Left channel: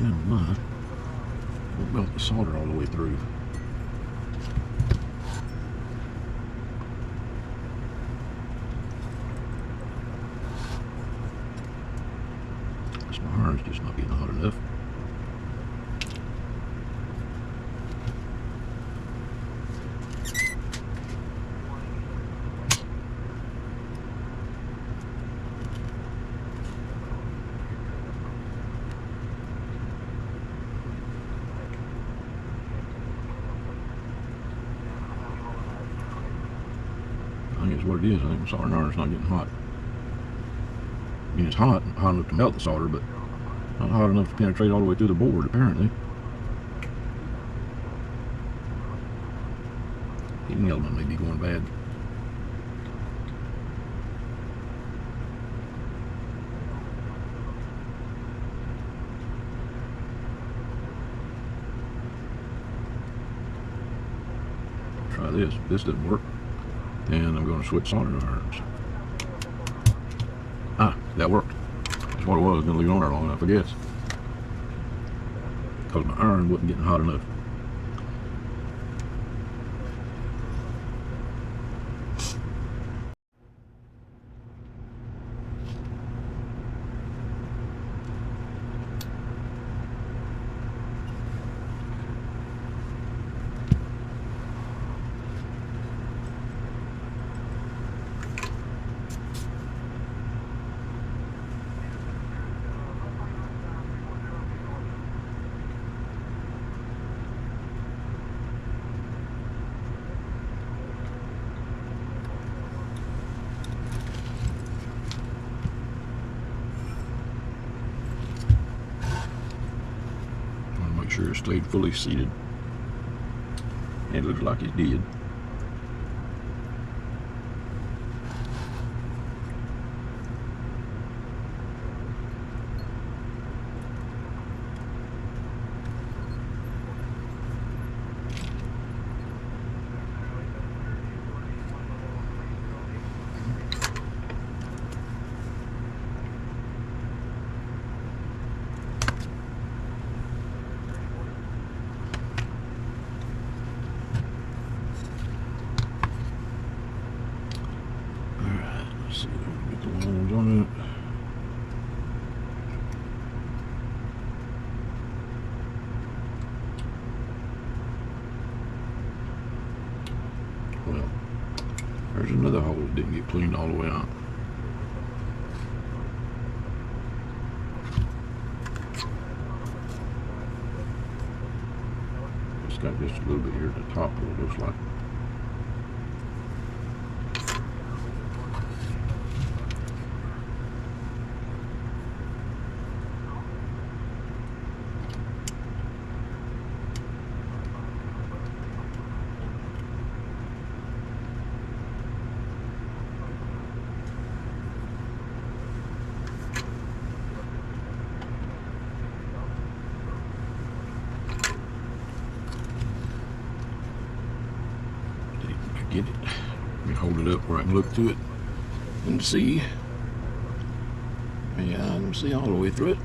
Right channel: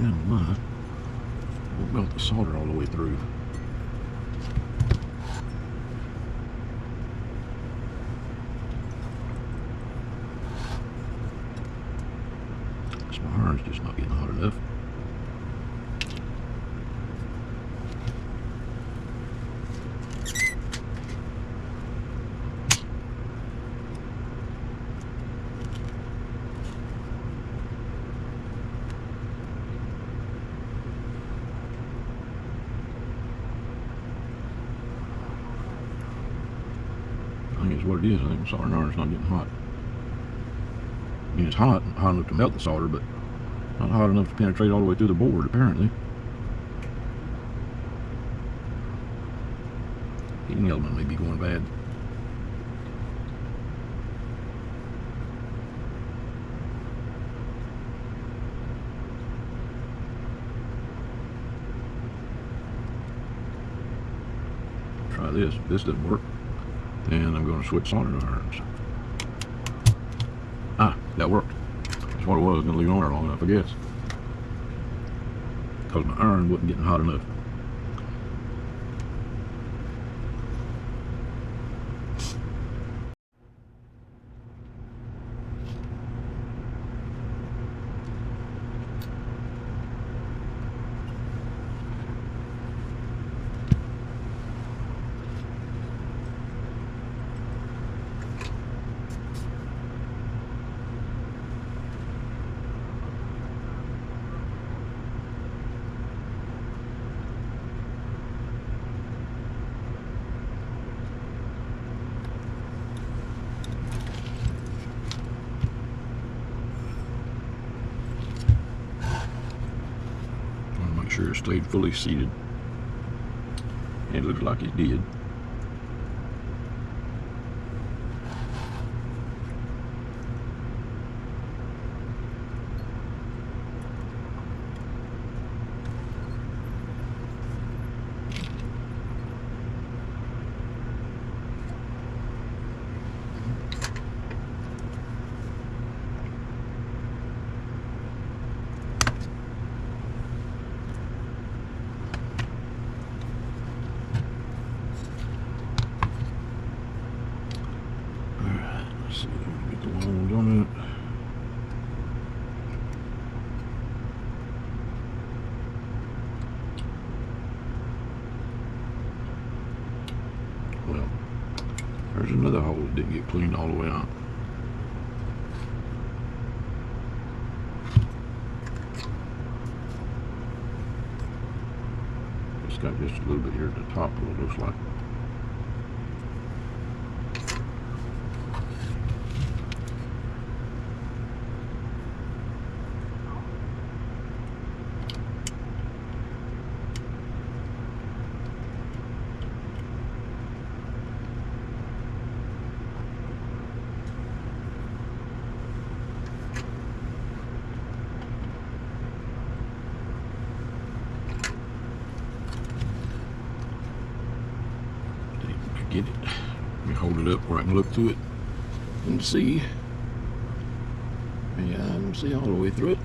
down the line. We built the solder all the way through. This iron's just not getting hot enough. What it is, I think soldering iron's not getting hot. I mean, it's hot enough to melt the solder, but not hot enough to penetrate all the way through the board, apparently. Heating element may be going bad. Try this. This didn't work. And I'm going to switch soldering irons. Ah, that worked. That's what it was. I leave it on there long enough, I guess. Because my iron wasn't getting hot enough. Sure it stayed fully seated, and it looked like it did. Well, there's another hole that didn't get cleaned all the way out. It's got just a little bit here at the top, what it looks like. Get it and hold it up where I can look through it and see. Yeah, I can see all the way through it.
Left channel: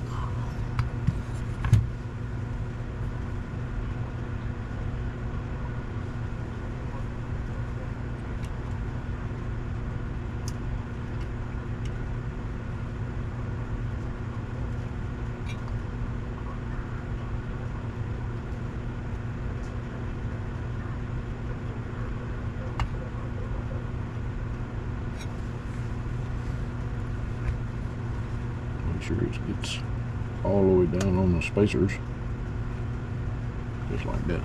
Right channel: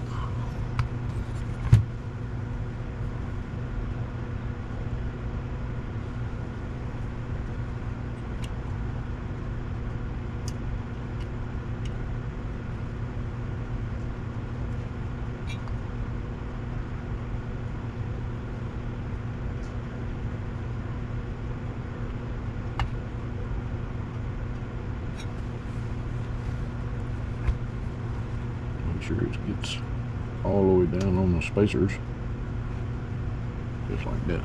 Make sure it gets all the way down on the spacers, just like that.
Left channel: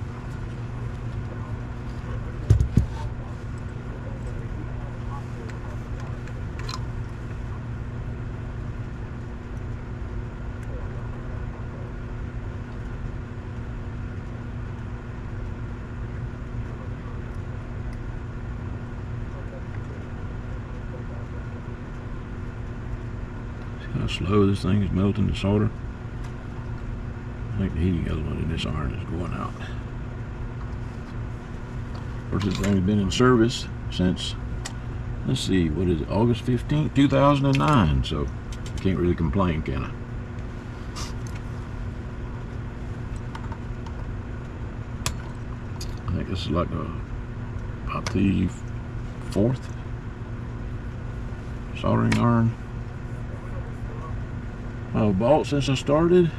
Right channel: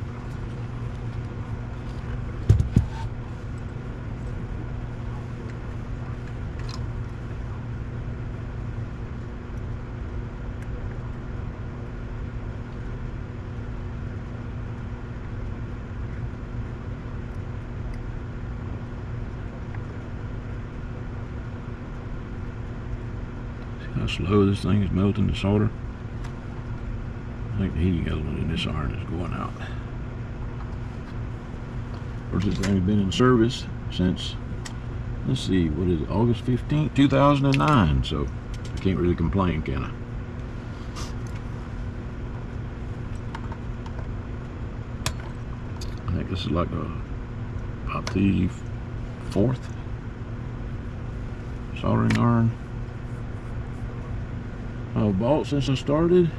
How slow this thing is melting the solder. I think the heating element in this iron is going out. Of course, it's only been in service since, let's see, what is it, August 15th, 2009. So, can't really complain, can I? this is like the fourth soldering iron I've bought since I started.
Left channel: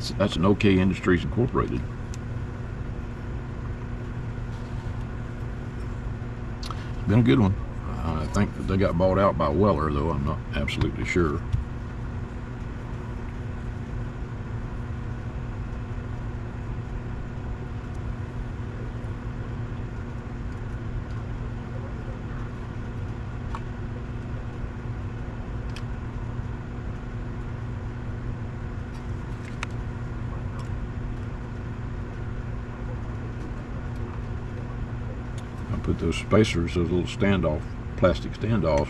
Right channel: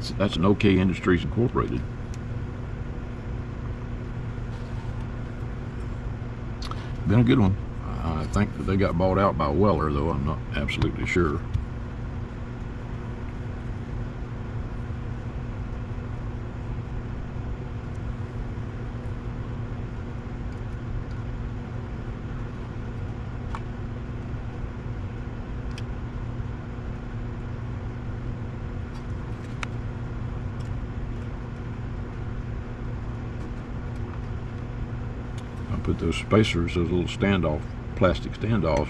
So that's an OK Industries Incorporated. Been a good one. I think they got bought out by Weller, though. I'm not absolutely sure. Put those spacers, those little plastic standoffs,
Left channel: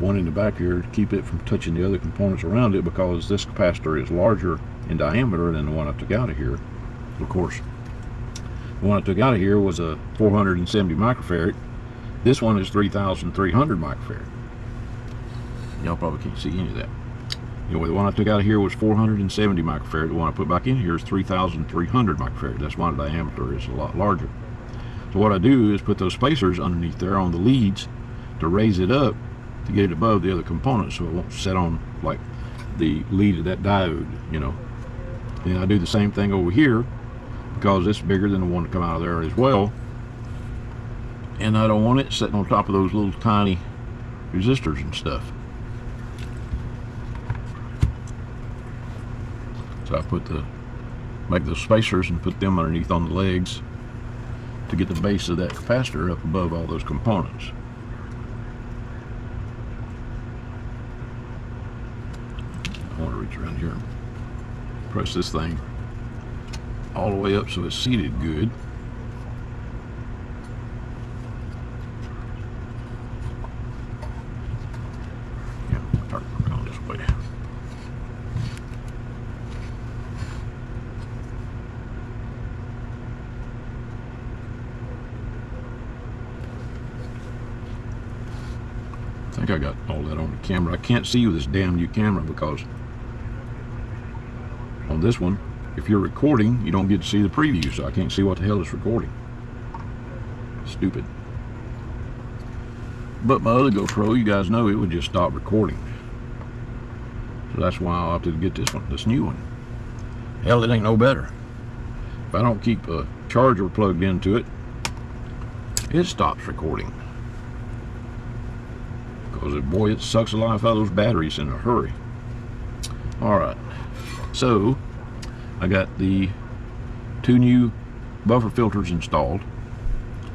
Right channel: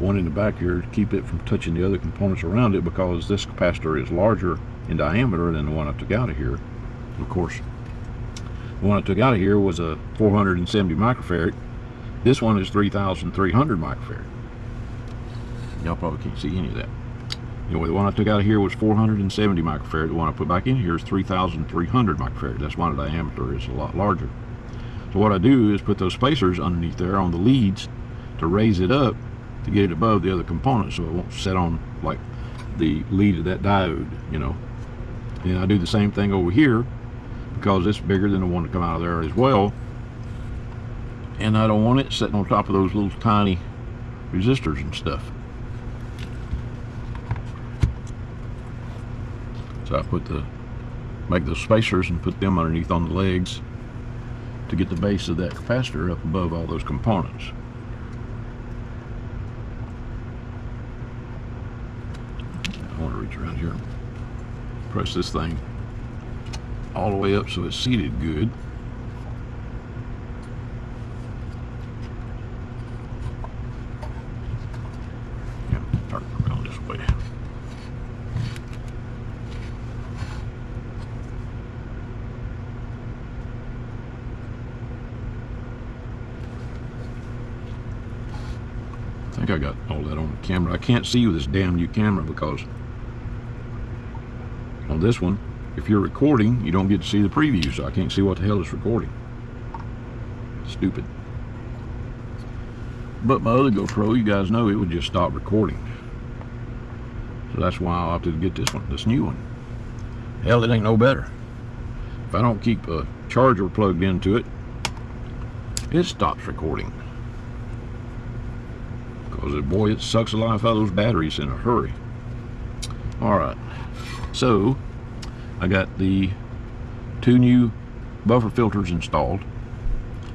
one in the back here to keep it from touching the other components around it, because this capacitor is larger in diameter than the one I took out of here. Of course, the one I took out of here was a 470 microfarad. This one is 3,300 microfarad. Y'all probably can't see any of that. Anyway, the one I took out of here was 470 microfarad. The one I put back in here is 3,300 microfarad. That's why the diameter is a lot larger. So what I do is put those spacers underneath there on the leads to raise it up to get it above the other components, so it won't set on like the lead of that diode, you know. And I do the same thing over here because it's bigger than the one that come out of there as well. And I don't want it sitting on top of those little tiny resistors and stuff. So I make those spacers and put them underneath on the legs to get the base of that capacitor up above all those components. I want to reach around here and press this thing all the way up so it's seated good. Yep, turn it on this way. I think I got all that on the camera. I can't see with this damn new camera because on this one, if you're recording, you don't get to see the preview, so I can't see what the hell is recording. Stupid. But my other GoPro, you guys know, it would just stop recording. So that's why I opted to get this new one. Hell, it ain't no better. If I don't keep a charger plugged into it, it stops recording. Because boy, it sucks the life out of those batteries in a hurry. Alright, so I got the two new buffer filters installed.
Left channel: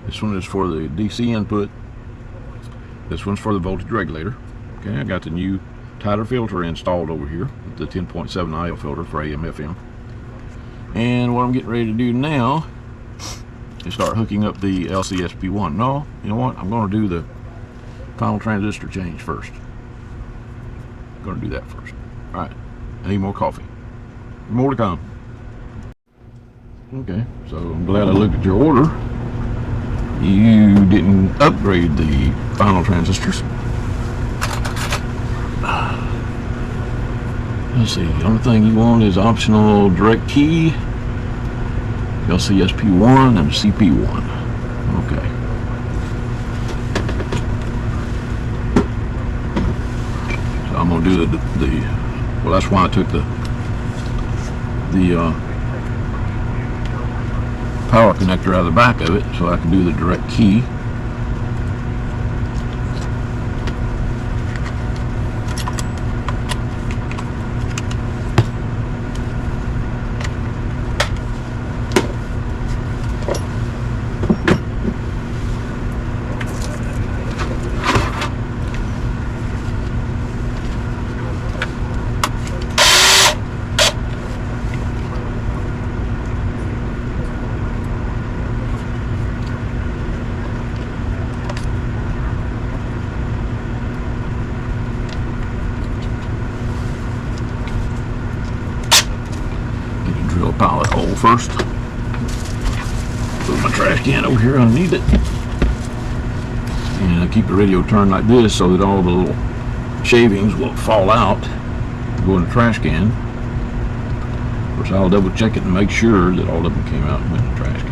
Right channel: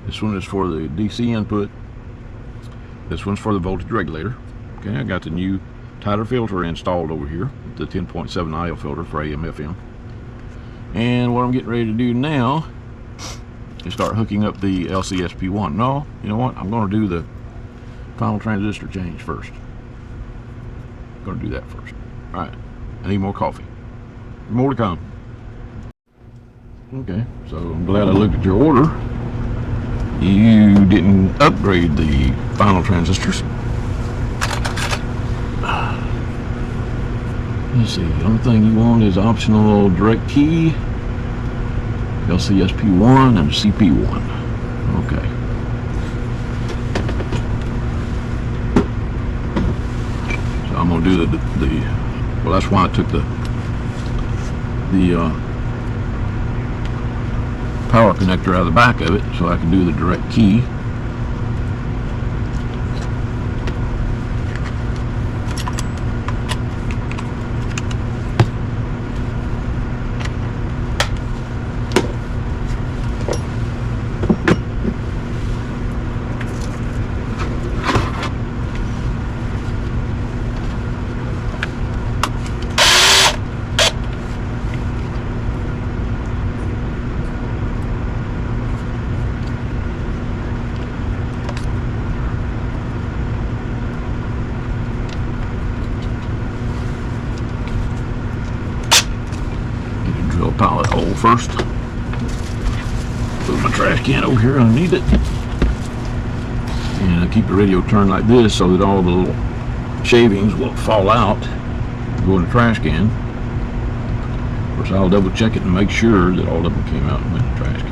This one is for the DC input. This one's for the voltage regulator. Okay, I got the new tighter filter installed over here, the 10.7 IL filter for AM FM. And what I'm getting ready to do now is start hooking up the LCSP1. No, you know what? I'm going to do the final transistor change first. I'm going to do that first. All right, I need more coffee. More to come. Okay, so I'm glad I looked at the order. You didn't upgrade the final transistors. Let's see, the only thing you want is optional direct key, LCSP1 and CP1. Okay. So I'm gonna do well, that's why I took the power connector out of the back of it, so I can do the direct key. Pilot hole first. Put my trash can over here underneath it. And I keep the radio turned like this so that all the little shavings will fall out, go in the trash can. So I'll double check it and make sure that all of them came out with the plastic.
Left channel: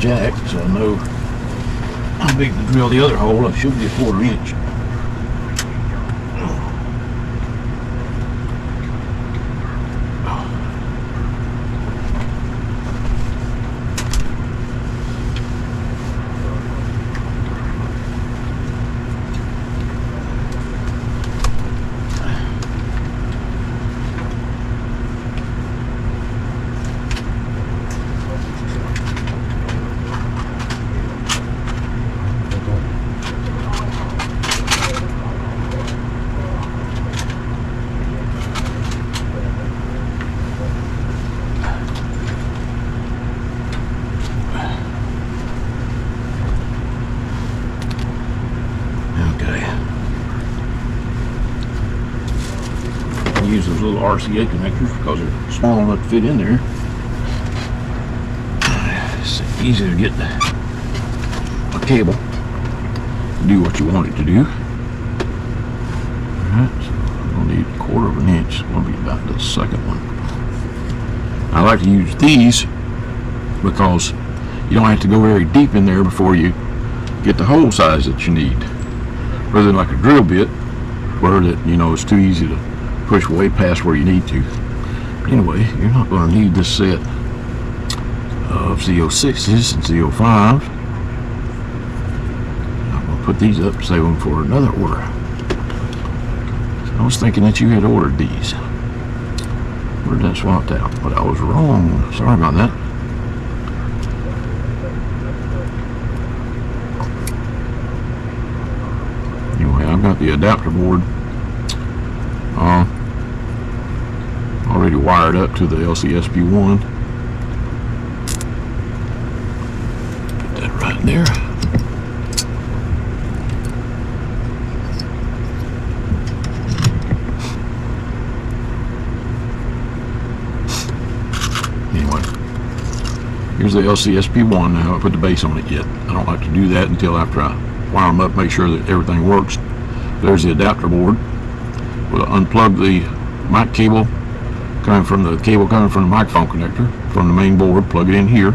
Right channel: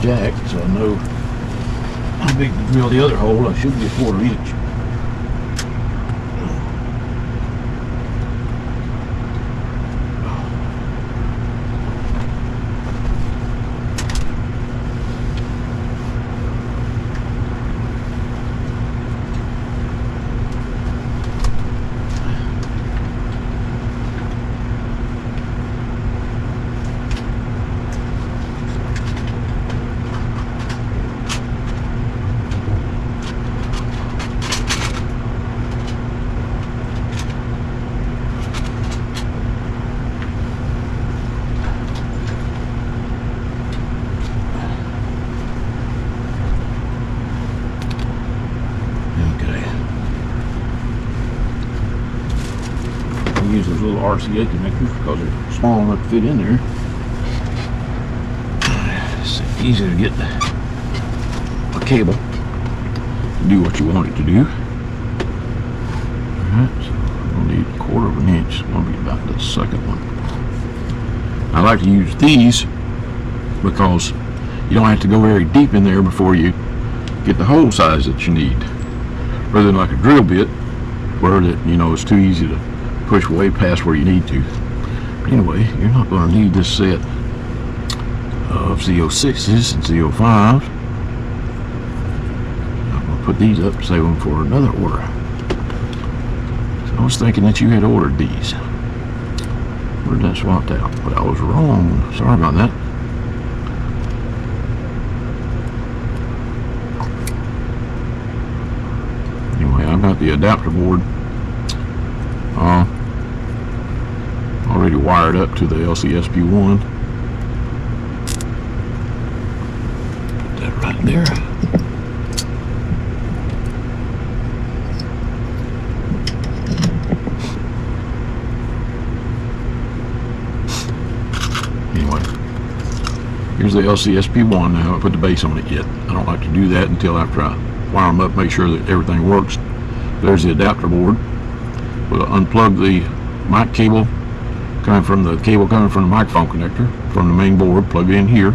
Jack, so I know how big to drill the other hole. I should be a 1/4 inch. Use those little RCA connectors because they're small enough to fit in there. It's easy to get the cable to do what you want it to do. Alright, so I'm going to need 1/4 inch. It's going to be about the second one. I like to use these because you don't have to go very deep in there before you get the hole size that you need. Rather than like a drill bit where that, you know, it's too easy to push way past where you need to. Anyway, you're not going to need this set of Z06s and Z05s. I'm going to put these up, save them for another order. So I was thinking that you had ordered these. Where did that swamp out? But I was wrong. Sorry about that. Anyway, I've got the adapter board already wired up to the LCSP1. Put that right there. Anyway, here's the LCSP1 now. I haven't put the base on it yet. I don't like to do that until after I wire them up, make sure that everything works. There's the adapter board. We'll unplug the mic cable coming from the microphone connector from the main board, plug it in here,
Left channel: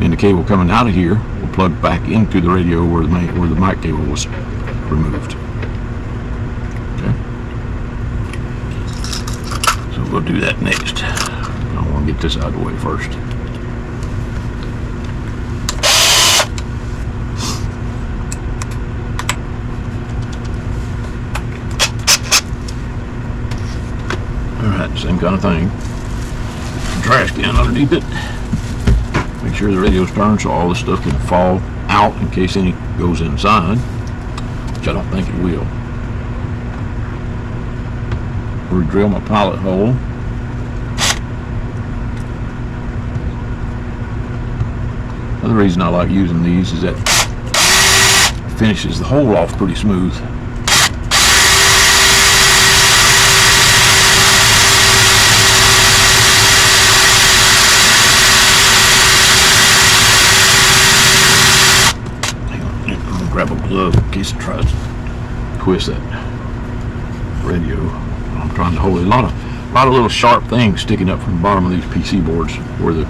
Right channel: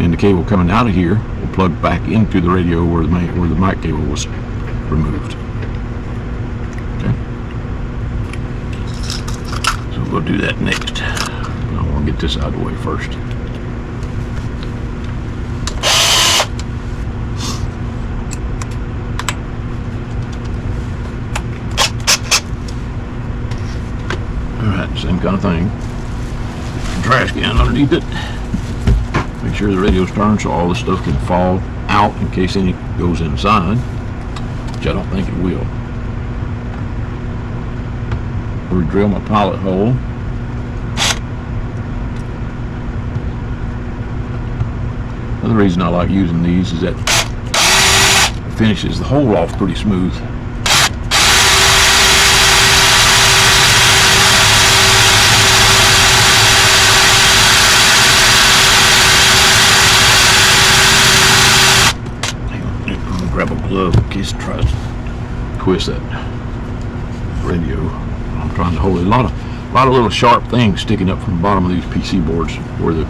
and the cable coming out of here will plug back into the radio where the mic cable was removed. Okay. So we'll do that next. I'm going to get this out of the way first. Same kind of thing. Trash can underneath it. Make sure the radio's turned so all this stuff can fall out in case any goes inside, which I don't think it will. We'll drill my pilot hole. Another reason I like using these is that it finishes the hole off pretty smooth. Grab a glove in case it tries to twist that radio. I'm trying to hold it. A lot of little sharp things sticking up from the bottom of these PC boards where the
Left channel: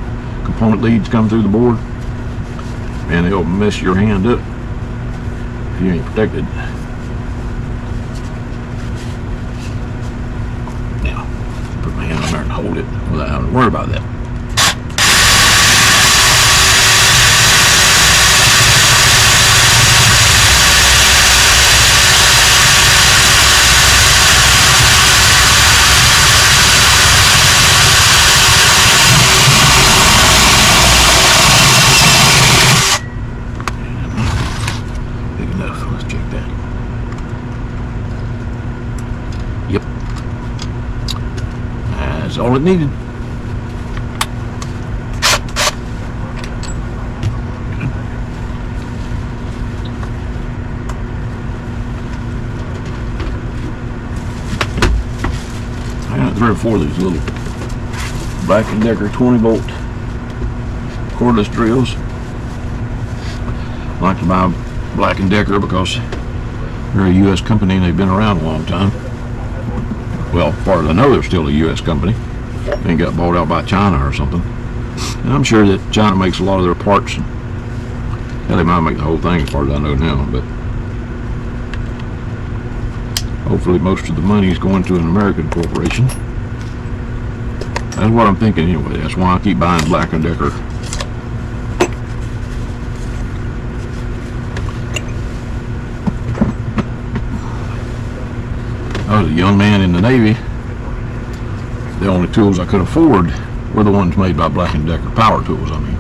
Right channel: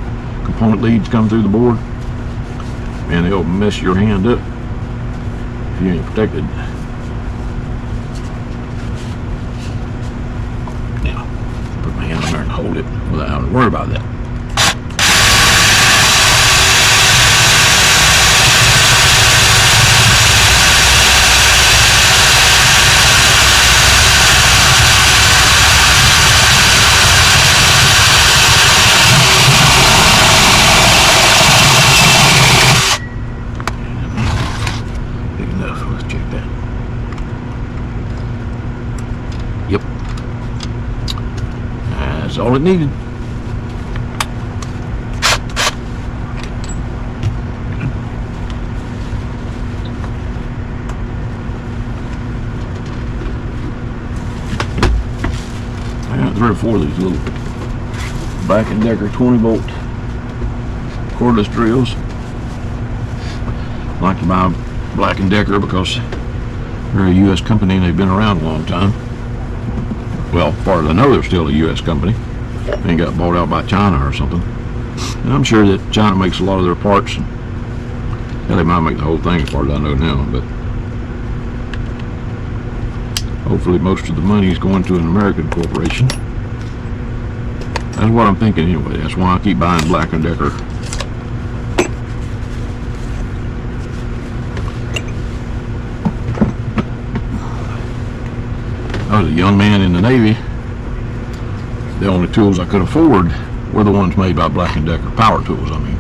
component leads come through the board. Man, they'll mess your hand up if you ain't protected. Yeah, put my hand on there and hold it without having to worry about that. or 4 of these little Black & Decker 20-volt cordless drills. I like to buy Black & Decker because they're a U.S. company and they've been around a long time. Well, as far as I know, they're still a U.S. company. They got bought out by China or something. And I'm sure that China makes a lot of their parts. Well, they might make the whole thing as far as I know now, but hopefully most of the money is going to an American corporation. That's what I'm thinking anyway. That's why I keep buying Black & Decker. I was a young man in the Navy. The only tools I could afford were the ones made by Black & Decker, power tools, I mean.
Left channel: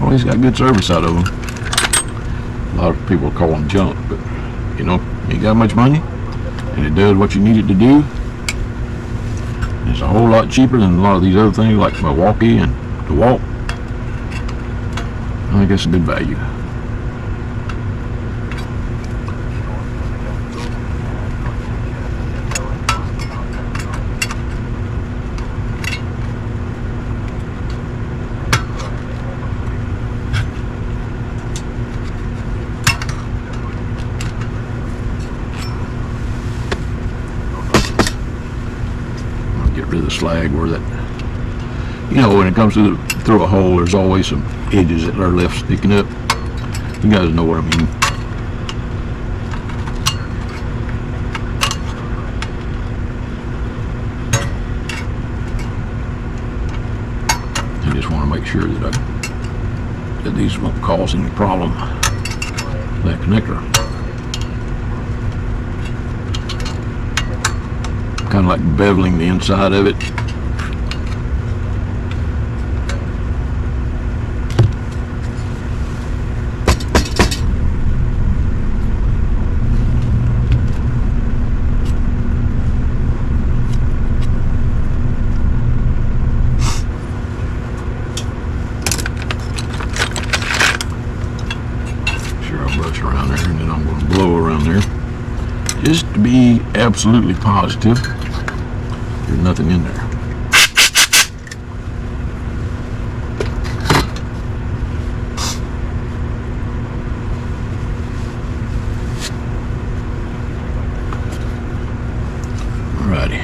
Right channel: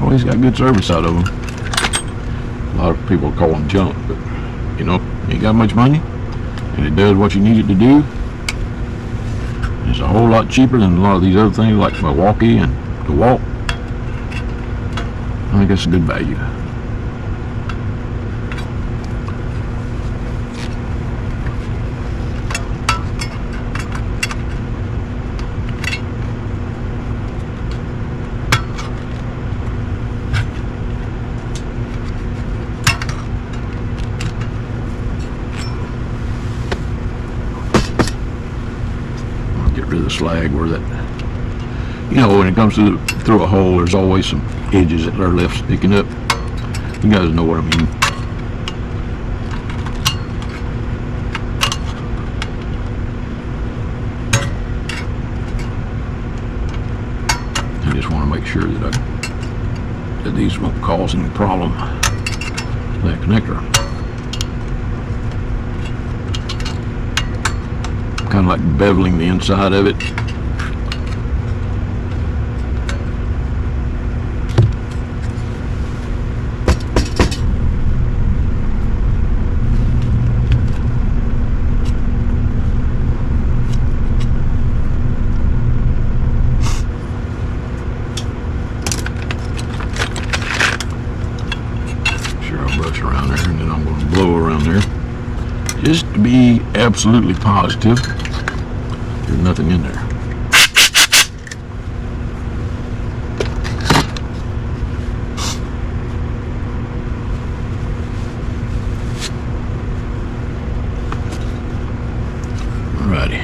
Well, he's got good service out of them. A lot of people call them junk, but you know, ain't got much money, and it does what you need it to do. It's a whole lot cheaper than a lot of these other things like Milwaukee and DeWalt. I think it's a good value. Slag where that, you know, when it comes to through a hole, there's always some edges that are left sticking up. You guys know what I mean. I just want to make sure that these won't cause any problem. That connector. Kind of like beveling the inside of it. Sure, I'll brush around there and then I'll blow around there. Just to be absolutely positive. There's nothing in there. Alrighty.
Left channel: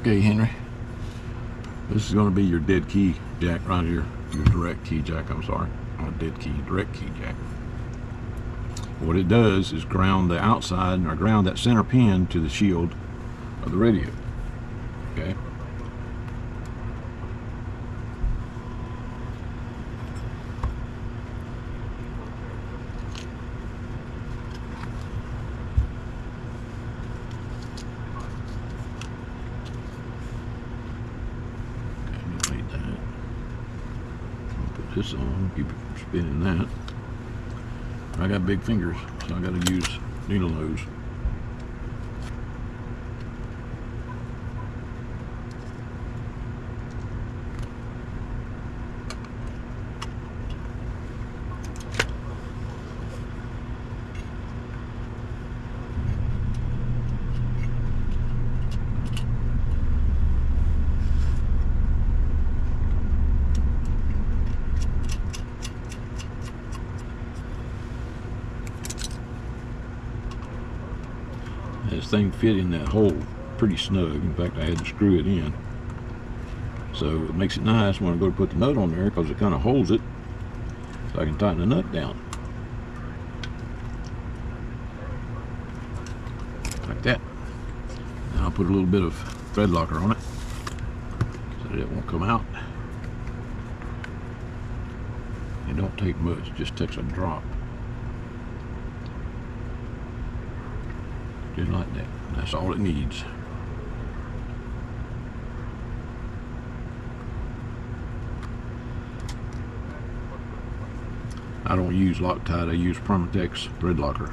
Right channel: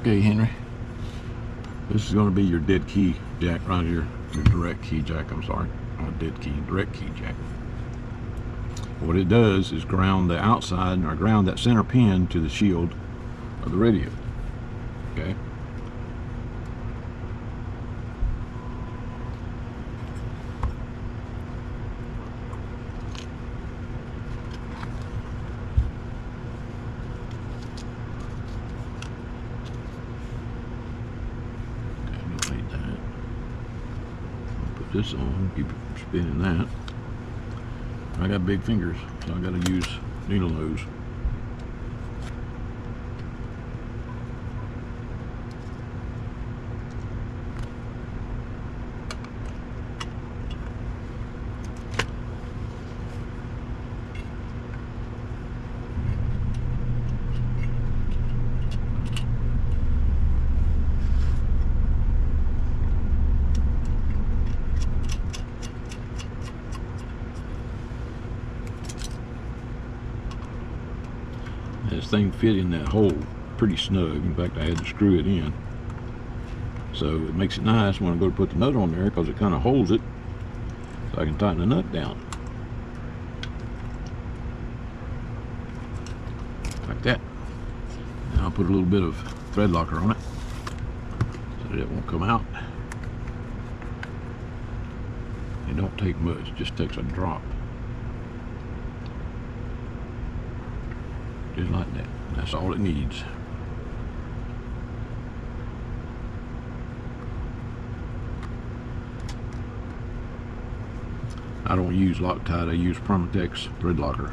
Okay, Henry, this is going to be your dead key jack right here. Your direct key jack, I'm sorry. Not dead key, direct key jack. What it does is ground the outside, or ground that center pin to the shield of the radio. Okay? This in, keep spinning that. I got big fingers, so I gotta use needle nose. thing fit in that hole pretty snug. In fact, I had to screw it in. So it makes it nice when I go to put the nut on there because it kind of holds it so I can tighten the nut down. Like that. Now I'll put a little bit of thread locker on it so that it won't come out. It don't take much, it just takes a drop. Just like that. That's all it needs. I don't use Loctite, I use Permatex thread locker.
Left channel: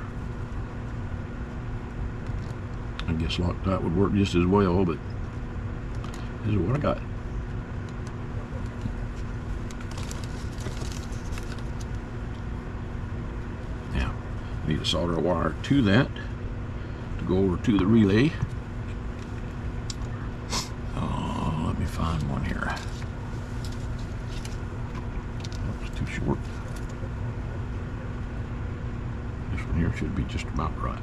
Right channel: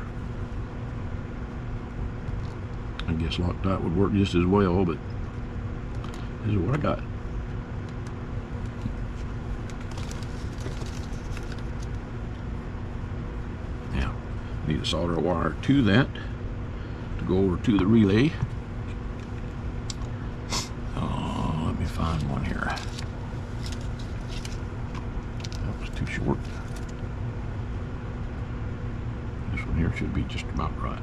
I guess Loctite would work just as well, but this is what I got. Now, I need to solder a wire to that to go over to the relay. Oh, let me find one here. It's too short. This one here should be just about right.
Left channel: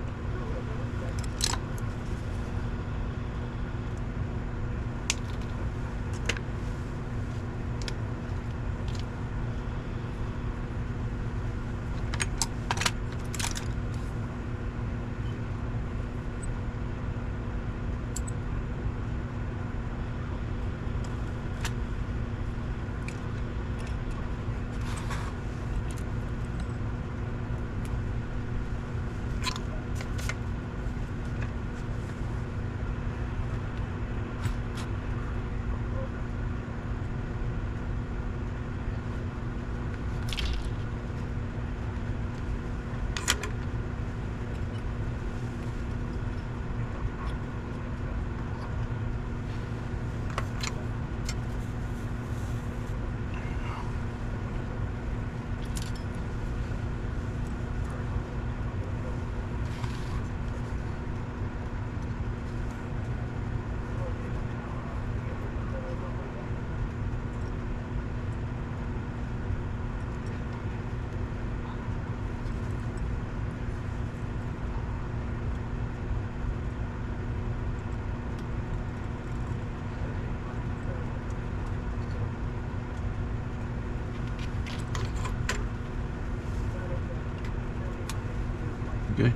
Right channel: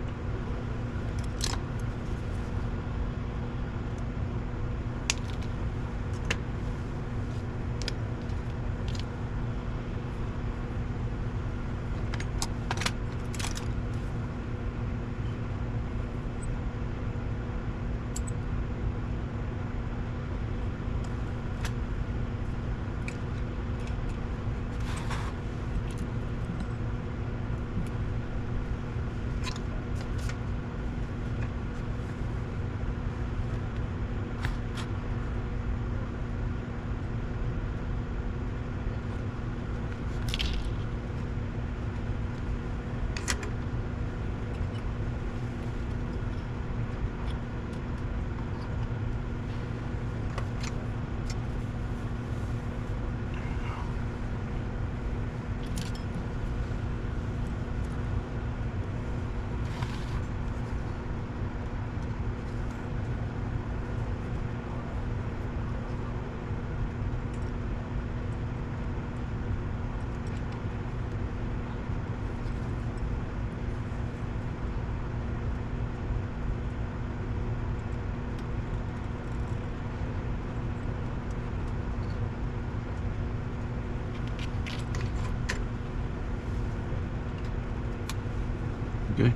Okay.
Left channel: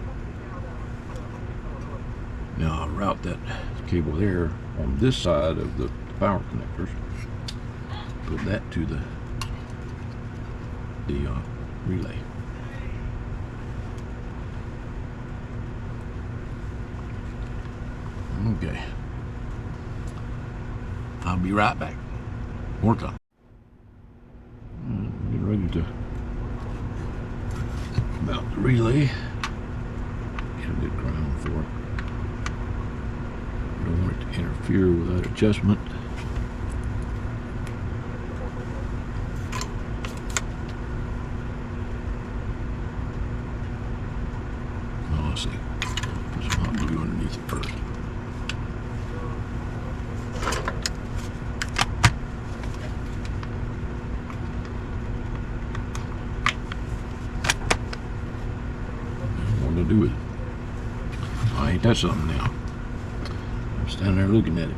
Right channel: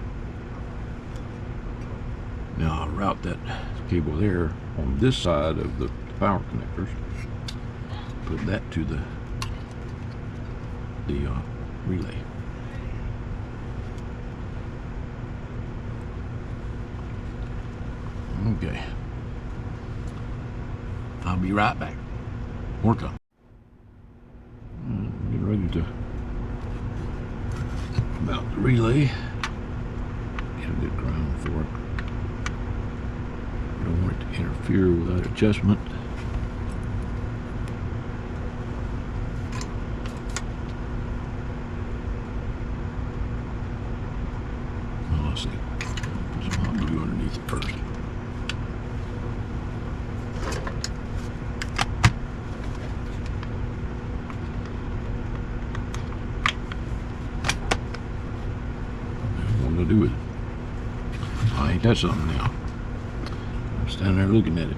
Now I'll route that cable there on this side of the power connectors. Put that to the relay. Okay. I'll be right back. Work on. Get ready to mount the relay. Get a good ground for it. You don't want it to interfere with that adjustment. Oh, let's see. I'll go underneath it first. What to do with it? Ain't that something then? Stand there looking at it.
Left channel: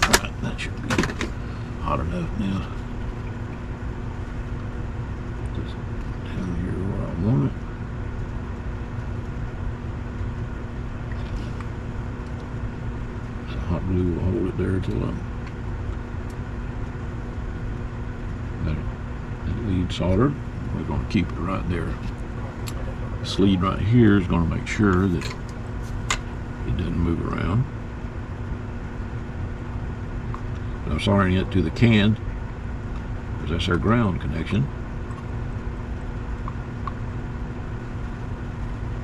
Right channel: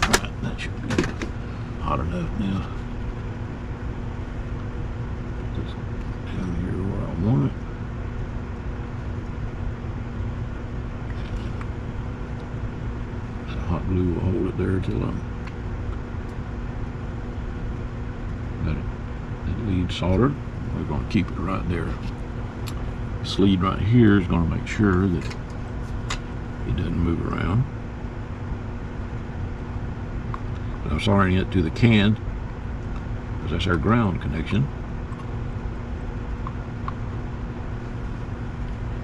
Right, that should be hot enough now. Down here where I want it. Hot glue will hold it there until I'm that lead soldered. We're going to keep it right there. This lead right here is going to make sure that it doesn't move around. But I'm soldering it to the can because that's our ground connection.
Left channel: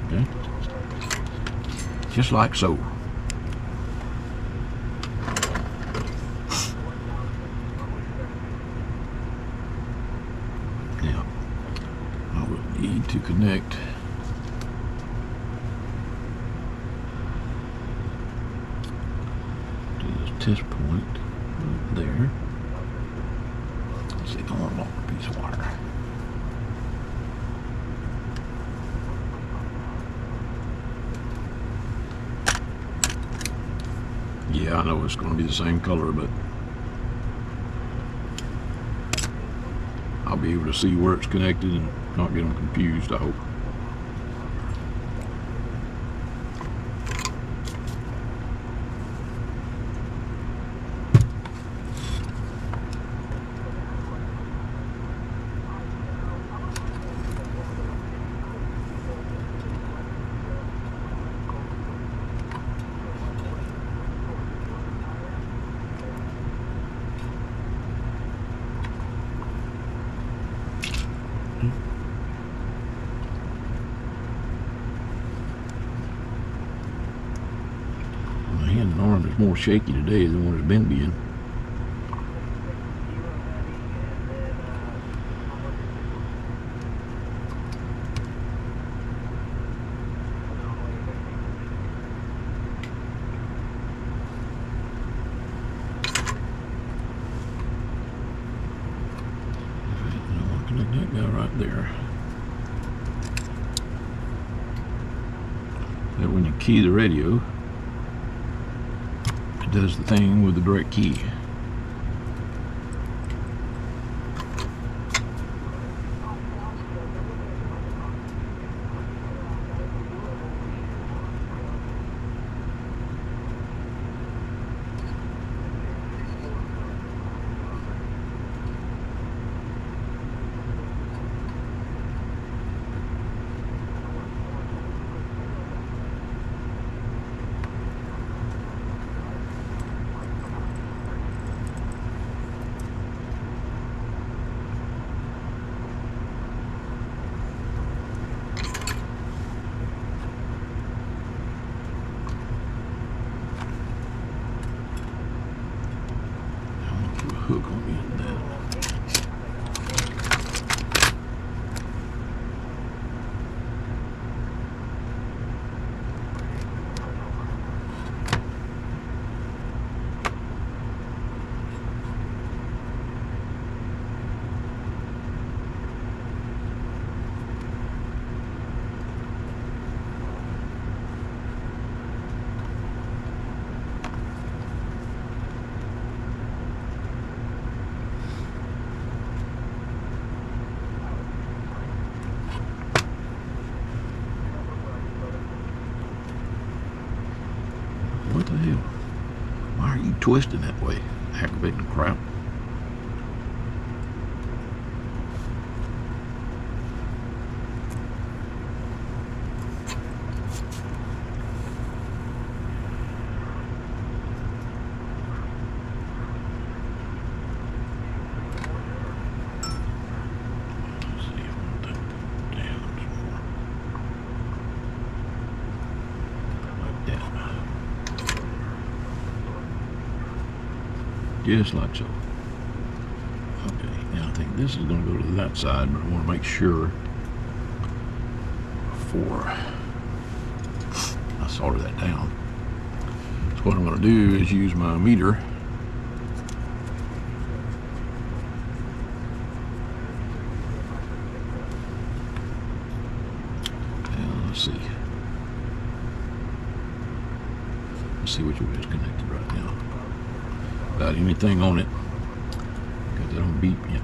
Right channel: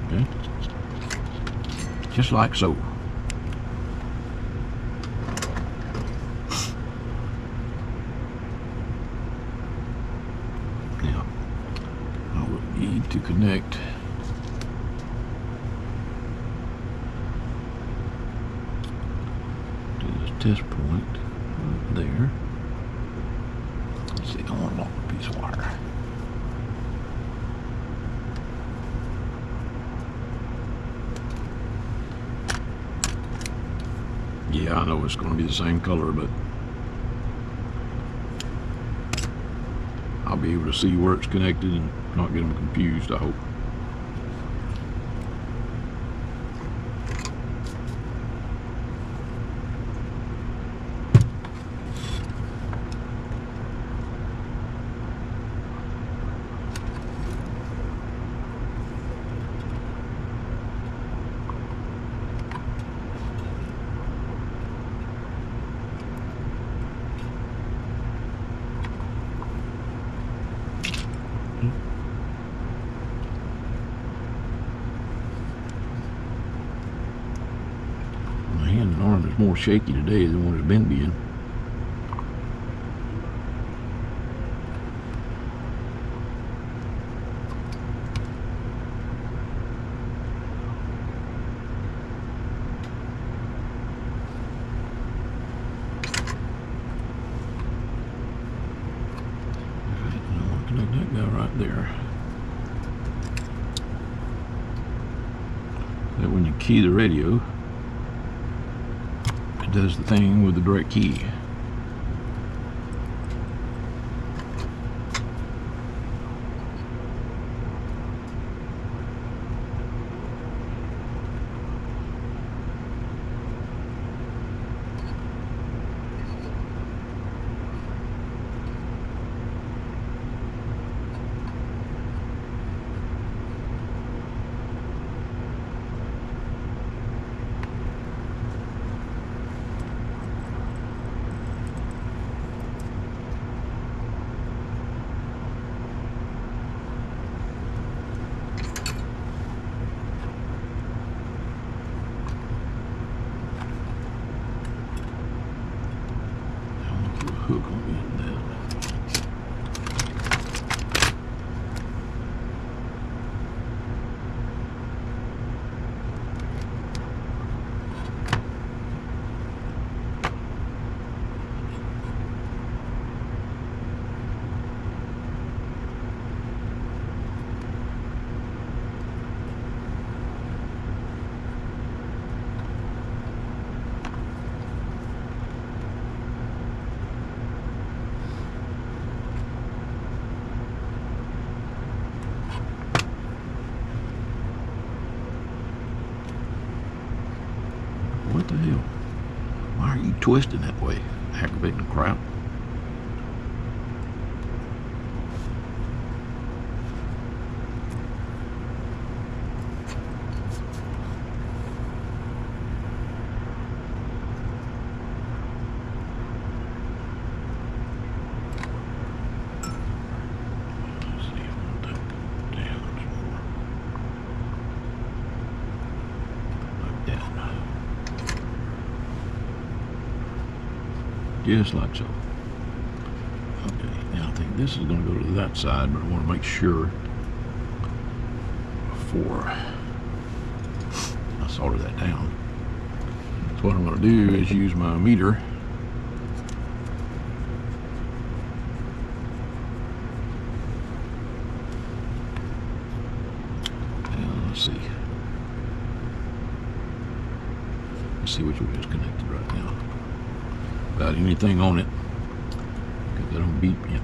Okay. Just like so. Now, this point there. Let's see, I want one more piece of wire. Yeah, I know it's going to be the same color, but I'll be able to see where it's connected and not get them confused, I hope. The arm is more shaky today than what it's been being. Connect that guy right there. That when you key the radio, does the thing with the direct key. Hook on the end there. What the hell? Why are you twisting that way? Aggravating the crap. Just like so. Yeah, I think this is going to go to that side, but I want to make sure before I solder that down. So what I'm going to do is use my meter. And let's see. Let's see which one is connected right now. Got anything on it? Got that on beep yet?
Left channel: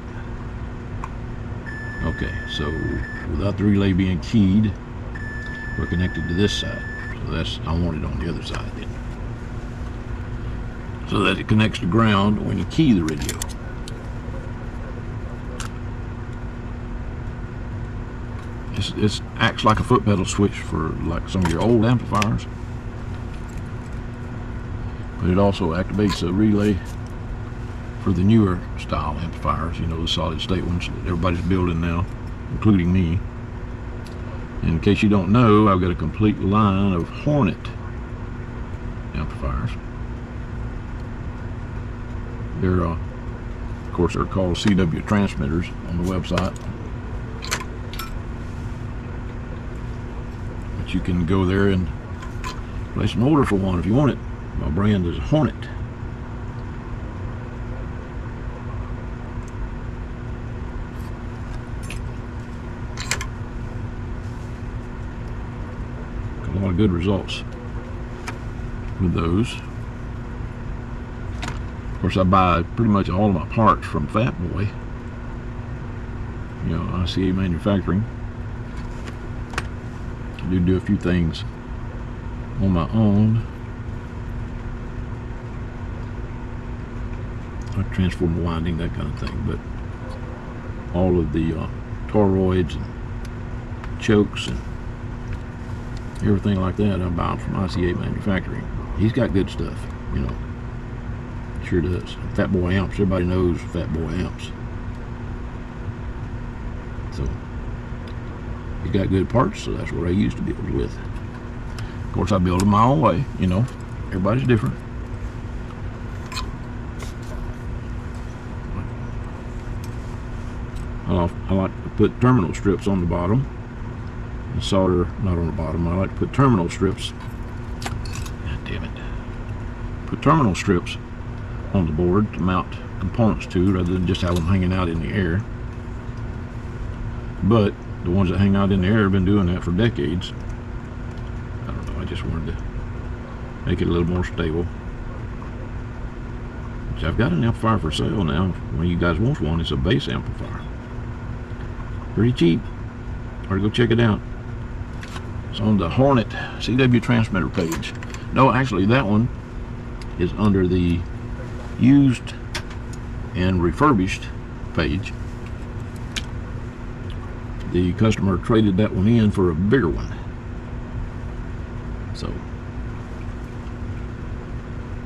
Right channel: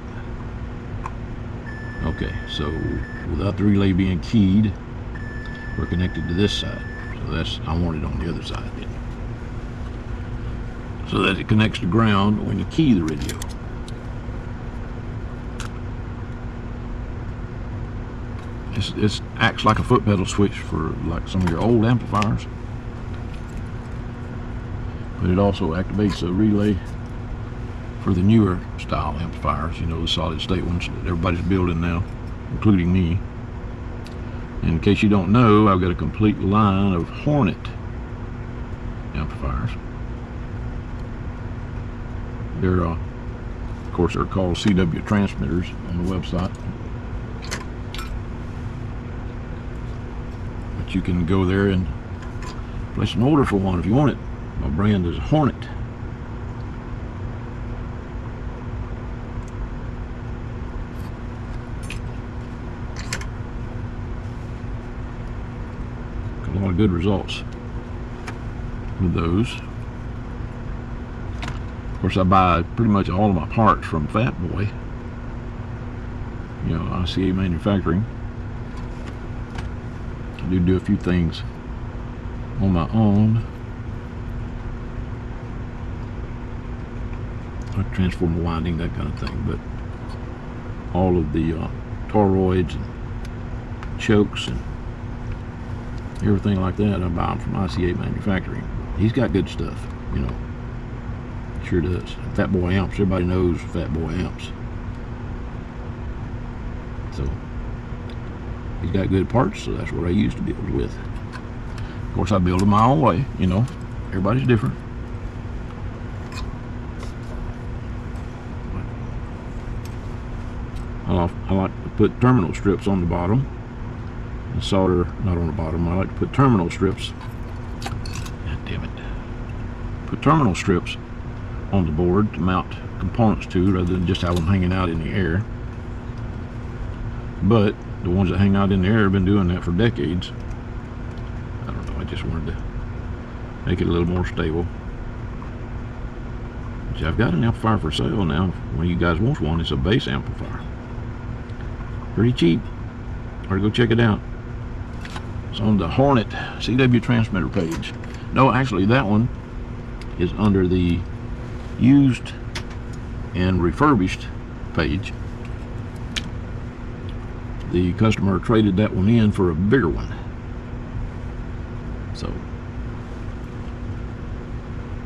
Okay, so without the relay being keyed, we're connected to this side. So that's, I want it on the other side then. So that it connects to ground when you key the radio. This acts like a foot pedal switch for like some of your old amplifiers. But it also activates a relay for the newer style amplifiers, you know, the solid state ones that everybody's building now, including me. And in case you don't know, I've got a complete line of Hornet amplifiers. They're, of course, they're called CW transmitters on the website. But you can go there and place an order for one if you want it. My brand is Hornet. good results with those. Of course, I buy pretty much all of my parts from Fat Boy, ICA Manufacturing. I do a few things on my own, like transformer winding, that kind of thing, but all of the toroids, chokes, and everything like that I buy from ICA Manufacturing. He's got good stuff, Sure does. Fat Boy amps, everybody knows Fat Boy amps. So he's got good parts, so that's what I used to build with. Of course, I build them my own way, Everybody's different. Well, I like to put terminal strips on the bottom and solder, not on the bottom. I like to put terminal strips. God damn it. Put terminal strips on the board to mount components to, rather than just have them hanging out in the air. But the ones that hang out in the air have been doing that for decades. I don't know, I just wanted to make it a little more stable. See, I've got an amplifier for sale now. When you guys want one, it's a bass amplifier. Pretty cheap. Or go check it out. It's on the Hornet CW transmitter page. No, actually that one is under the used and refurbished page. The customer traded that one in for a bigger one. So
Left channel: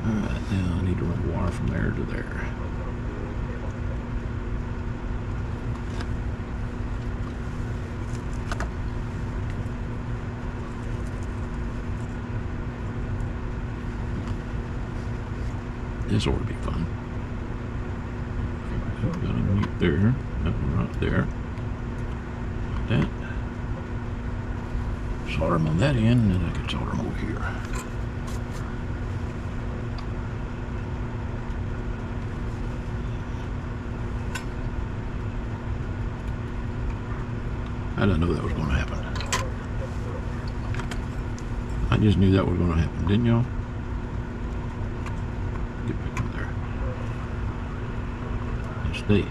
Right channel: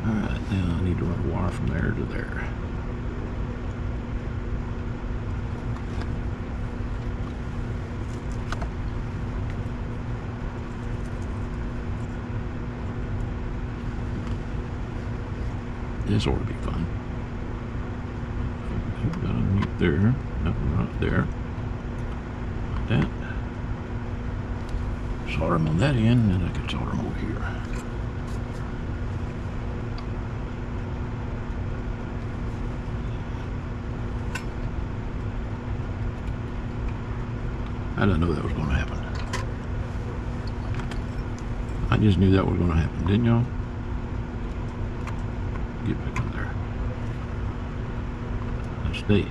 I need to run wire from there to there. This ought to be clean. Right there, that one right there. That. Solder them on that end, and I can solder them over here. I didn't know that was going to happen. I just knew that was going to happen, didn't y'all? Get back in there. Stay.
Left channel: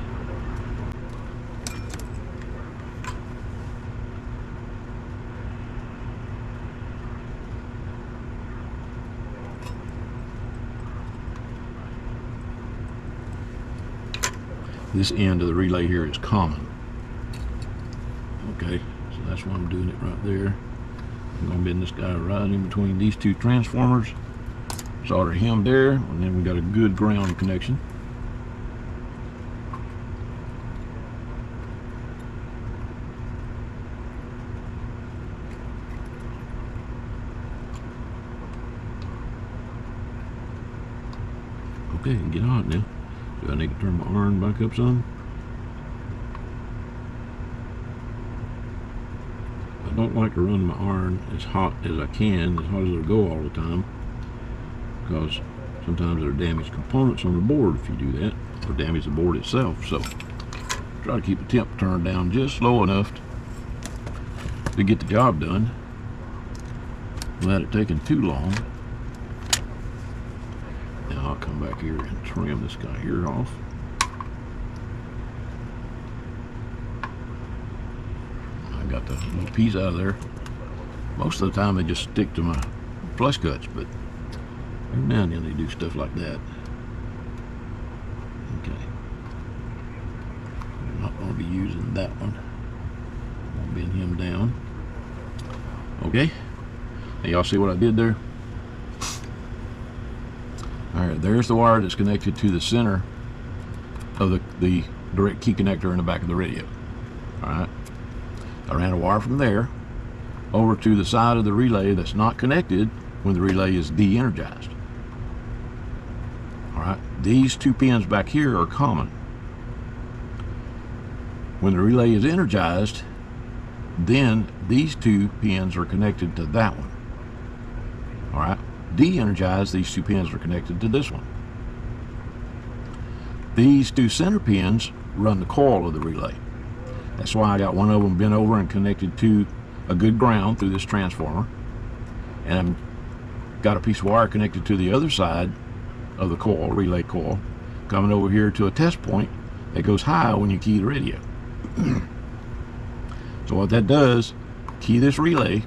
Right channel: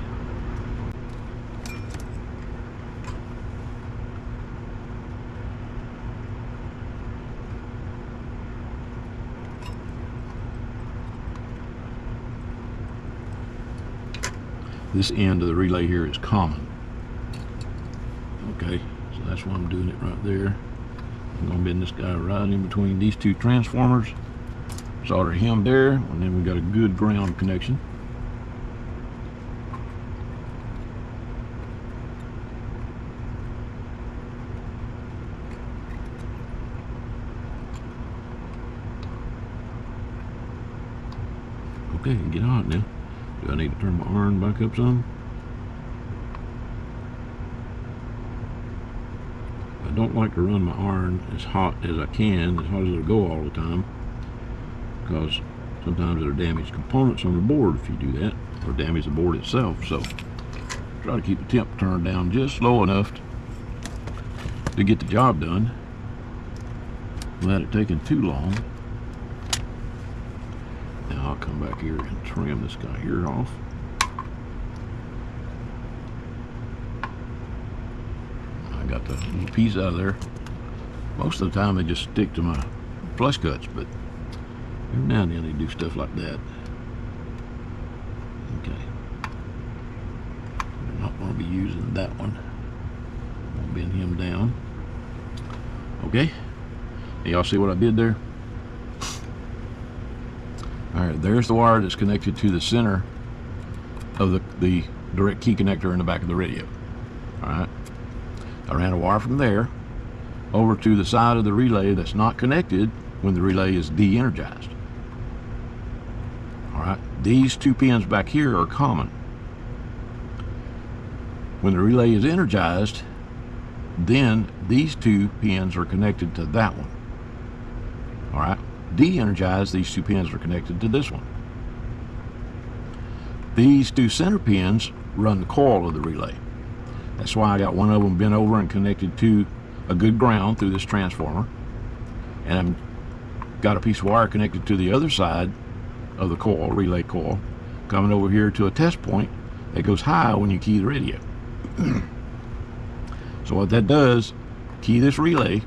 This end of the relay here is common. Okay, so that's why I'm doing it right there. I'm going to bend this guy right in between these two transformers. Solder him there, and then we got a good ground connection. Okay, get on it now. Do I need to turn my iron back up some? I don't like to run my iron as hot as I can, as hot as it'll go all the time, because sometimes there are damaged components on the board if you do that, or damage the board itself. So try to keep the temp turned down just slow enough to get the job done without it taking too long. Now I'll come back here and trim this guy here off. I got the piece out of there. Most of the time they just stick to my flush cuts, but every now and then they do stuff like that. Okay. I'm not going to be using that one. Bend him down. Okay. And y'all see what I did there? Alright, there's the wire that's connected to the center of the direct key connector in the back of the radio. Alright. I ran a wire from there over to the side of the relay that's not connected when the relay is de-energized. Alright, these two pins back here are common. When the relay is energized, then these two pins are connected to that one. Alright, de-energized, these two pins are connected to this one. These two center pins run the coil of the relay. That's why I got one of them bent over and connected to a good ground through this transformer. and I'm got a piece of wire connected to the other side of the coil, relay coil, coming over here to a test point that goes high when you key the radio. So what that does, key this relay,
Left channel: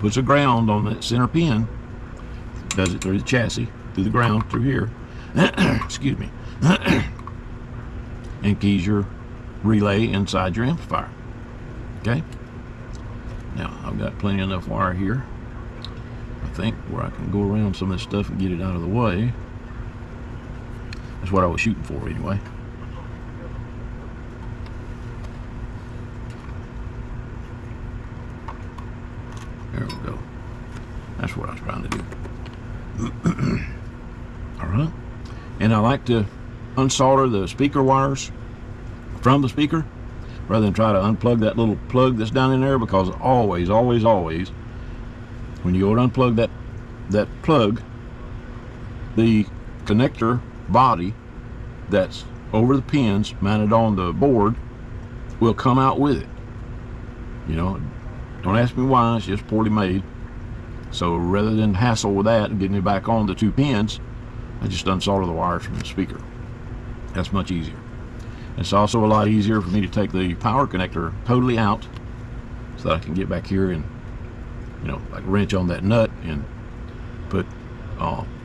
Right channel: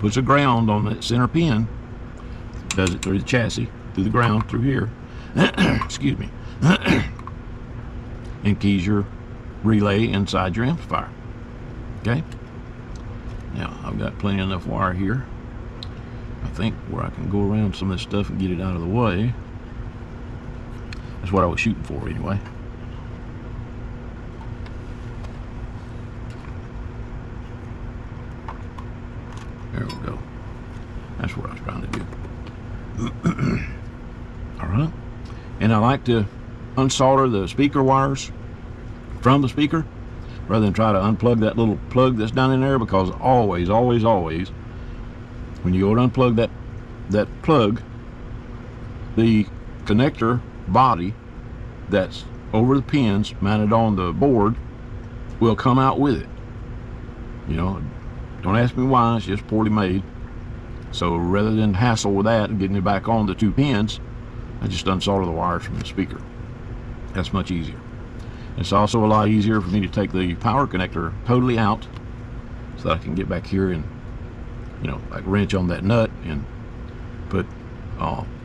puts a ground on that center pin, does it through the chassis, through the ground, through here, excuse me, and keys your relay inside your amplifier. Okay? Now, I've got plenty enough wire here, I think, where I can go around some of this stuff and get it out of the way. That's what I was shooting for anyway. There we go. That's what I was trying to do. Alright. And I like to unsolder the speaker wires from the speaker rather than try to unplug that little plug that's down in there, because always, when you go to unplug that plug, the connector body that's over the pins mounted on the board will come out with it. You know, don't ask me why, it's just poorly made. So rather than hassle with that and getting it back on the two pins, I just unsolder the wires from the speaker. That's much easier. It's also a lot easier for me to take the power connector totally out so that I can get back here and, you know, like wrench on that nut and put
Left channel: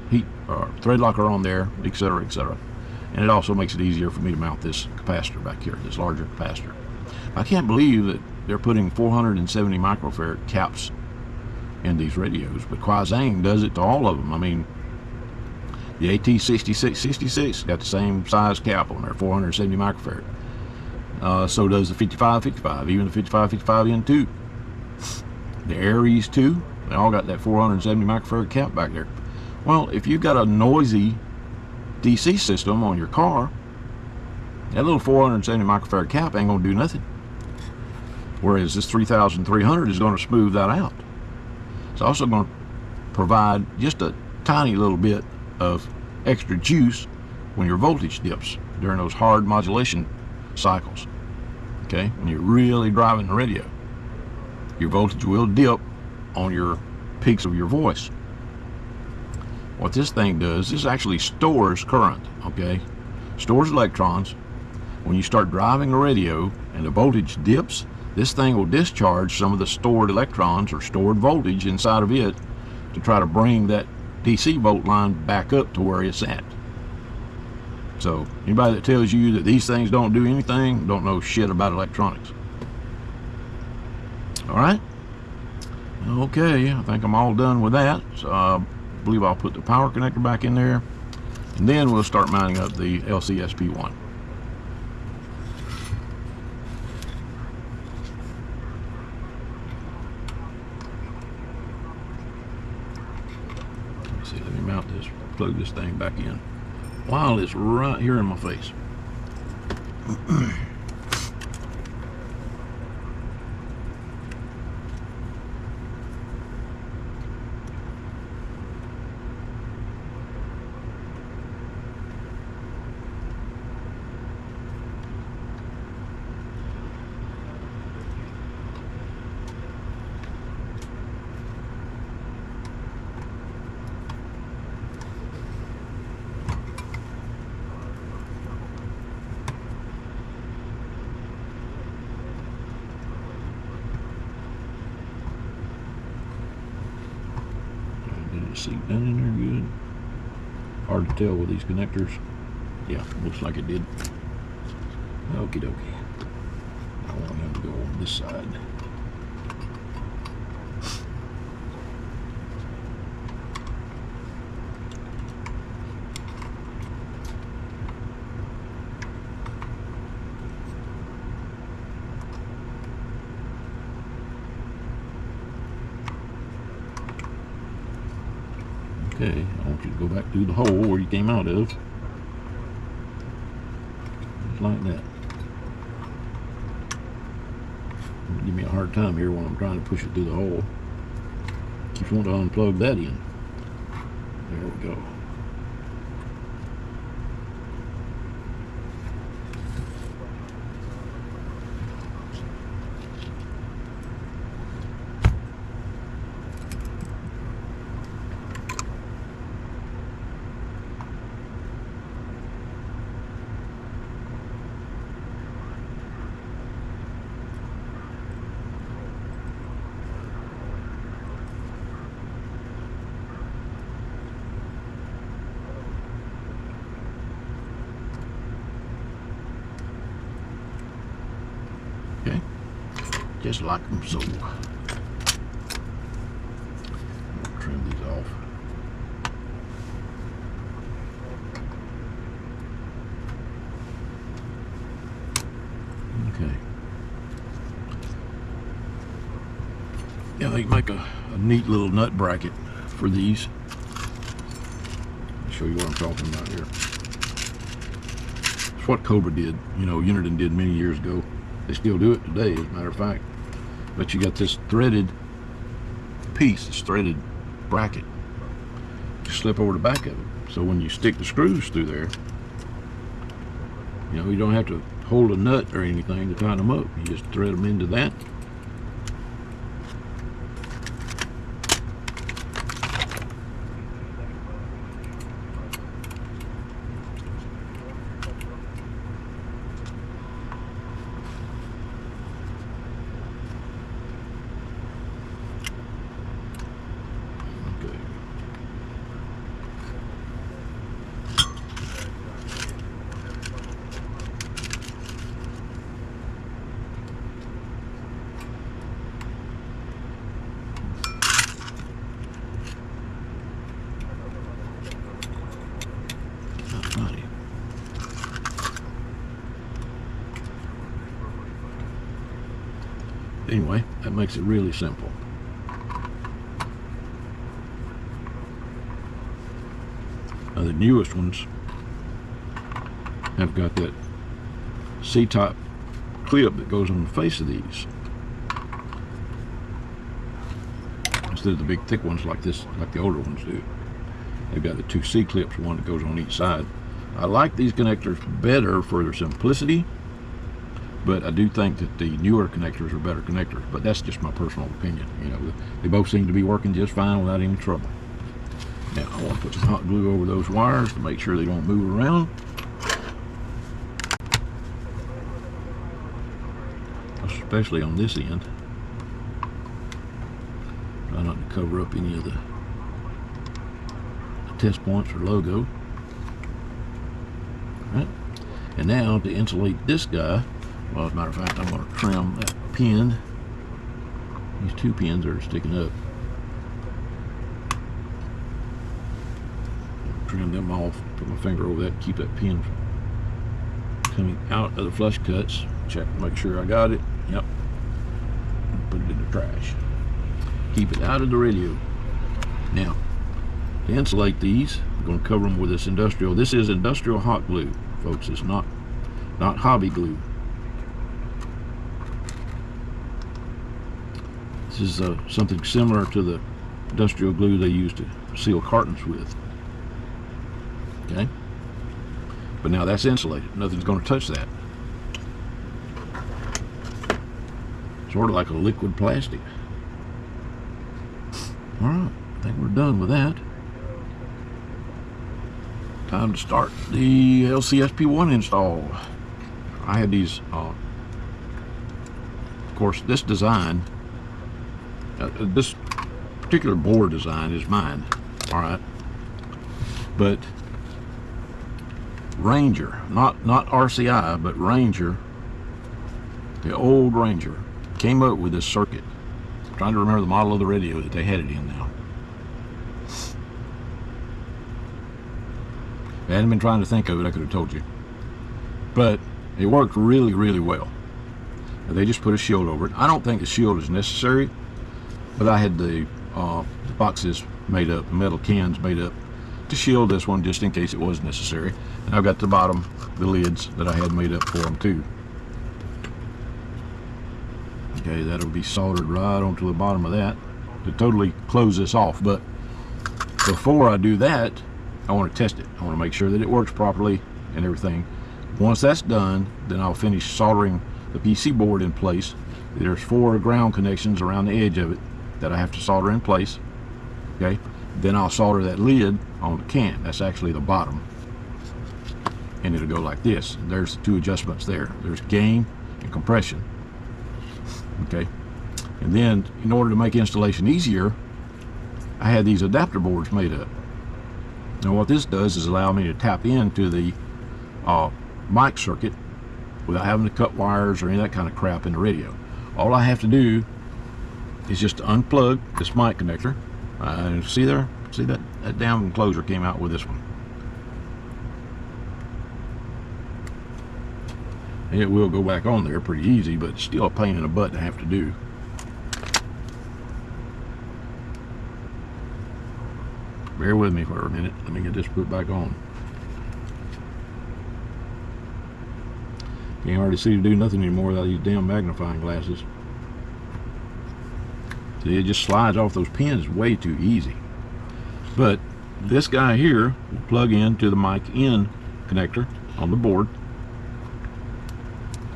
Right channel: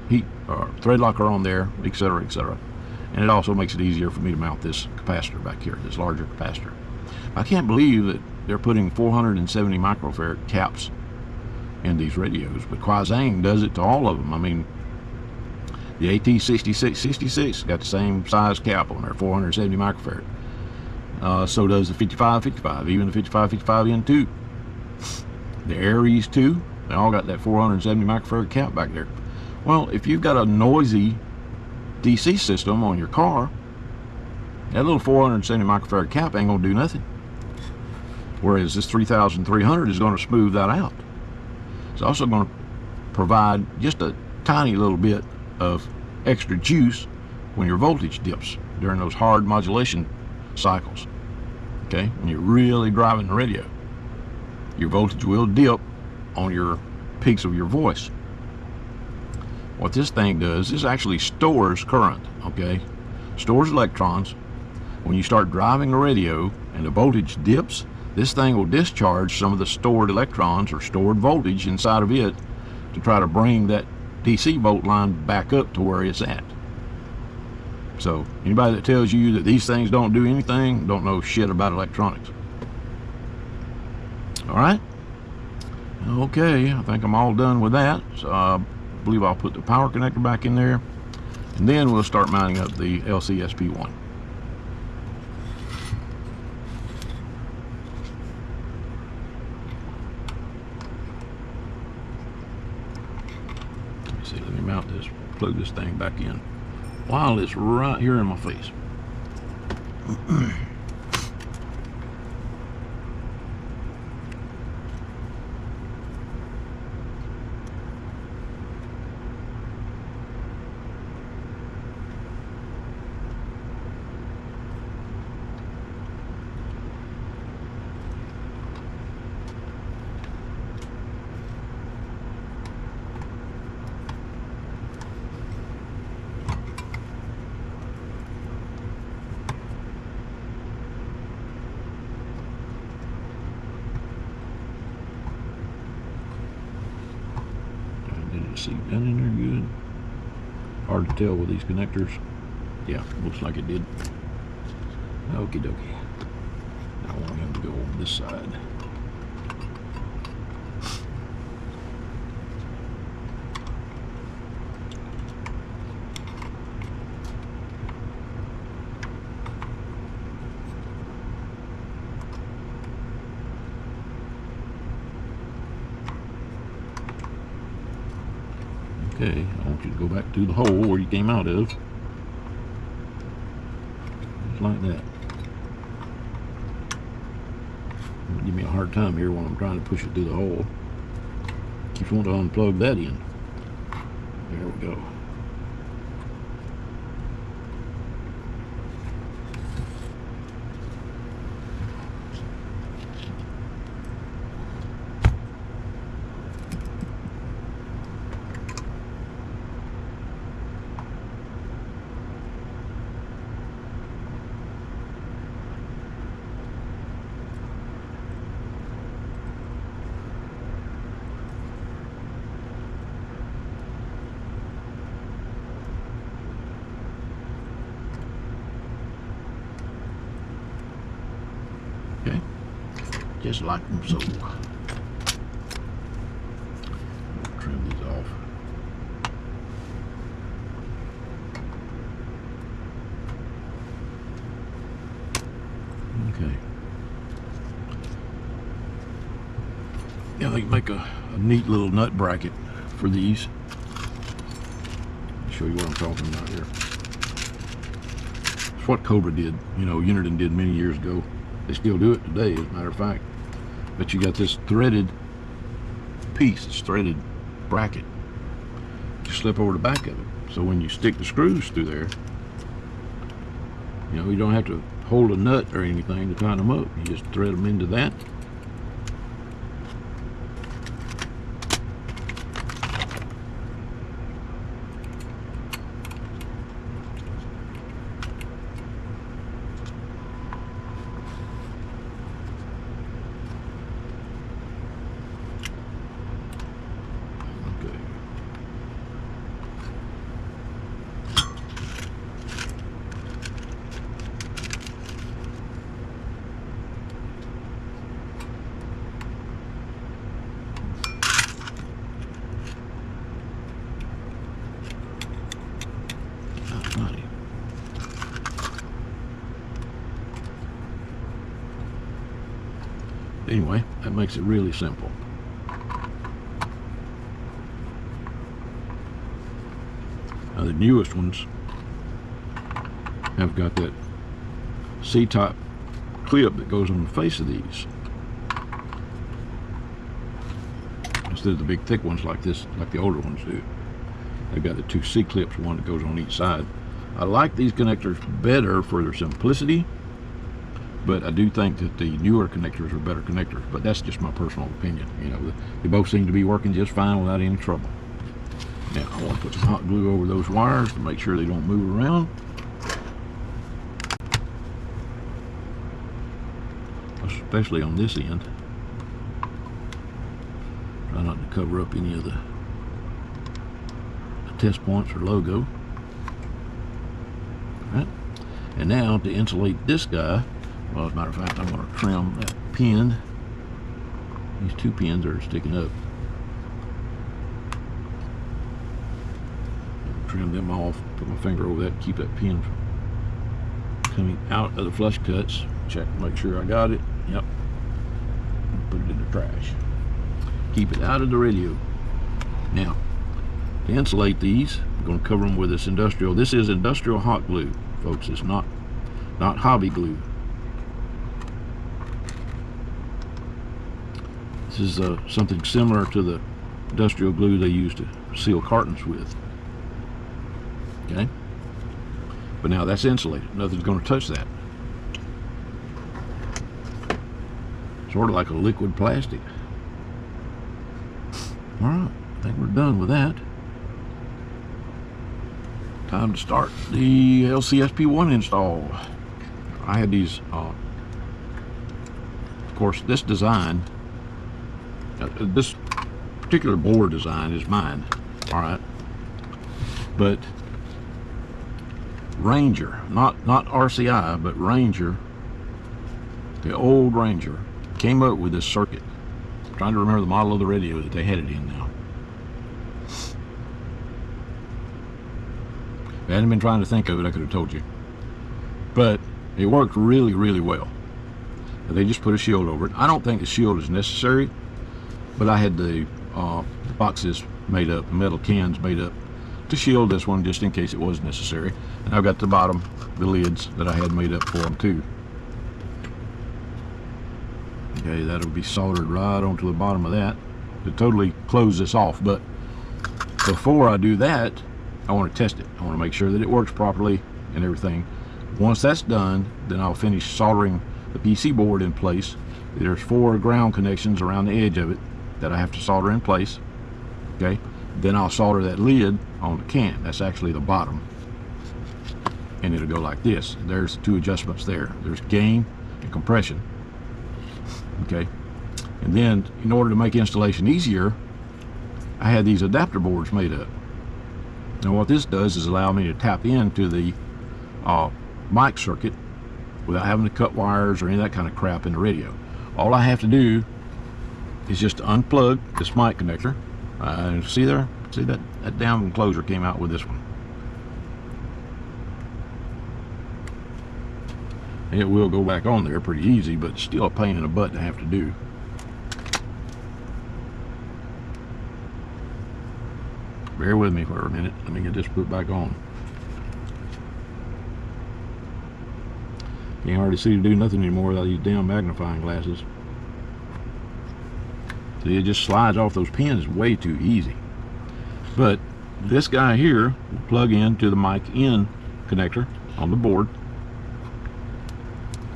heat or thread locker on there, etc., etc. And it also makes it easier for me to mount this capacitor back here, this larger capacitor. I can't believe that they're putting 470 microfarad caps in these radios, but Quasang does it to all of them. I mean, the AT6666 got the same size cap on there, 470 microfarad. So does the 5555, even the 5555N2. The Aries 2, they all got that 470 microfarad cap back there. Well, if you've got a noisy DC system on your car, that little 470 microfarad cap ain't gonna do nothing. Whereas this 3300 is gonna smooth that out. It's also gonna provide just a tiny little bit of extra juice when your voltage dips during those hard modulation cycles. Okay, when you're really driving the radio, your voltage will dip on your peaks of your voice. What this thing does is actually stores current. Okay, stores electrons. When you start driving the radio and the voltage dips, this thing will discharge some of the stored electrons or stored voltage inside of it to try to bring that DC volt line back up to where it's at. So anybody that tells you that these things don't do anything don't know shit about electronics. All right. Okay, I think I'm all done with that. So I believe I'll put the power connector back in there, and then we'll start mounting up the LCSP1. Let's see, let me mount this, plug this thing back in while it's right here in my face. See, down in there good. Hard to tell with these connectors. Yeah, looks like it did. Okie dokie. I'm gonna go over this side. Okay, I want you to go back through the hole where you came out of. Just like that. Give me a hard time here when I'm trying to push it through the hole. Keeps wanting to unplug that in. There we go. just like them so. Trim these off. Okay. Yeah, they make a neat little nut bracket for these. I'll show you what I'm talking about here. It's what Cobra did, you know, Uniden did many years ago. They still do it today, as a matter of fact. But you got this threaded piece, this threaded bracket. You slip over the back of it. So when you stick the screws through there, you know, you don't have to hold a nut or anything to tighten them up. You just thread them into that. Anyway, that makes it really simple. The newest ones have got that C-type clip that goes on the face of these, instead of the big thick ones like this, like the older ones do. They've got the two C-clips, one that goes on each side. I like these connectors better for their simplicity, but I do think that the newer connectors are better connectors. But that's just my personal opinion. You know, they both seem to be working just fine without any trouble. Now I'll put some hot glue over those wires to make sure they don't move around. Especially on this end. Try not to cover up any of the test points or logo. Right. And now to insulate this guy, well, as a matter of fact, I'm going to trim the pin. These two pins are sticking up. Trim them off. Put my finger over that to keep that pin coming out of the flush cuts. Check to make sure I got it. Yep. Put it in the trash. Keep it out of the radio. Now, to insulate these, I'm going to cover them with this industrial. This is industrial hot glue, folks. It's not hobby glue. This is something similar to the industrial glue they used to seal cartons with. Okay? But now that's insulated. Nothing's going to touch that. Sort of like a liquid plastic. Alright, I think we're done with that. Time to start the LCSP1 install. I had these, of course, this design, this particular board design is mine, alright? But Ranger, not RCI, but Ranger, the old Ranger, came up with this circuit. I'm trying to remember the model of the radio that they had it in now. I hadn't been trying to think of it, I could have told you. But it worked really, really well. They just put a shield over it. I don't think a shield is necessary, but I had the boxes made up, the metal cans made up to shield this one just in case it was necessary. And I've got the bottom, the lids that I had made up for them too. Okay, that'll be soldered right onto the bottom of that to totally close this off. But before I do that, I want to test it. I want to make sure that it works properly and everything. Once that's done, then I'll finish soldering the PC board in place. There's 4 ground connections around the edge of it that I have to solder in place. Okay, then I'll solder that lid on the can. That's actually the bottom. And it'll go like this. There's 2 adjustments there. There's gain and compression. Okay, and then in order to make installation easier, I had these adapter boards made up. Now what this does is allow me to tap into the mic circuit without having to cut wires or any of that kind of crap in the radio. All I have to do is just unplug this mic connector. See there? See that down enclosure came out with this one. It will go back on there pretty easy, but it's still a pain in the butt to have to do. Bear with me for a minute. Let me get this put back on. Can't hardly seem to do nothing anymore without these damn magnifying glasses. See, it just slides off those pins way too easy. But this guy here, you plug into the mic in connector on the board.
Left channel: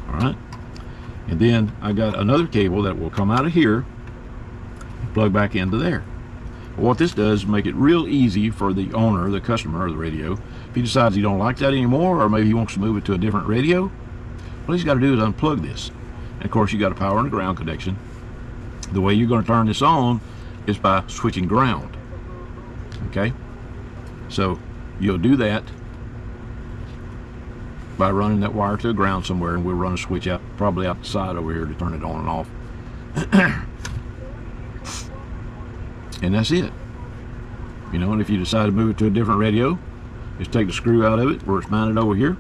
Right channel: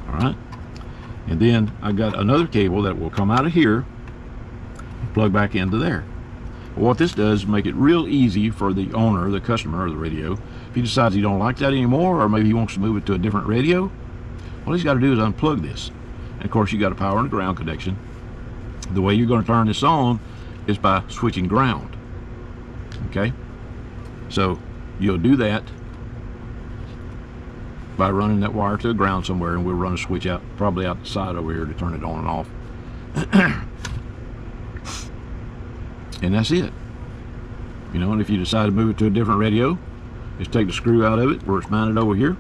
Alright. And then I got another cable that will come out of here, plug back into there. What this does is make it real easy for the owner, the customer of the radio. If he decides he don't like that anymore, or maybe he wants to move it to a different radio, all he's got to do is unplug this. And of course, you got a power and ground connection. The way you're going to turn this on is by switching ground. Okay? So you'll do that by running that wire to a ground somewhere, and we'll run a switch out, probably out the side over here, to turn it on and off. And that's it. You know, and if you decide to move it to a different radio, just take the screw out of it where it's mounted over here.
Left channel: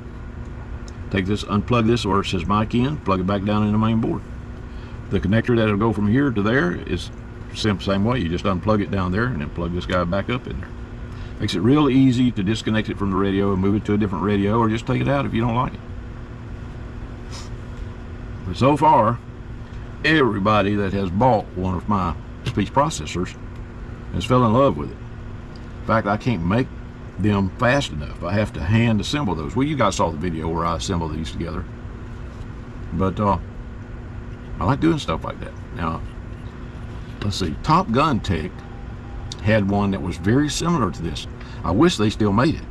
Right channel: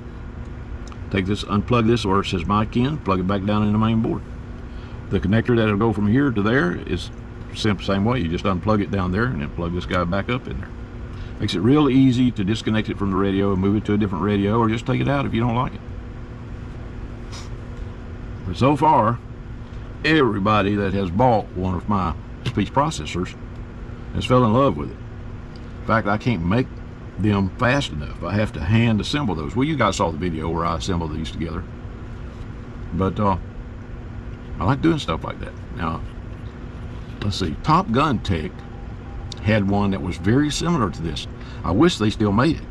Take this, unplug this where it says mic in, plug it back down in the main board. The connector that'll go from here to there is the same way. You just unplug it down there and then plug this guy back up in there. Makes it real easy to disconnect it from the radio and move it to a different radio, or just take it out if you don't like it. But so far, everybody that has bought one of my speech processors has fell in love with it. In fact, I can't make them fast enough. I have to hand assemble those. Well, you guys saw the video where I assembled these together. But I like doing stuff like that. Now, let's see. Top Gun Tech had one that was very similar to this. I wish they still made it.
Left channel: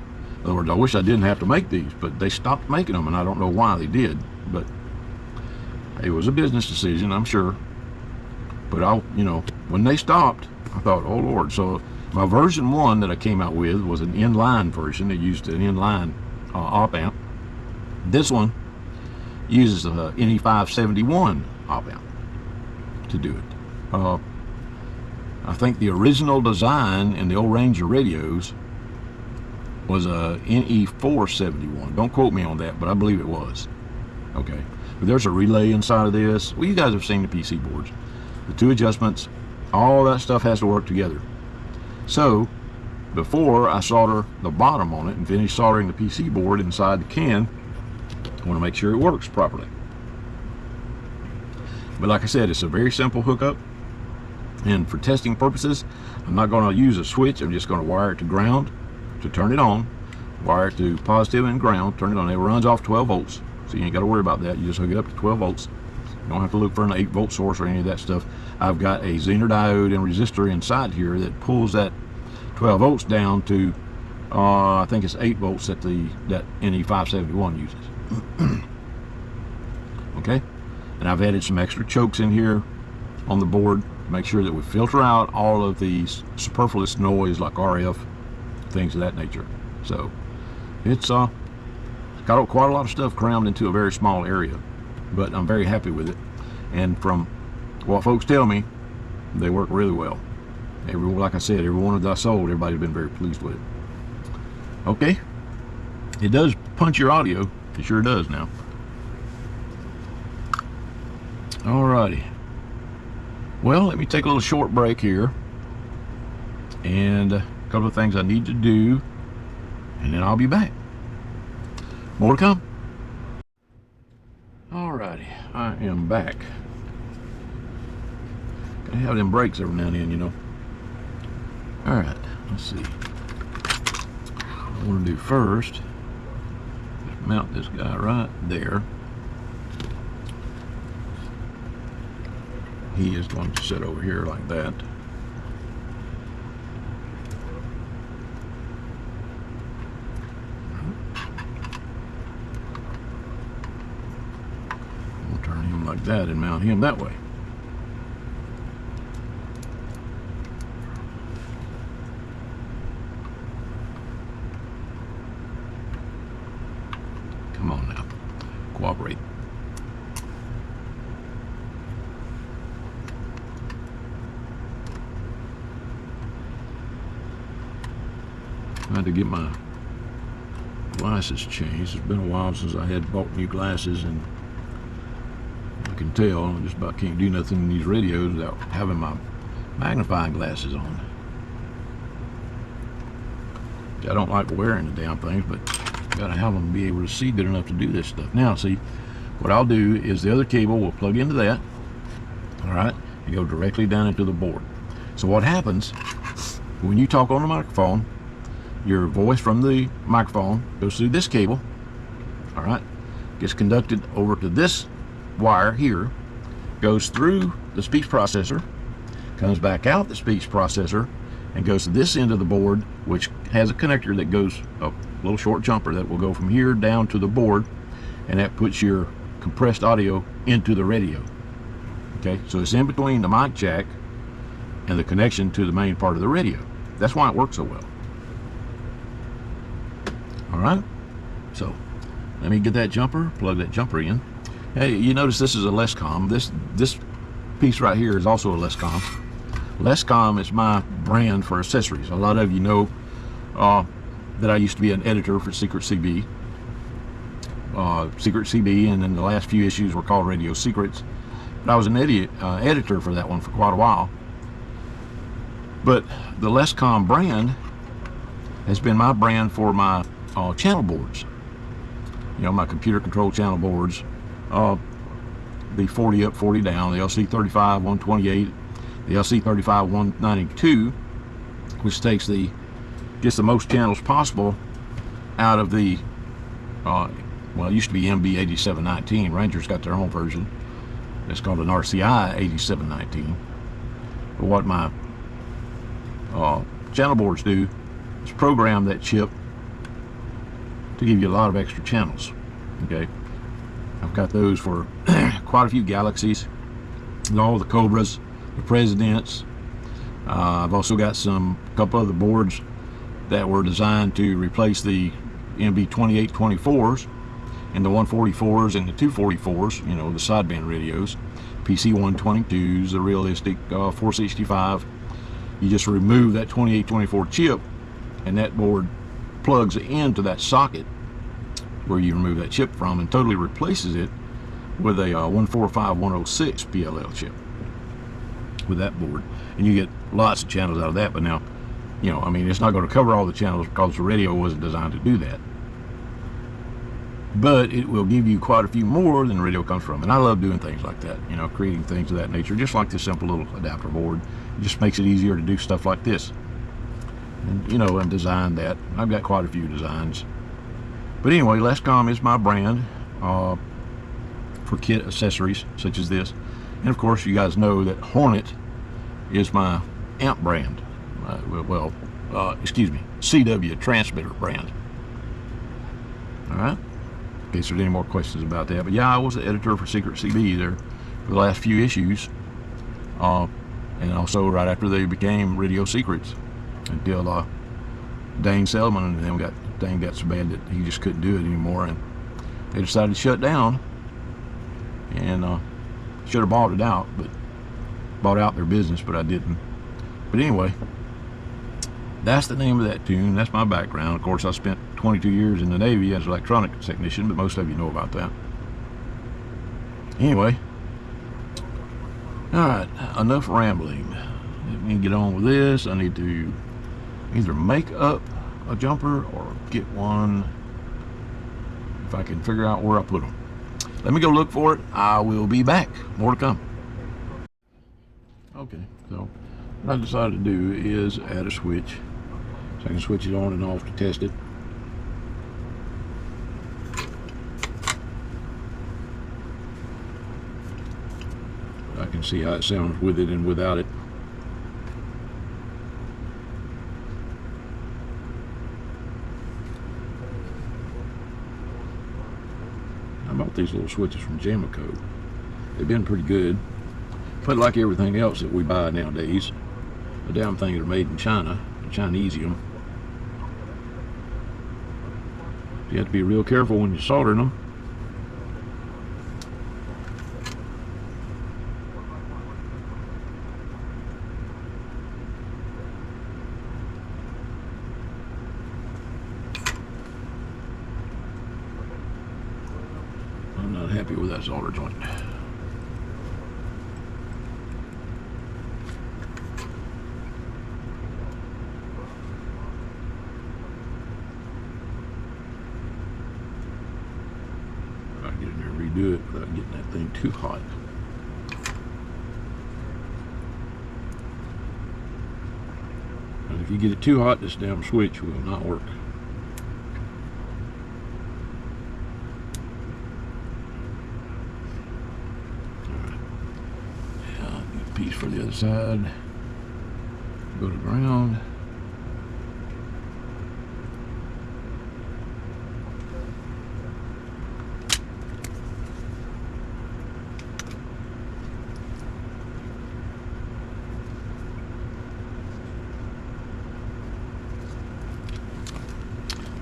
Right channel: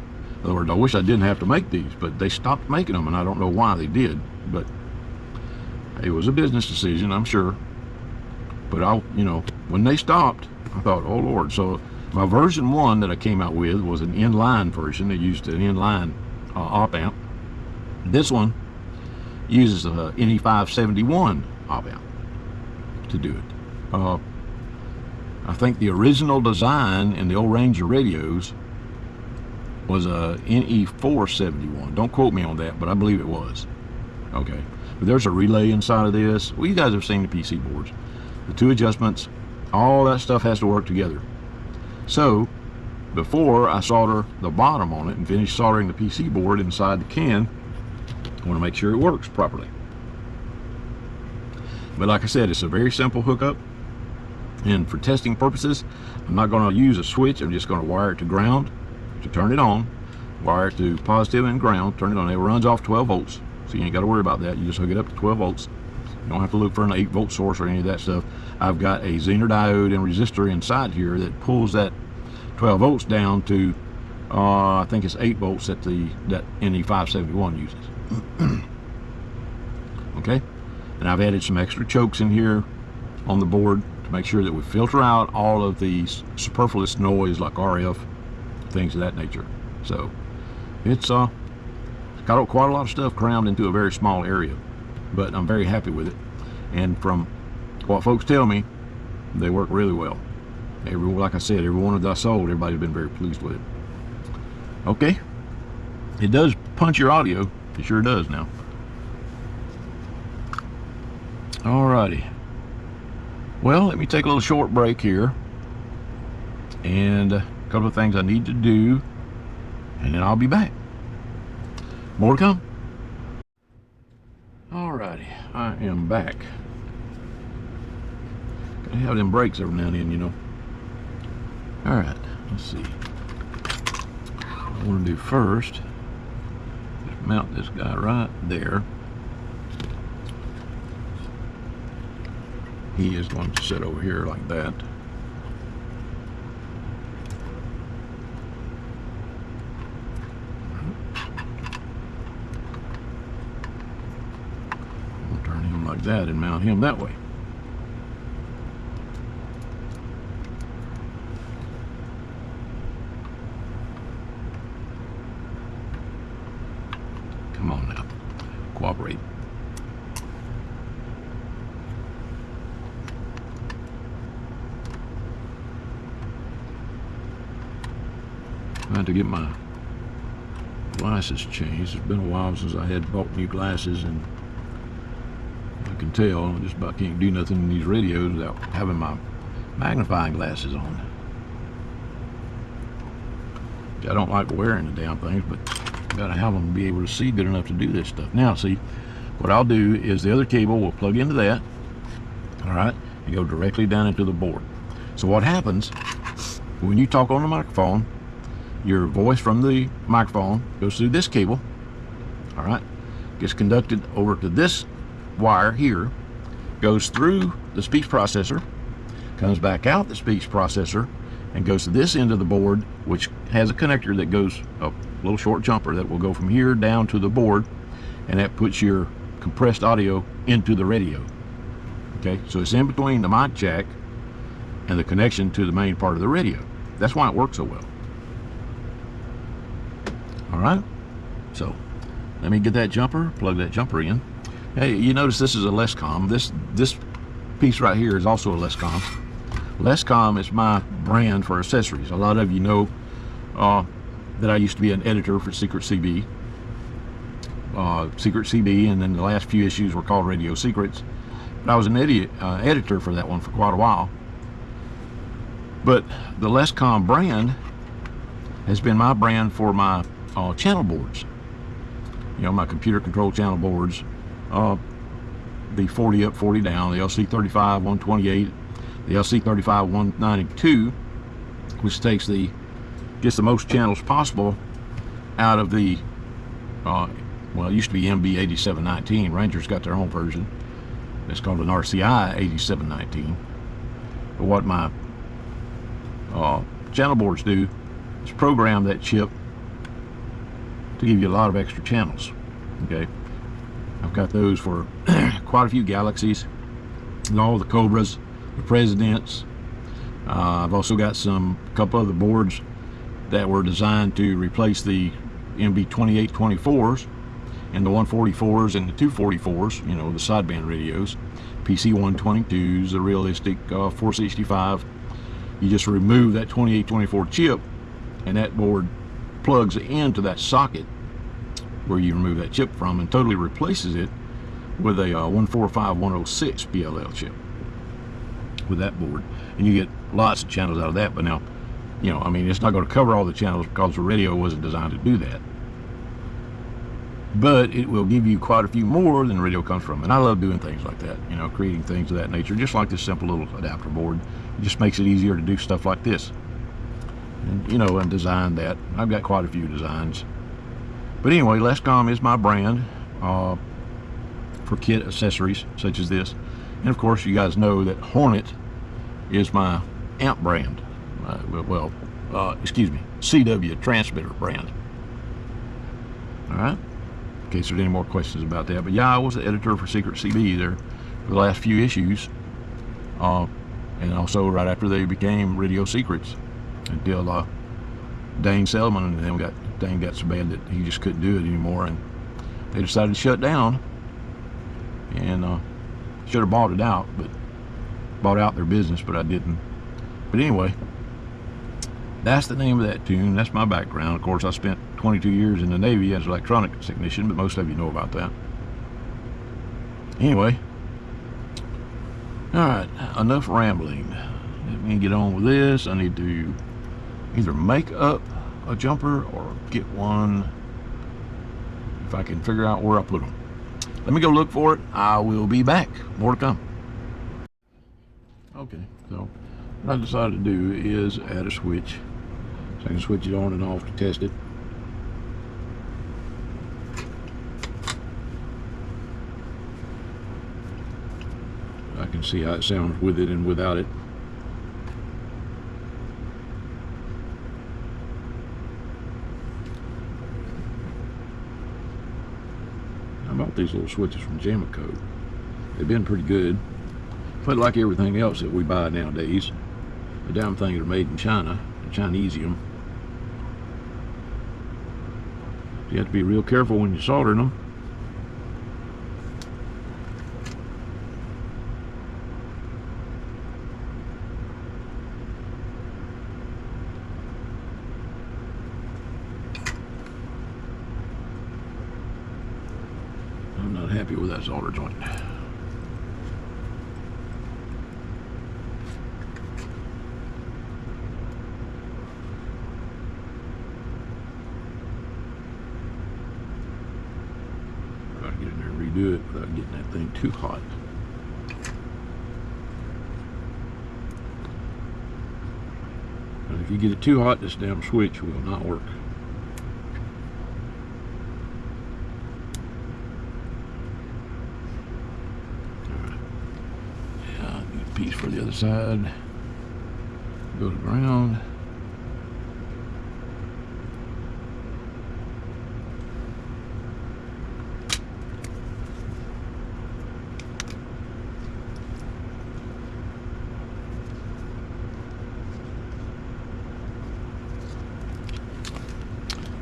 In other words, I wish I didn't have to make these, but they stopped making them, and I don't know why they did. But it was a business decision, I'm sure. But you know, when they stopped, I thought, oh Lord. So my version 1 that I came out with was an inline version that used an inline op amp. This one uses a NE571 op amp to do it. I think the original design in the old Ranger radios was a NE471. Don't quote me on that, but I believe it was. Okay. There's a relay inside of this. Well, you guys have seen the PC boards. The 2 adjustments, all that stuff has to work together. So, before I solder the bottom on it and finish soldering the PC board inside the can, I want to make sure it works properly. But like I said, it's a very simple hookup. And for testing purposes, I'm not going to use a switch. I'm just going to wire it to ground to turn it on. Wire it to positive and ground, turn it on. It runs off 12 volts. So you ain't got to worry about that. You just hook it up to 12 volts. You don't have to look for an 8-volt source or any of that stuff. I've got a Zener diode and resistor inside here that pulls that 12 volts down to, I think it's 8 volts that that NE571 uses. Okay? And I've added some extra chokes in here on the board to make sure that we filter out all of these superfluous noise like RF, things of that nature. So it's got quite a lot of stuff crammed into a very small area, but I'm very happy with it. And from what folks tell me, they work really well. Like I said, every one that I sold, everybody's been very pleased with it. Okay, it does punch your audio. It sure does now. Alrighty. Well, let me take a little short break here, and a couple of things I need to do, and then I'll be back. More to come. Alrighty, I am back. You have them breaks every now and then, you know. Alright, let's see. What I want to do first, mount this guy right there. He is going to sit over here like that. I'll turn him like that and mount him that way. Come on now, cooperate. I had to get my glasses changed. It's been a while since I had bought new glasses, and you can tell I just about can't do nothing in these radios without having my magnifying glasses on. I don't like wearing the damn things, but gotta have them to be able to see good enough to do this stuff. Now, see, what I'll do is the other cable will plug into that, all right, and go directly down into the board. So what happens when you talk on the microphone, your voice from the microphone goes through this cable, all right, gets conducted over to this wire here, goes through the speech processor, comes back out the speech processor, and goes to this end of the board, which has a connector that goes, a little short jumper that will go from here down to the board, and that puts your compressed audio into the radio. Okay, so it's in between the mic jack and the connection to the main part of the radio. That's why it works so well. All right, so let me get that jumper, plug that jumper in. Hey, you notice this is a Lescom. This piece right here is also a Lescom. Lescom is my brand for accessories. A lot of you know that I used to be an editor for Secret CB. And then the last few issues were called Radio Secrets. But I was an editor for that one for quite a while. But the Lescom brand has been my brand for my channel boards. You know, my computer control channel boards. The 40 up, 40 down, the LC35 128. The LC35 192, which gets the most channels possible out of the, well, it used to be MB8719. Ranger's got their own version. It's called an RCI 8719. But what my channel boards do is program that chip to give you a lot of extra channels. Okay, I've got those for quite a few Galaxies, and all the Cobras, Presidents. I've also got a couple other boards that were designed to replace the MB2824s and the 144s and the 244s, you know, the sideband radios, PC 122s, the realistic 465. You just remove that 2824 chip, and that board plugs into that socket where you remove that chip from, and totally replaces it with a 145106 PLL chip with that board, and you get lots of channels out of that. But now, you know, I mean, it's not going to cover all the channels because the radio wasn't designed to do that, but it will give you quite a few more than the radio comes from. And I love doing things like that, you know, creating things of that nature, just like this simple little adapter board. It just makes it easier to do stuff like this, and, you know, and design that. I've got quite a few designs. But anyway, Lescom is my brand for kit accessories such as this. And of course, you guys know that Hornet is my amp brand. CW transmitter brand. All right. In case there's any more questions about that. But yeah, I was the editor for Secret CB there for the last few issues. And also right after they became Radio Secrets until Dane Selman, and then Dane got so bad that he just couldn't do it anymore, and they decided to shut down. And should have bought out their business, but I didn't. But anyway, that's the name of that tune. That's my background. Of course, I spent 22 years in the Navy as an electronics technician, but most of you know about that. Anyway, all right, enough rambling. Let me get on with this. I need to either make up a jumper or get one, if I can figure out where I put them. Let me go look for it. I will be back. More to come. Okay, so what I decided to do is add a switch. So I can switch it on and off to test it. I can see how it sounds with it and without it. I bought these little switches from Zamico. They've been pretty good. But like everything else that we buy nowadays, the damn things are made in China, Chinesium. You have to be real careful when you're soldering them. happy with that solder joint. Try to get in there and redo it without getting that thing too hot. And if you get it too hot, this damn switch will not work. Piece for the other side. Goes around.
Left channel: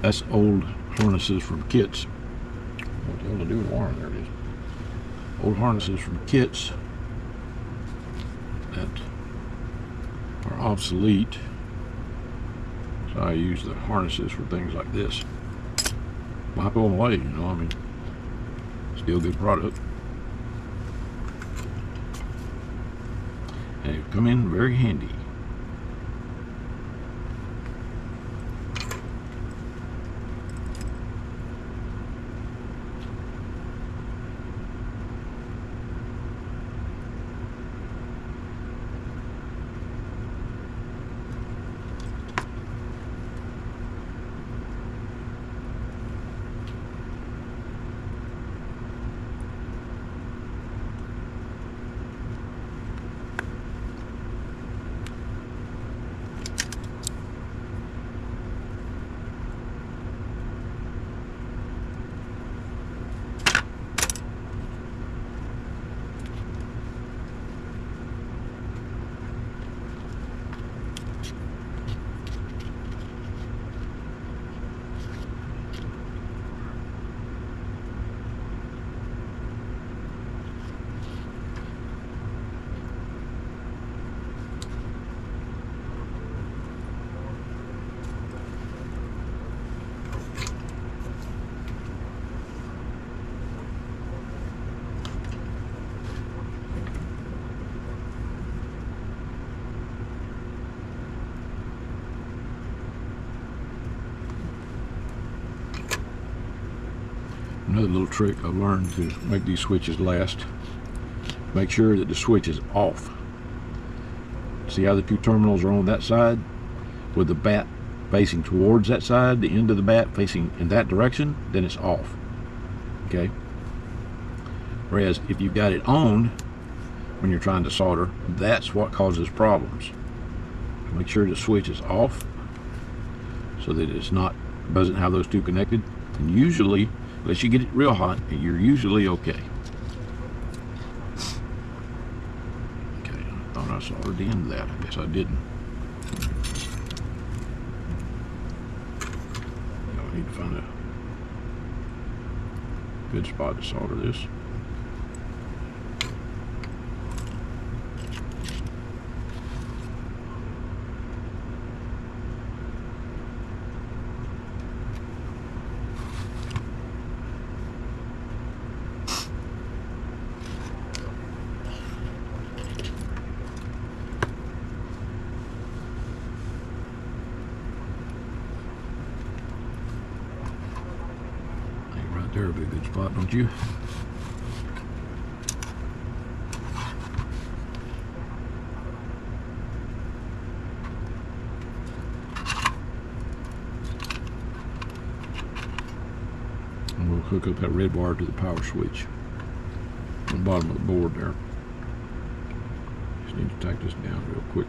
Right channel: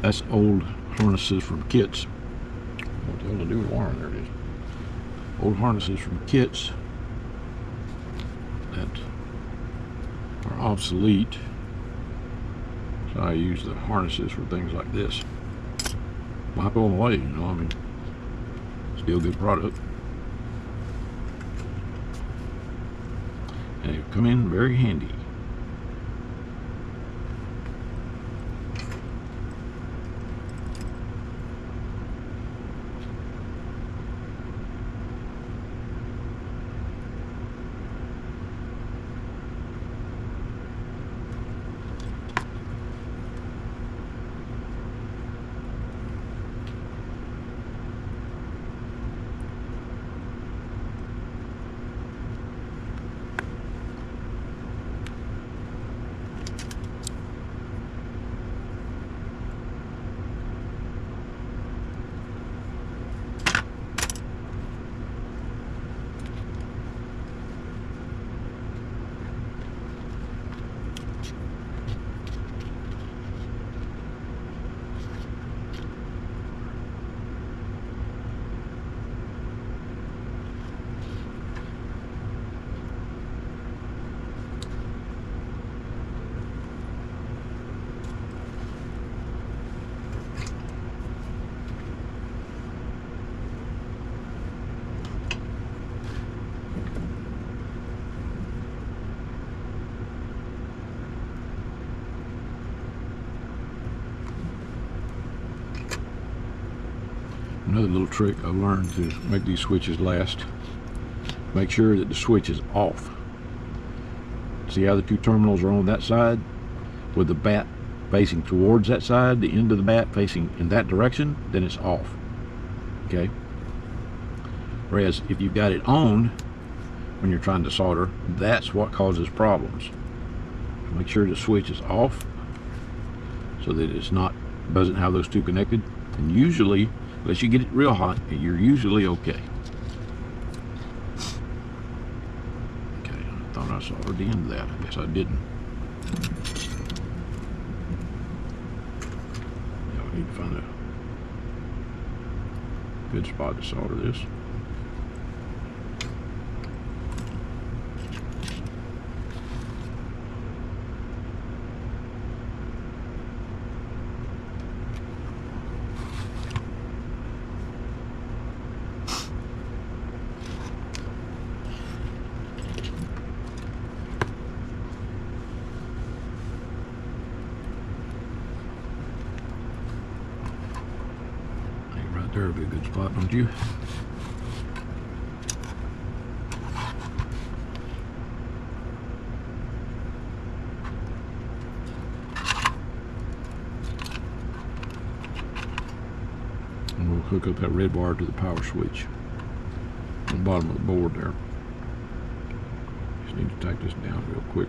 That's old harnesses from kits. What the hell to do with wire? There it is. Old harnesses from kits that are obsolete. So I use the harnesses for things like this. Wipe them away, you know, I mean, still good product. They come in very handy. Another little trick I learned to make these switches last. Make sure that the switch is off. See how the two terminals are on that side? With the bat facing towards that side, the end of the bat facing in that direction, then it's off. Okay? Whereas if you've got it on when you're trying to solder, that's what causes problems. Make sure the switch is off so that it's not, doesn't have those two connected. And usually, unless you get it real hot, you're usually okay. Okay, I thought I soldered the end of that. I guess I didn't. I need to find a good spot to solder this. There would be a good spot, don't you? And we'll hook up that red wire to the power switch on the bottom of the board there. Just need to tighten this down real quick.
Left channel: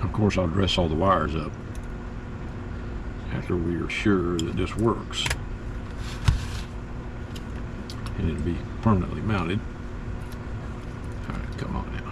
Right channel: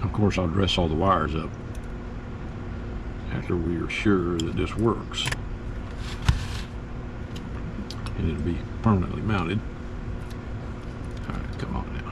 Of course, I'll dress all the wires up after we are sure that this works. And it'll be permanently mounted. All right, come on in.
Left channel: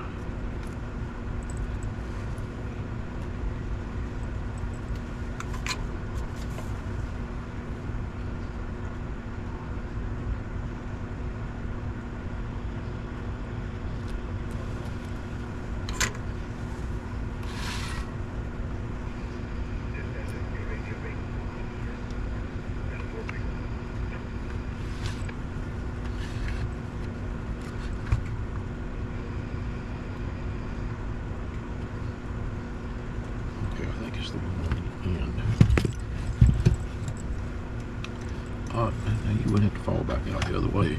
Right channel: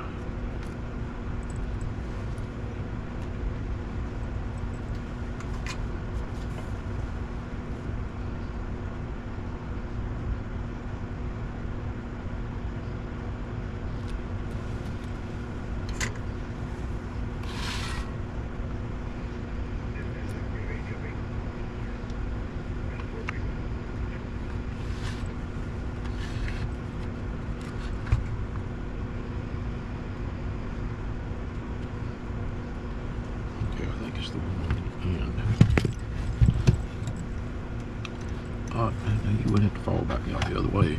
way.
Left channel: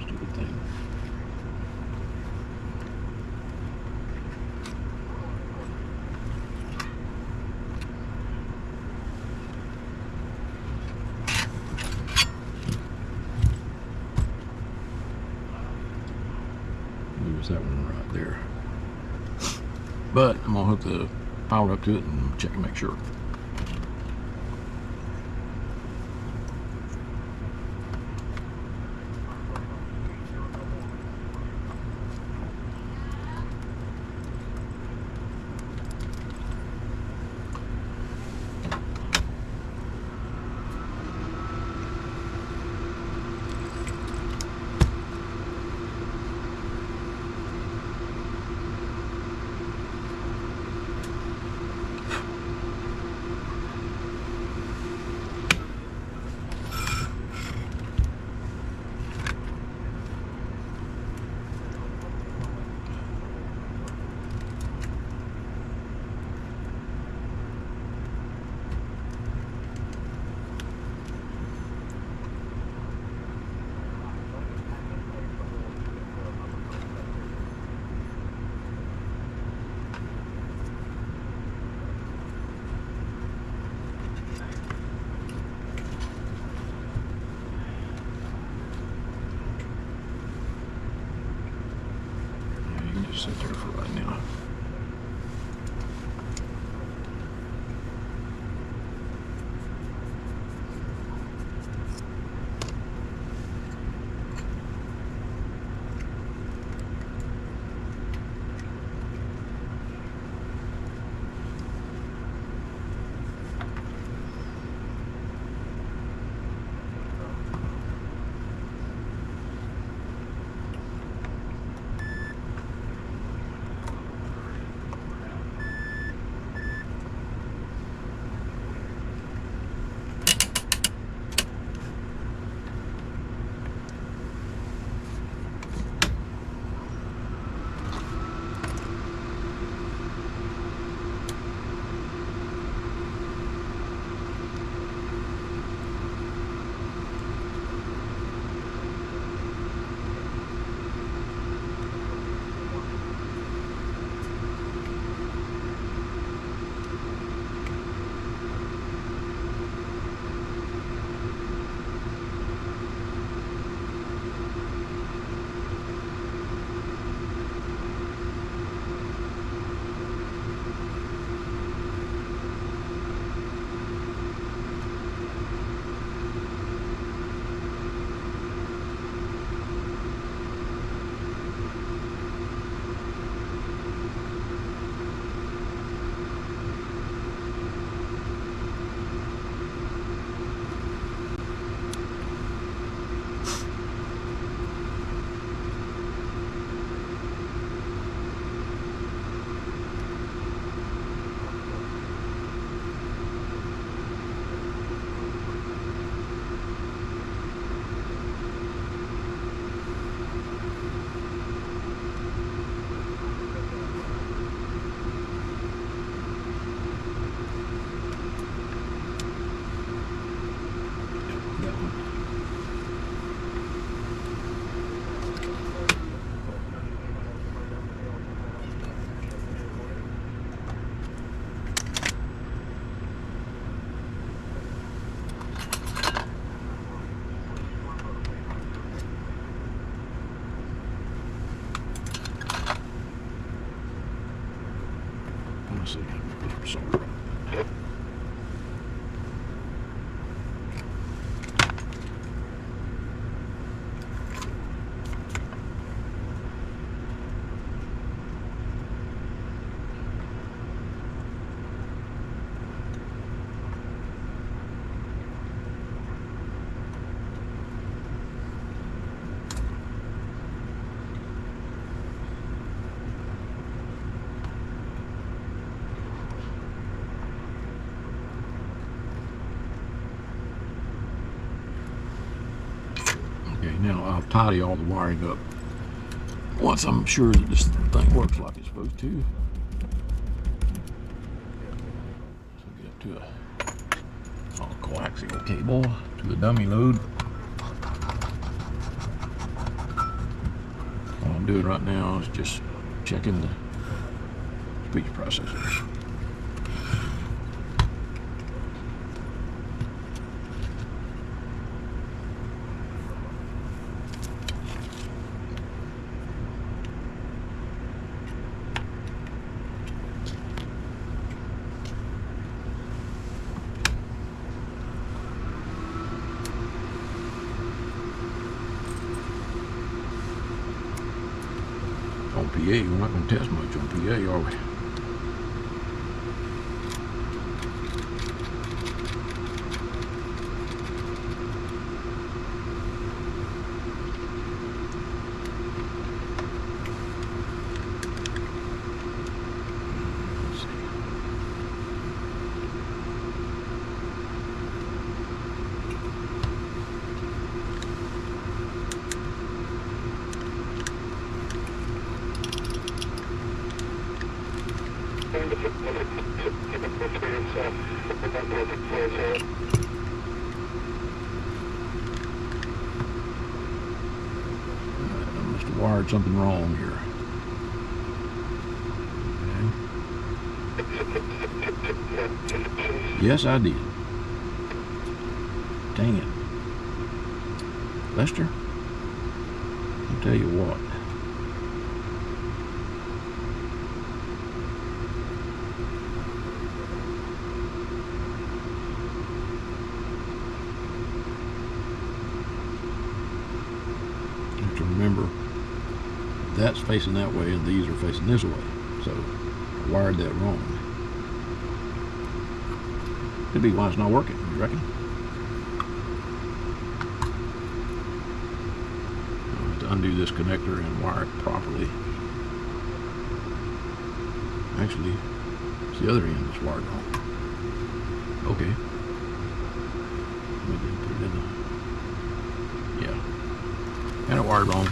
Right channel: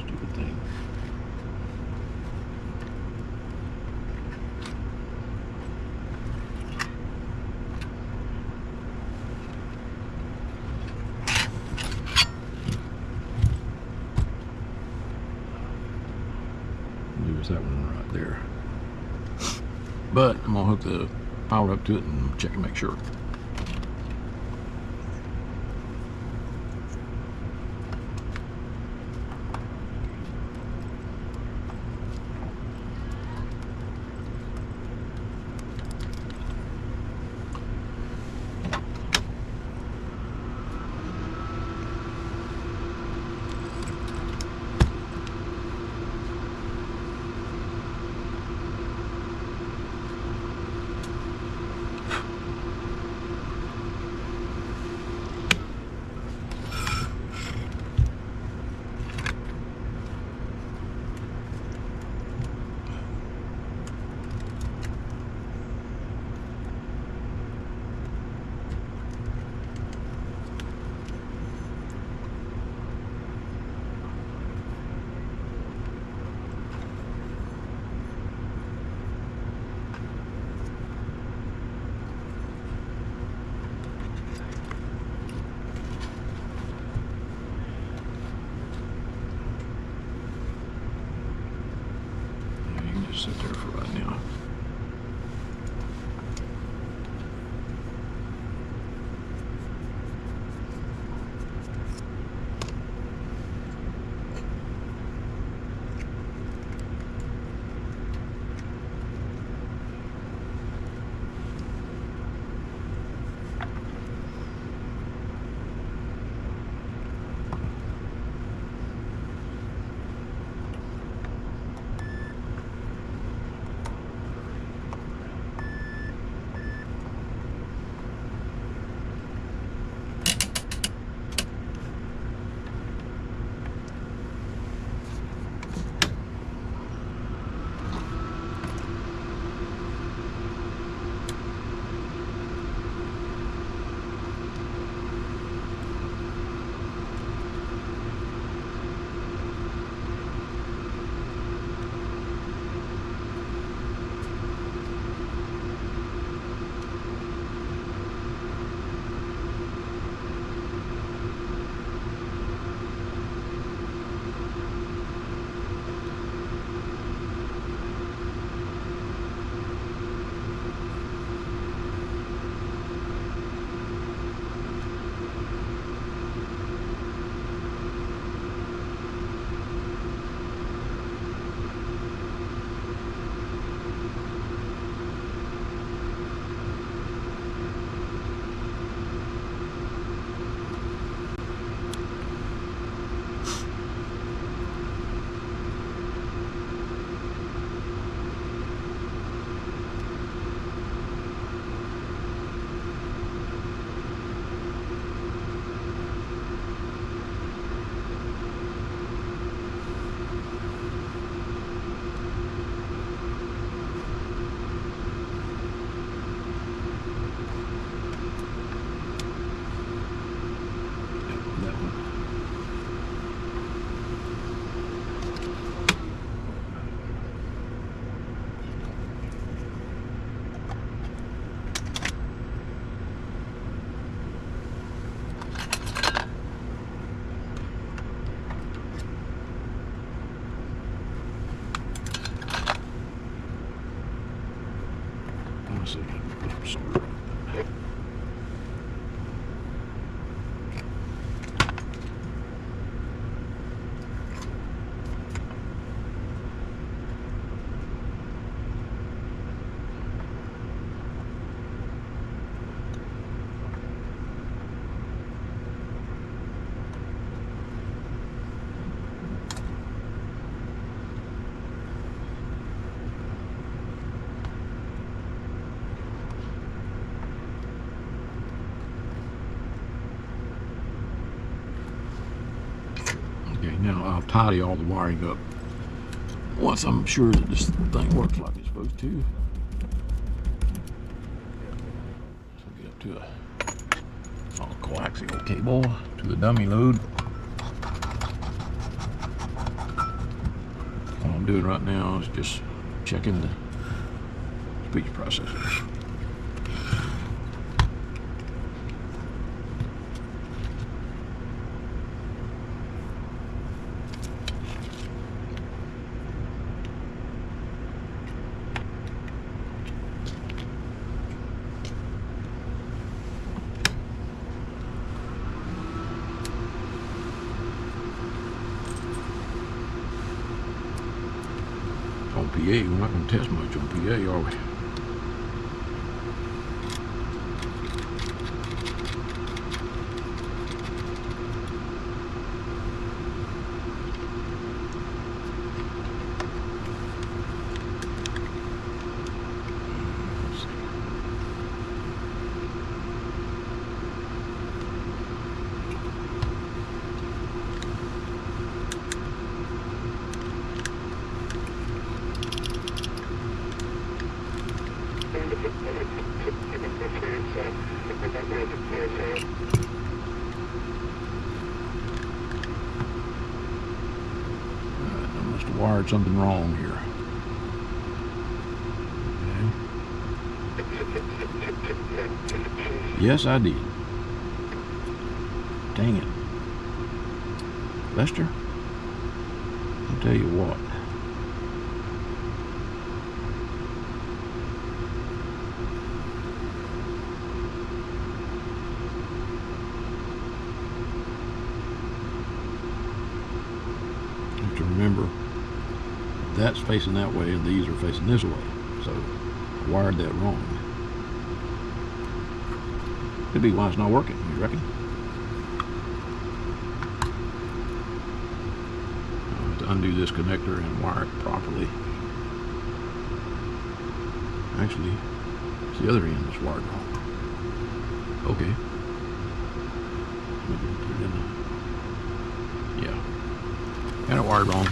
Stupid thing. There's that one right there. But I'm gonna hook the power up to it and check and make sure. Sit there for right now. Now I'll tidy all the wiring up once I'm sure that this thing works like it's supposed to. So get up to it. All quiet. coaxial cable to the dummy load. All I'm doing right now is just checking the speech processor. On PA, we're not going to test much on PA, are we? I must have wired something wrong here. Yes, I did. Dang it. Mister, I'll tell you what. Have to remember, that's facing that way and these are facing this way. So, I wired that wrong. Could be why it's not working, you reckon? Let's undo this connector and wire it properly. Actually, it's the other end that's wired wrong. Okay. Yeah. Got it wired wrong.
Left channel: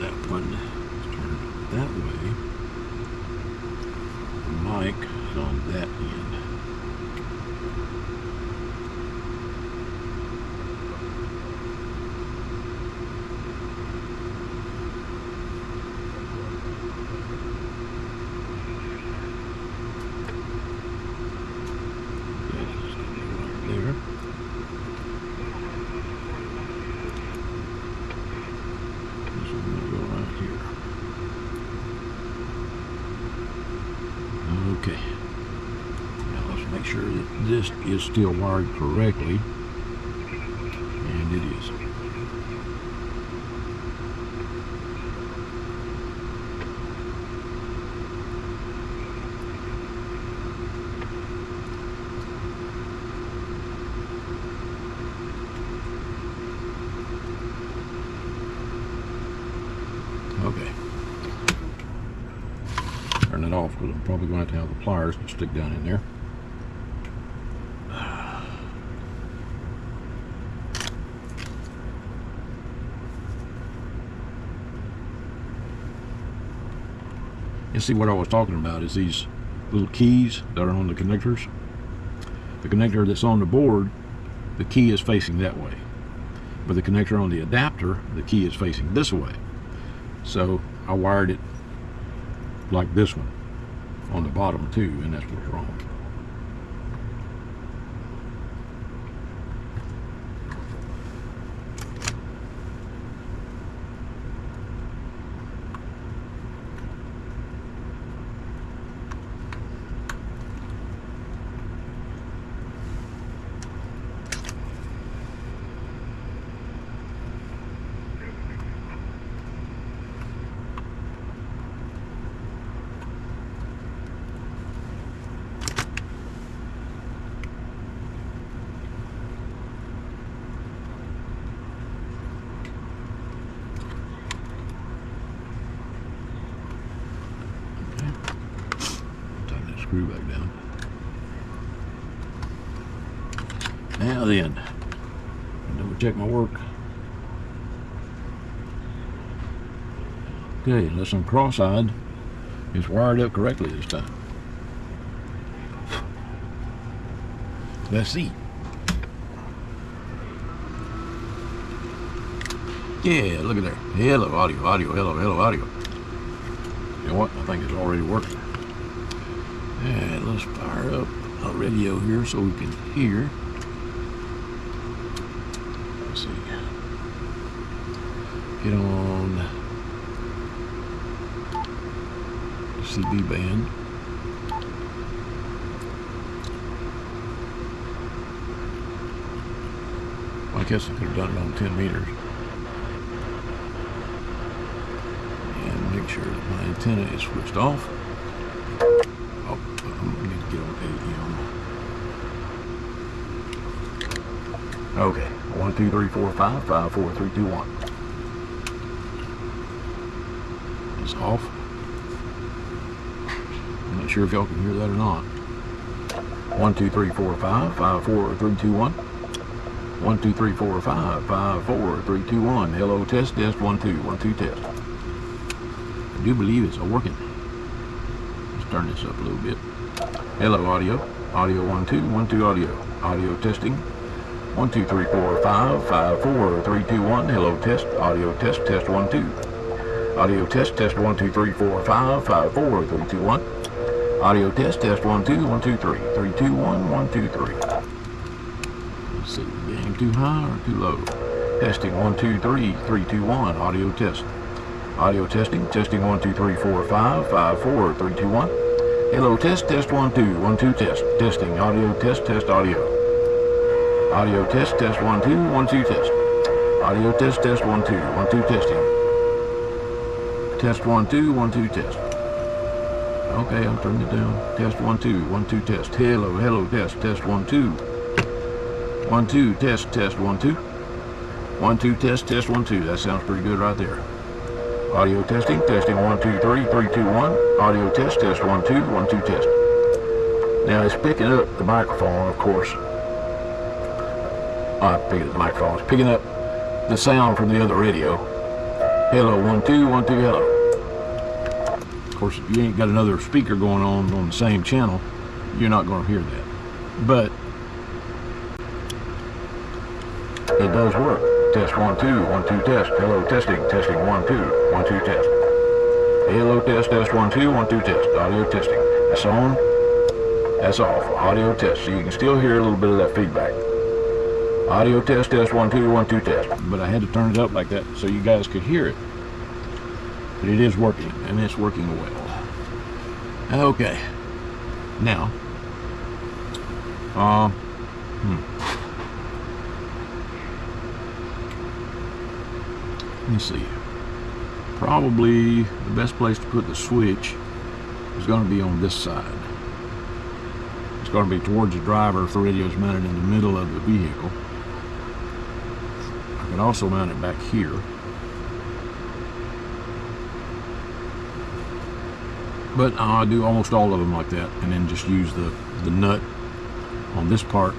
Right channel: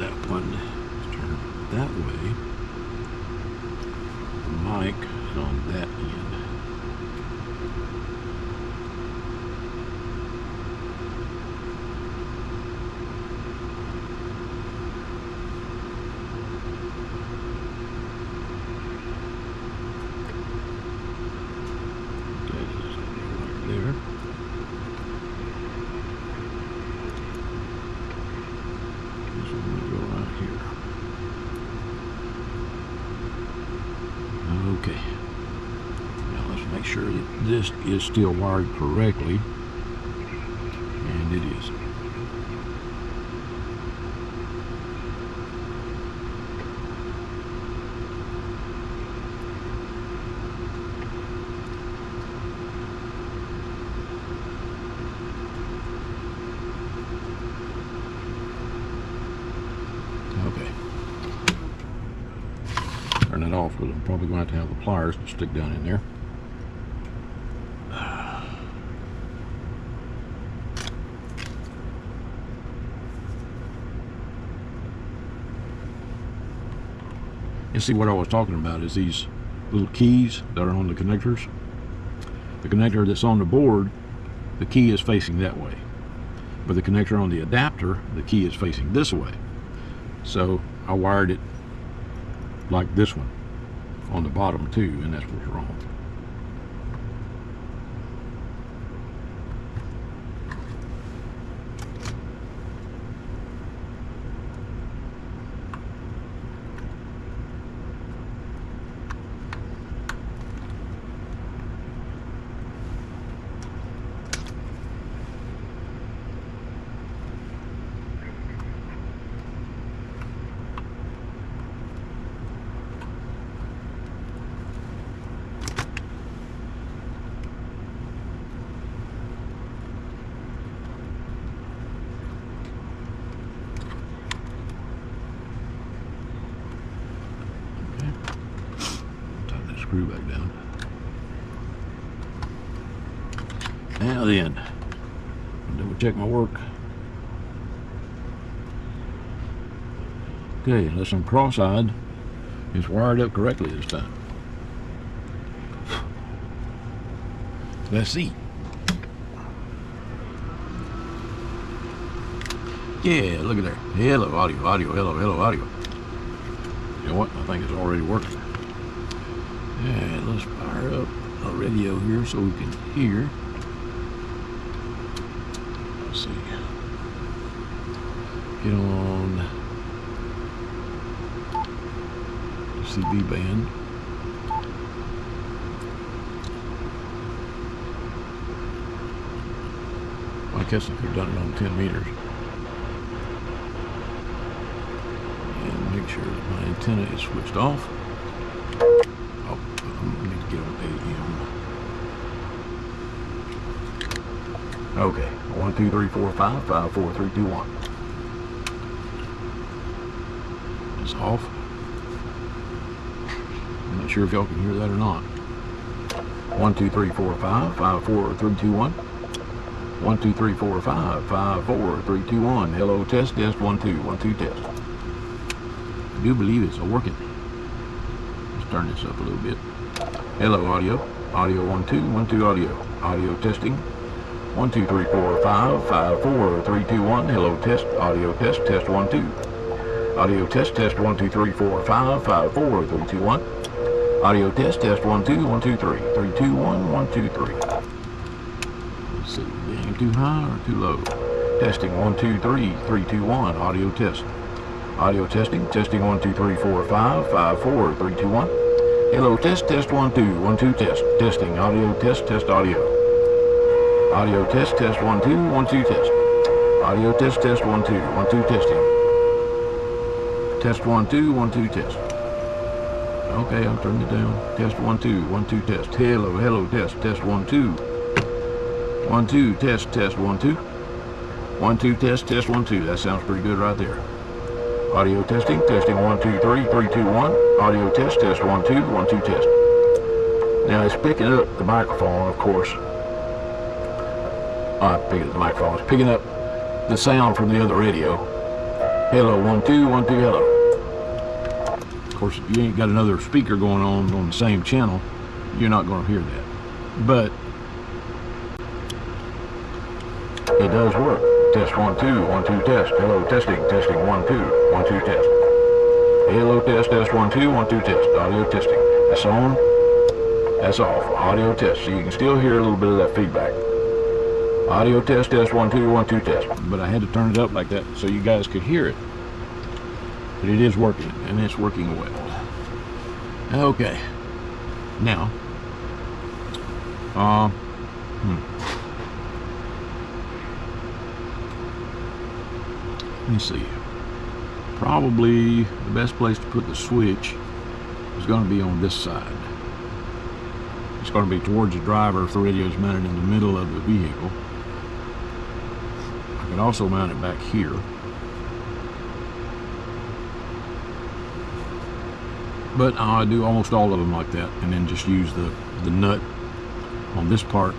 That one turned that way. The mic is on that end. There. Okay. Now let's make sure that this is still wired correctly. And it is. Okay. Turn it off, but I'm probably going to have the pliers to stick down in there. And see, what I was talking about is these little keys that are on the connectors. The connector that's on the board, the key is facing that way. But the connector on the adapter, the key is facing this way. So I wired it like this one on the bottom too, and that's what's wrong. Now then, double check my work. Okay, this one cross-eyed is wired up correctly this time. Let's see. Yeah, look at that. Hello, audio, hello, audio. You know what? I think it's already working. And let's fire up a radio here so we can hear. Let's see. Get on the CB band. I guess if you've done it on 10 meters. And make sure the antenna is switched off. Oh, you know, I need to get okay here. Okay, 1, 2, 3, 4, 5, 5, 4, 3, 2, 1. It's off. I'm not sure if y'all can hear that or not. 1, 2, 3, 4, 5, 5, 4, 3, 2, 1. 1, 2, 3, 4, 5, 5, 4, 3, 2, 1. Hello, test, 1, 2, 1, 2, test. I do believe it's working. Let's turn this up a little bit. Hello, audio. Audio 1, 2, 1, 2, audio. Audio testing. 1, 2, 3, 4, 5, 5, 4, 3, 2, 1. Hello, test. Audio test, 1, 2. Audio test, 1, 2, 3, 4, 5, 5, 4, 3, 2, 1. Audio test, 1, 2, 1, 2, 3, 3, 2, 1, 1, 2, 3. Let's see, getting too high or too low. Testing 1, 2, 3, 3, 2, 1. Audio test. Audio testing, 1, 2, 3, 4, 5, 5, 4, 3, 2, 1. Hello, test, 1, 2, 1, 2, test. Testing, audio test, audio. Audio test, 1, 2, 1, 2, test. Audio test, 1, 2, 1, 2, testing. Test 1, 2, 1, 2, test. Okay, I'm turning it down. Test 1, 2, 1, 2, test. Hello, test 1, 2. 1, 2, test 1, 2. 1, 2, test 1, 2. That sounds pretty good right there. Audio testing, 1, 2, 3, 3, 2, 1. Audio test 1, 2, 1, 2, test. Now it's picking up the microphone, of course. The microphone is picking up the sound from the other radio. Hello, 1, 2, 1, 2, hello. Of course, if you ain't got another speaker going on the same channel, you're not going to hear that. But it does work. Test 1, 2, 1, 2, test. Hello, testing, 1, 2, 1, 2, test. Hello, test 1, 2, 1, 2, test. Audio testing. That's on. That's off. Audio test. So you can still hear a little bit of that feedback. Audio test 1, 2, 1, 2, test. But I had to turn it up like that so you guys could hear it. But it is working, and it's working well. Okay. Now, let me see. Probably the best place to put the switch is going to be on this side. It's going to be towards the driver if the radio is mounted in the middle of the vehicle. I can also mount it back here. But I do almost all of them like that, and then just use the nut on this part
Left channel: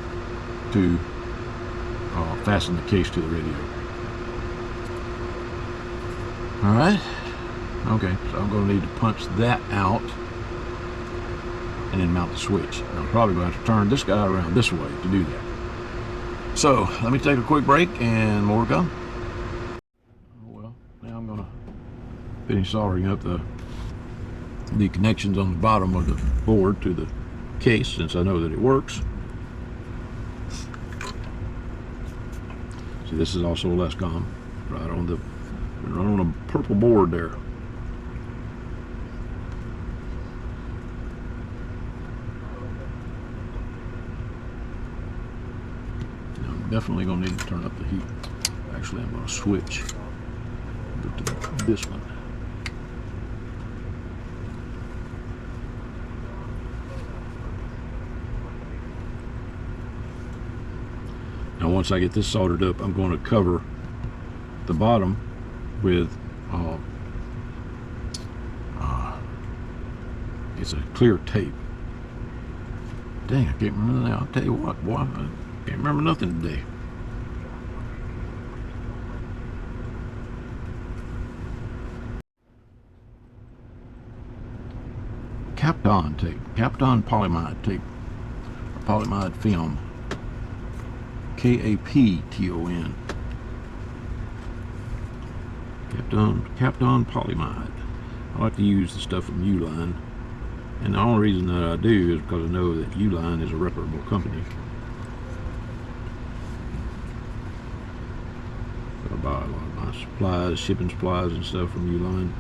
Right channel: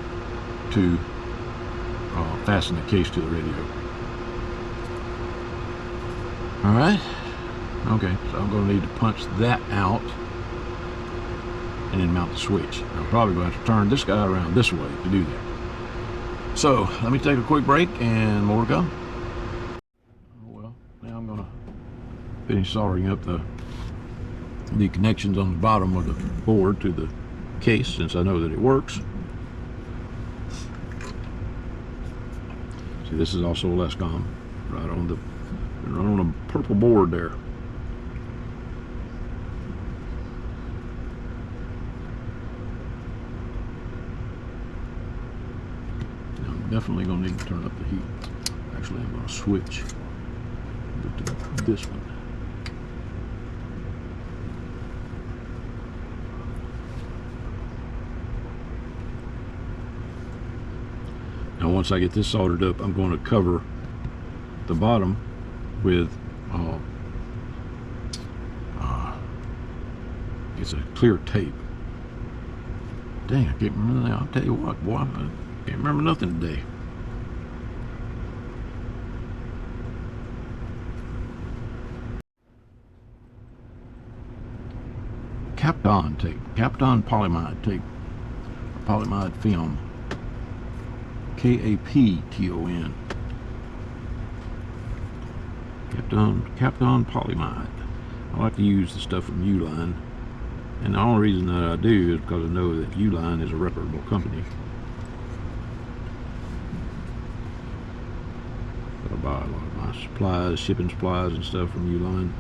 to fasten the case to the radio. Alright, okay, so I'm going to need to punch that out and then mount the switch. I'm probably going to have to turn this guy around this way to do that. So, let me take a quick break and more to come. Well, now I'm going to finish soldering up the connections on the bottom of the board to the case, since I know that it works. So this is also a Lescom right on a purple board there. I'm definitely going to need to turn up the heat. Actually, I'm going to switch to this one. Now once I get this soldered up, I'm going to cover the bottom with it's a clear tape. Dang, I can't remember that. I'll tell you what, boy, Can't remember nothing today. Kapton tape. Kapton polyamide tape. Polyamide film. Kapton. Kapton polyamide. I like to use the stuff from Uline. And the only reason that I do is because I know that Uline is a reputable company. I buy a lot of my supplies, shipping supplies and stuff from Uline.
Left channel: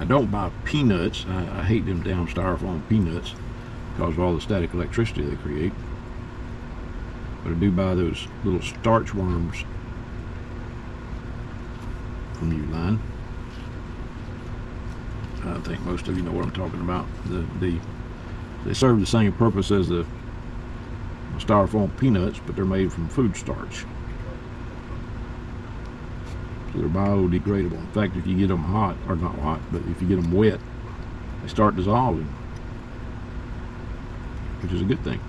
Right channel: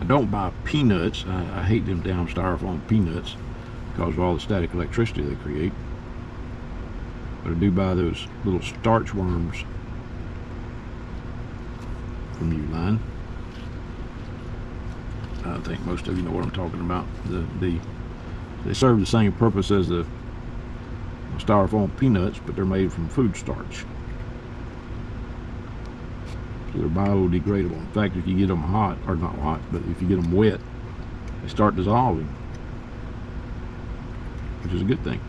I don't buy peanuts. I hate them damn styrofoam peanuts because of all the static electricity they create. But I do buy those little starch worms from Uline. I think most of you know what I'm talking about. They serve the same purpose as the styrofoam peanuts, but they're made from food starch. So they're biodegradable. In fact, if you get them hot, or not hot, but if you get them wet, they start dissolving, which is a good thing.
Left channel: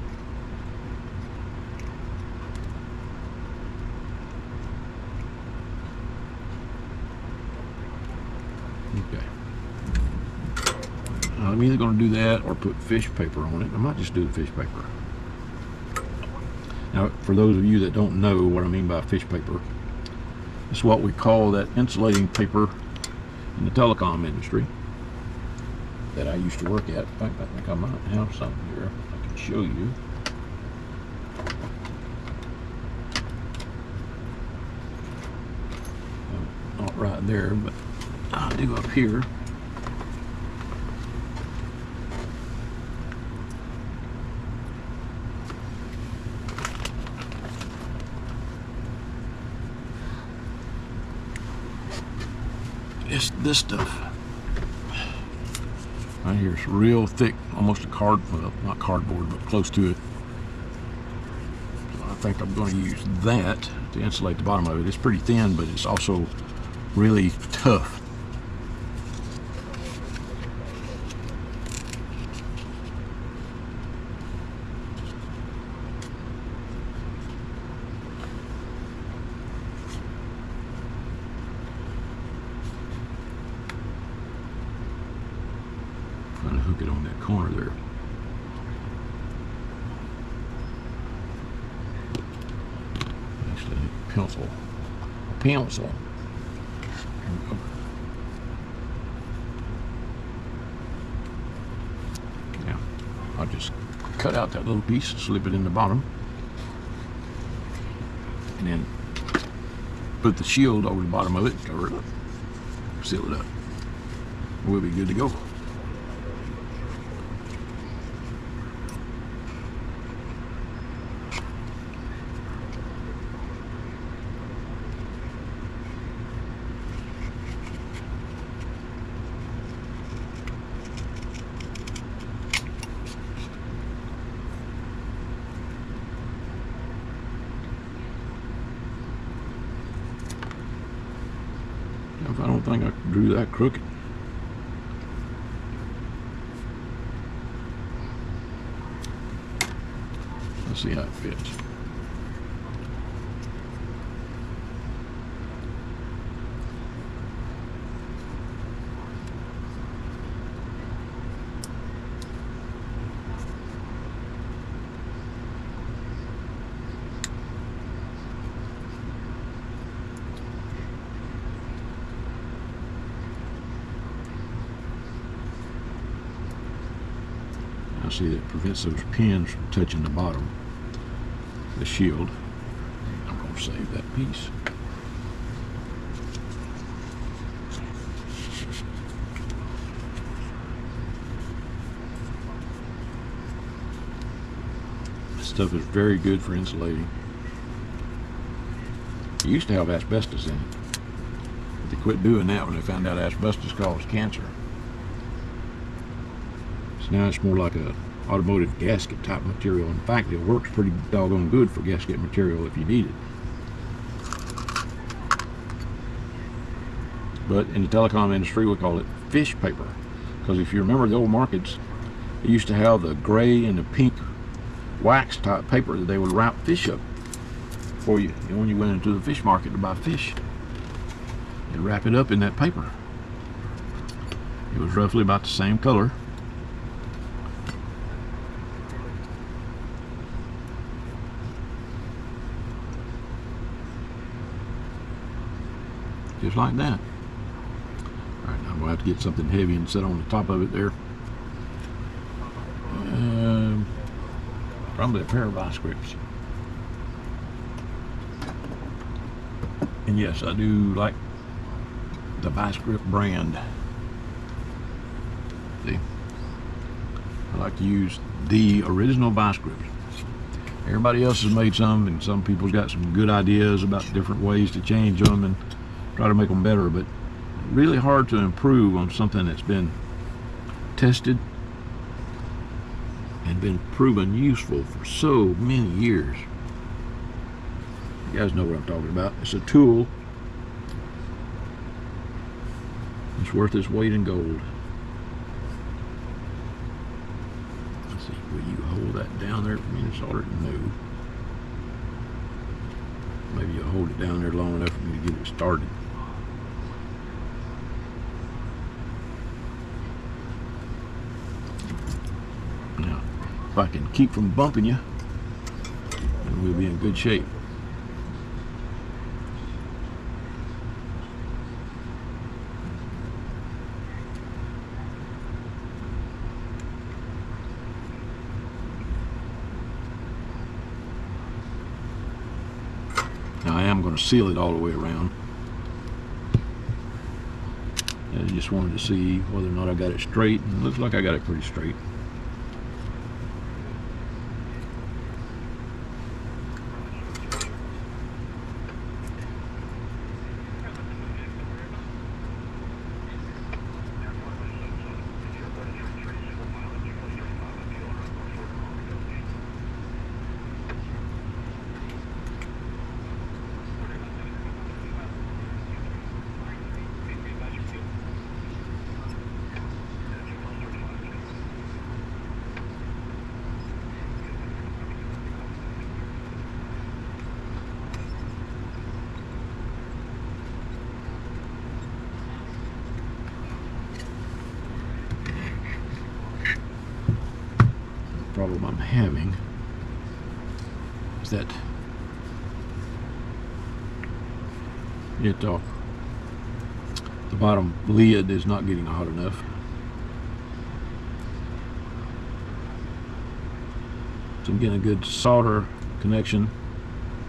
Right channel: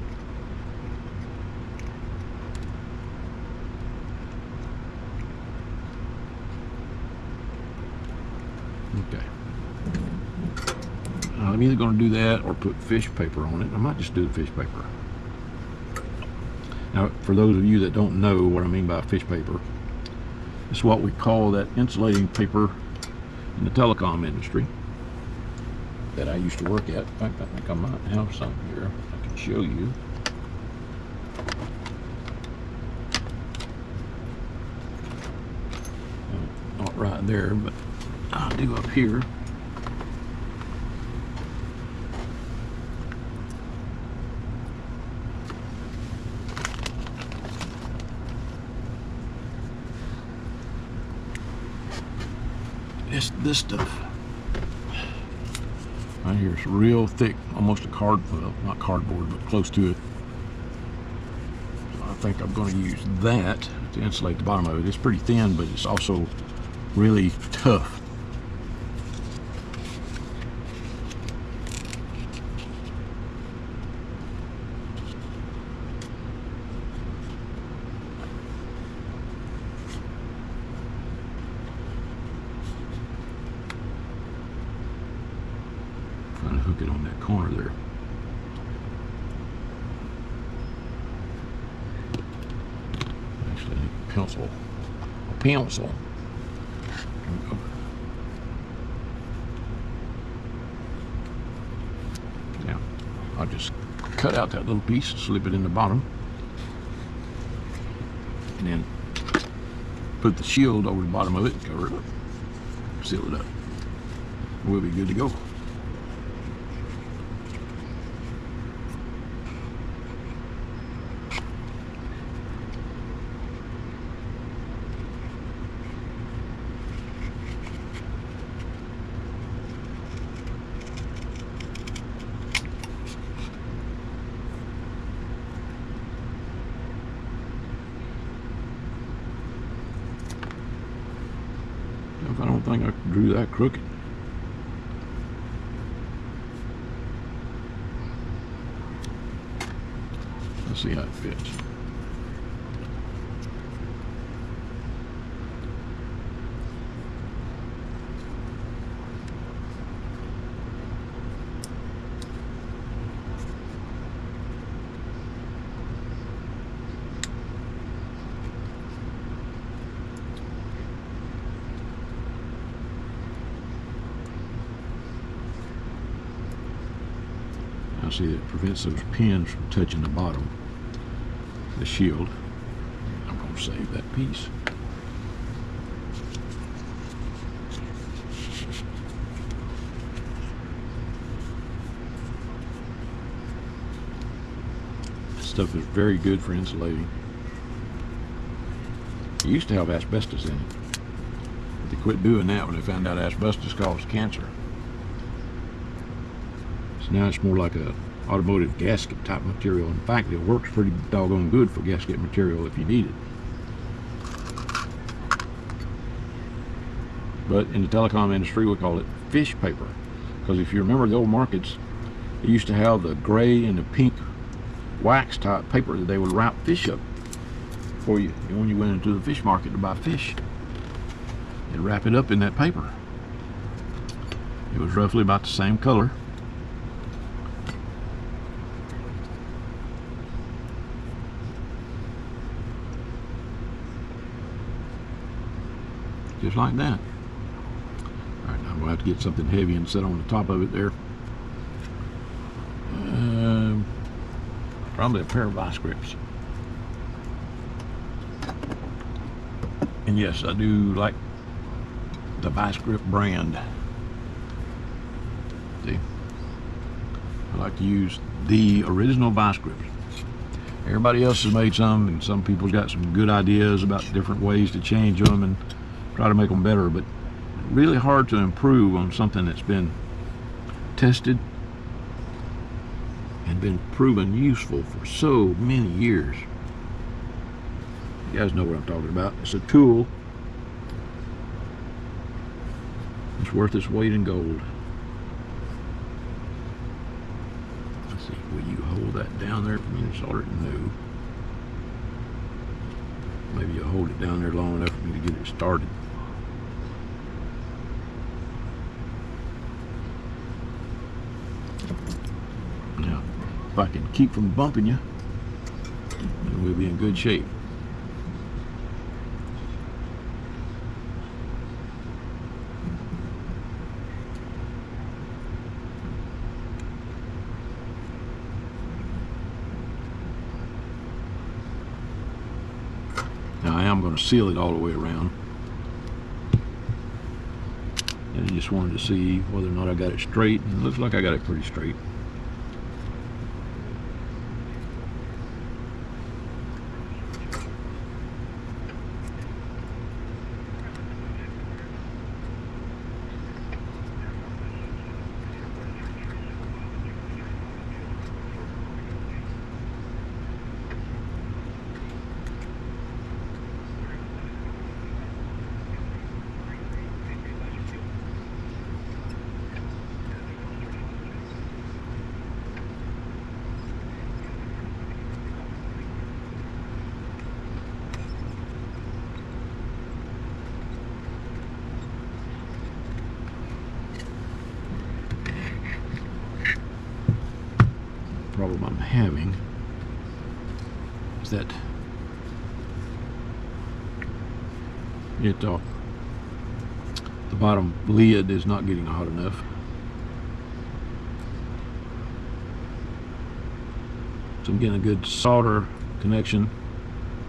Okay. I'm either going to do that or put fish paper on it. I might just do the fish paper. Now, for those of you that don't know what I mean by fish paper, it's what we call that insulating paper in the telecom industry that I used to work at. In fact, I think I might have some here I can show you. Not right there, but I'll do up here. This stuff right here is real thick, almost a not cardboard, but close to it. I think I'm going to use that to insulate the bottom of it. It's pretty thin, but it's also really tough. Hook it on that corner there. Actually, pencil. Now, I'll just cut out that little piece, slip it in the bottom, and then put the shield over the bottom of it, cover it up, seal it up. We'll be good to go. I don't think I drew that crooked. Let's see how it fits. See, that prevents those pins from touching the bottom of the shield. I'm going to save that piece. This stuff is very good for insulating. It used to have asbestos in it, but they quit doing that when they found out asbestos caused cancer. So now it's more like a automotive gasket type material. In fact, it works pretty doggone good for gasket material if you need it. But in the telecom industry, we call it fish paper Because if you remember the old markets, they used to have the gray and the pink wax type paper that they would wrap fish up for you. And when you went into the fish market to buy fish, they'd wrap it up in that paper. It was roughly about the same color. Just like that. Alright, I'm going to have to get something heavy and set on the top of it there. Probably a pair of vice grips. And yes, I do like the vice grip brand. See, I like to use the original vice grips. Everybody else has made some, and some people's got some good ideas about different ways to change them and try to make them better, but really hard to improve on something that's been tested and been proven useful for so many years. You guys know what I'm talking about. It's a tool. It's worth its weight in gold. Let's see, will you hold that down there for me? It's already new. Maybe you'll hold it down there long enough for me to get it started. Now, if I can keep from bumping you, then we'll be in good shape. Now I am going to seal it all the way around. I just wanted to see whether or not I got it straight, and it looks like I got it pretty straight. Problem I'm having is that the bottom lid is not getting hot enough. So I'm getting a good solder connection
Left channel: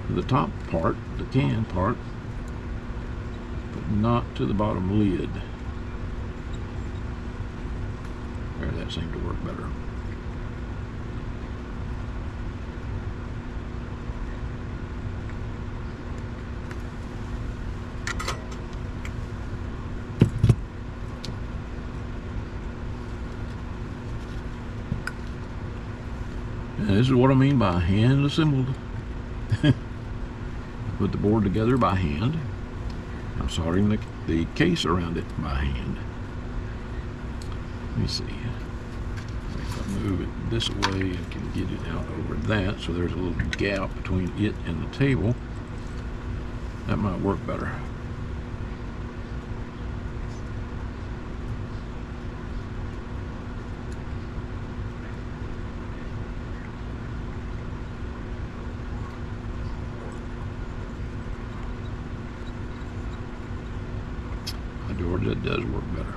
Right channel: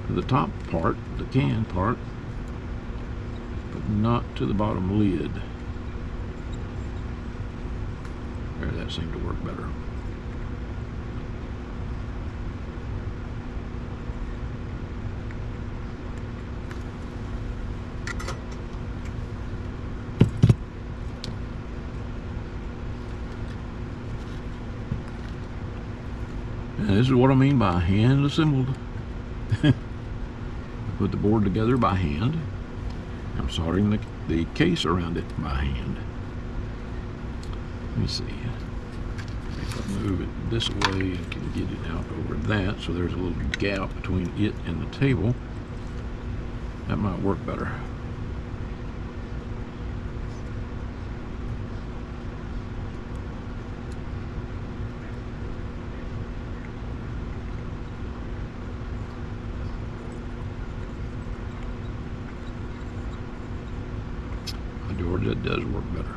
to the top part, the can part, but not to the bottom lid. There, that seemed to work better. And this is what I mean by hand assembled. Put the board together by hand. I'm soldering the case around it by hand. Let's see. If I move it this way and can get it out over that, so there's a gap between it and the table, that might work better. That does work better.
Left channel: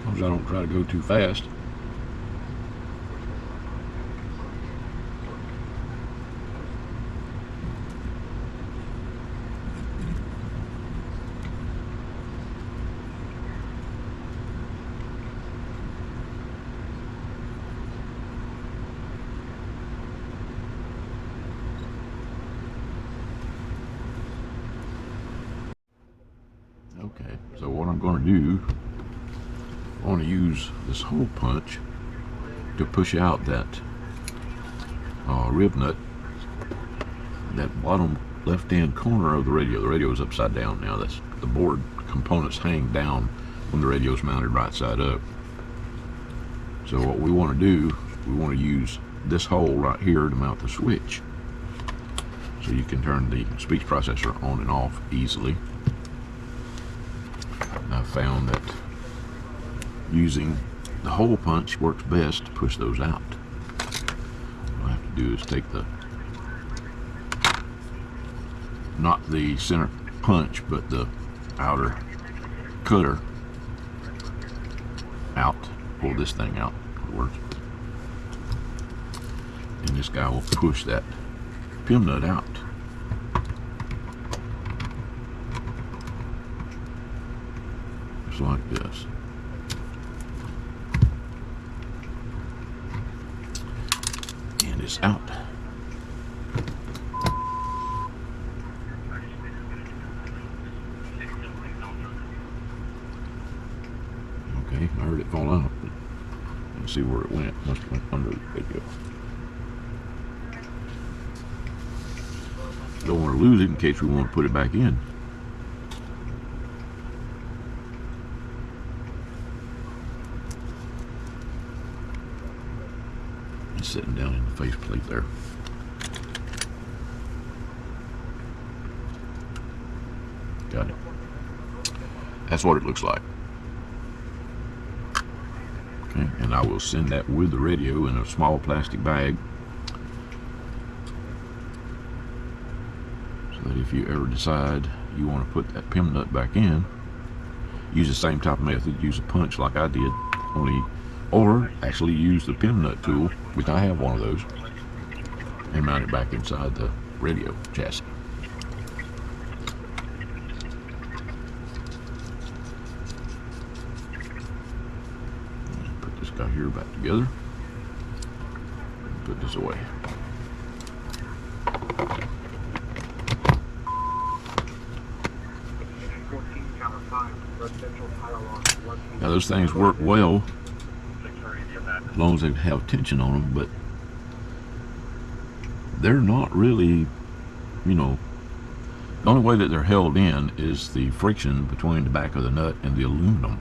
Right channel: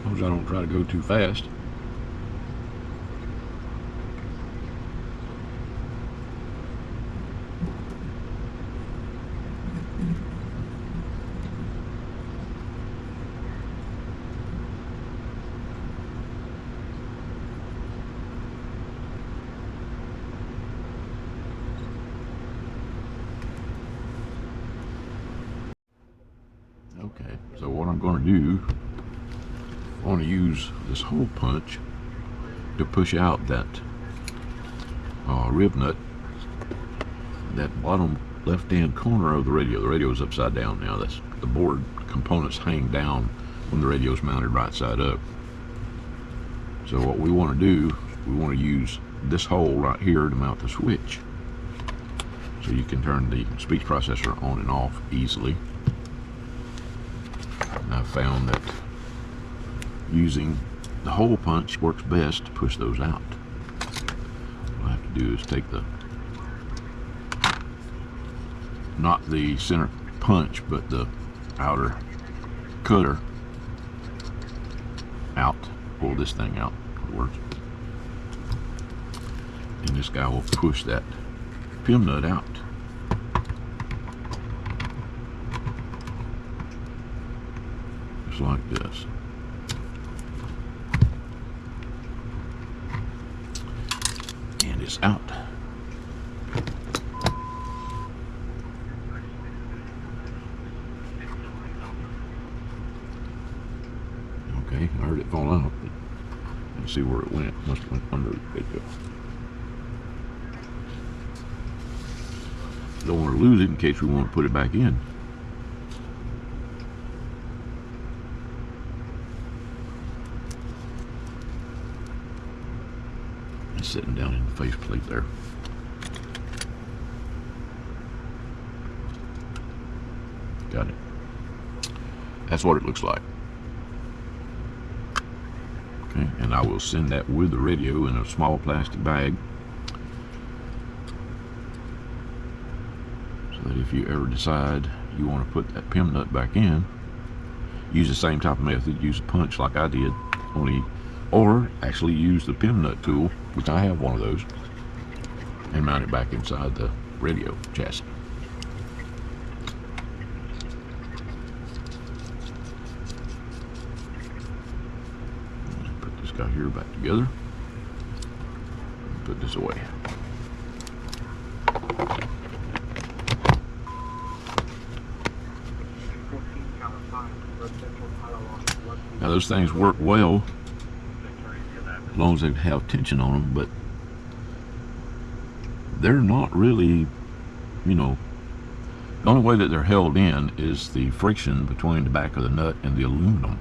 As long as I don't try to go too fast. Okay, so what I'm going to do, I want to use this hole punch to push out that rib nut, that bottom left-hand corner of the radio. The radio is upside down now. That's the board components hang down when the radio's mounted right side up. So what we want to do, we want to use this hole right here to mount the switch. So you can turn the speech processor on and off easily. And I've found that using the hole punch works best to push those out. All you have to do is take the, not the center punch, but the outer cutter out. Pull this thing out. And this guy will push that pin nut out. Just like this. And it's out. Okay, I heard it fall out. Let's see where it went. Must have went under the radio. Don't want to lose it in case we want to put it back in. It's sitting down in the faceplate there. Got it. That's what it looks like. Okay, and I will send that with the radio in a small plastic bag. That if you ever decide you want to put that pin nut back in, use the same type of method, use a punch like I did, or actually use the pin nut tool, which I have one of those, and mount it back inside the radio chassis. Put this guy here back together, and put this away. Now those things work well as long as they have tension on them, but they're not really, you know, the only way that they're held in is the friction between the back of the nut and the aluminum,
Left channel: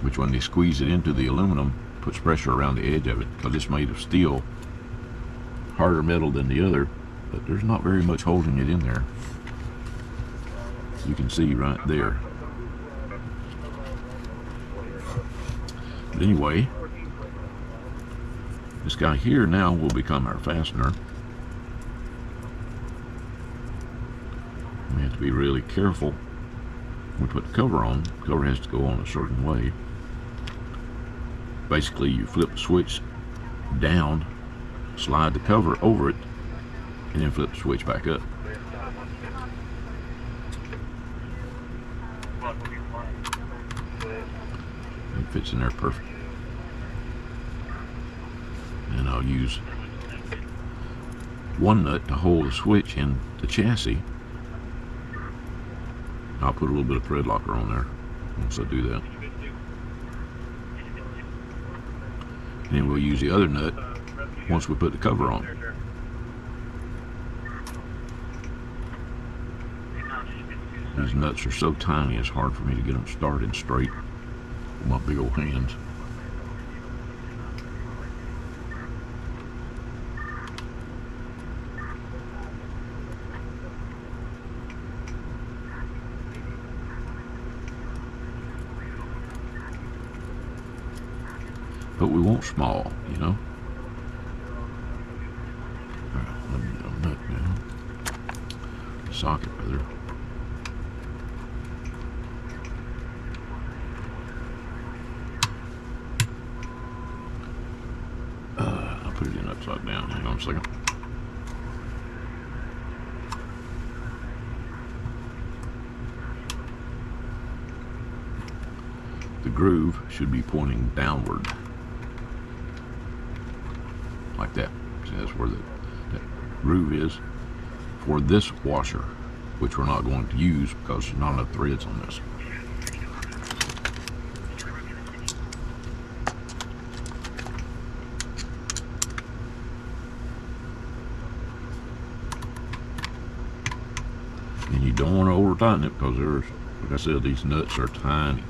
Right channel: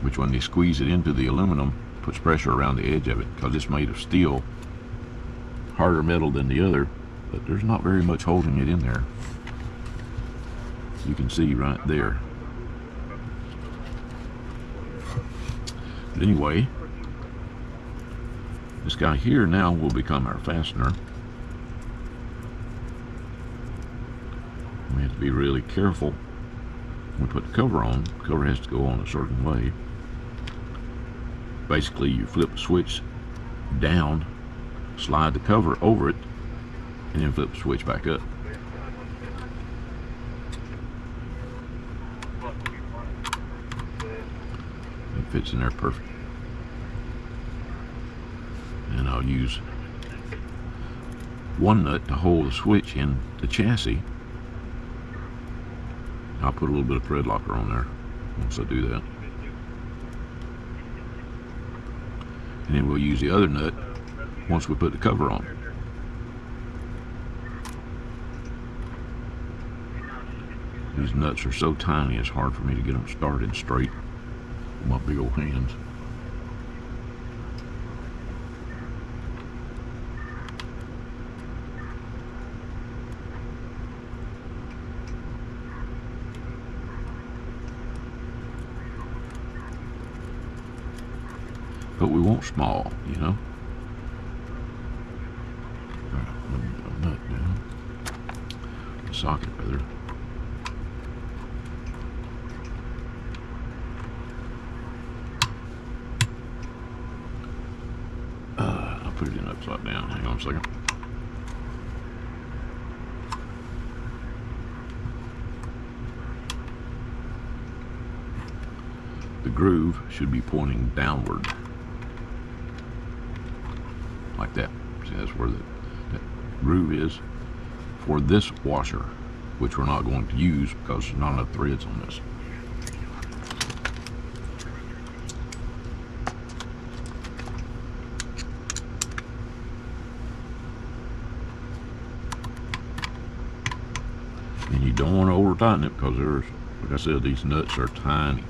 which when they squeeze it into the aluminum puts pressure around the edge of it, because it's made of steel, harder metal than the other, but there's not very much holding it in there. You can see right there. Anyway, this guy here now will become our fastener. You have to be really careful when you put the cover on. The cover has to go on a certain way. Basically, you flip the switch down, slide the cover over it, and then flip the switch back up. It fits in there perfect. And I'll use one nut to hold the switch in the chassis. I'll put a little bit of thread locker on there once I do that. And then we'll use the other nut once we put the cover on. These nuts are so tiny, it's hard for me to get them started straight with my big old hands. But we want small, you know. Socket with it. I'll put it in upside down. Hang on a second. The groove should be pointing downward. Like that. See, that's where the groove is for this washer, which we're not going to use because there's not enough threads on this. And you don't want to over tighten it because there's, like I said, these nuts are tiny.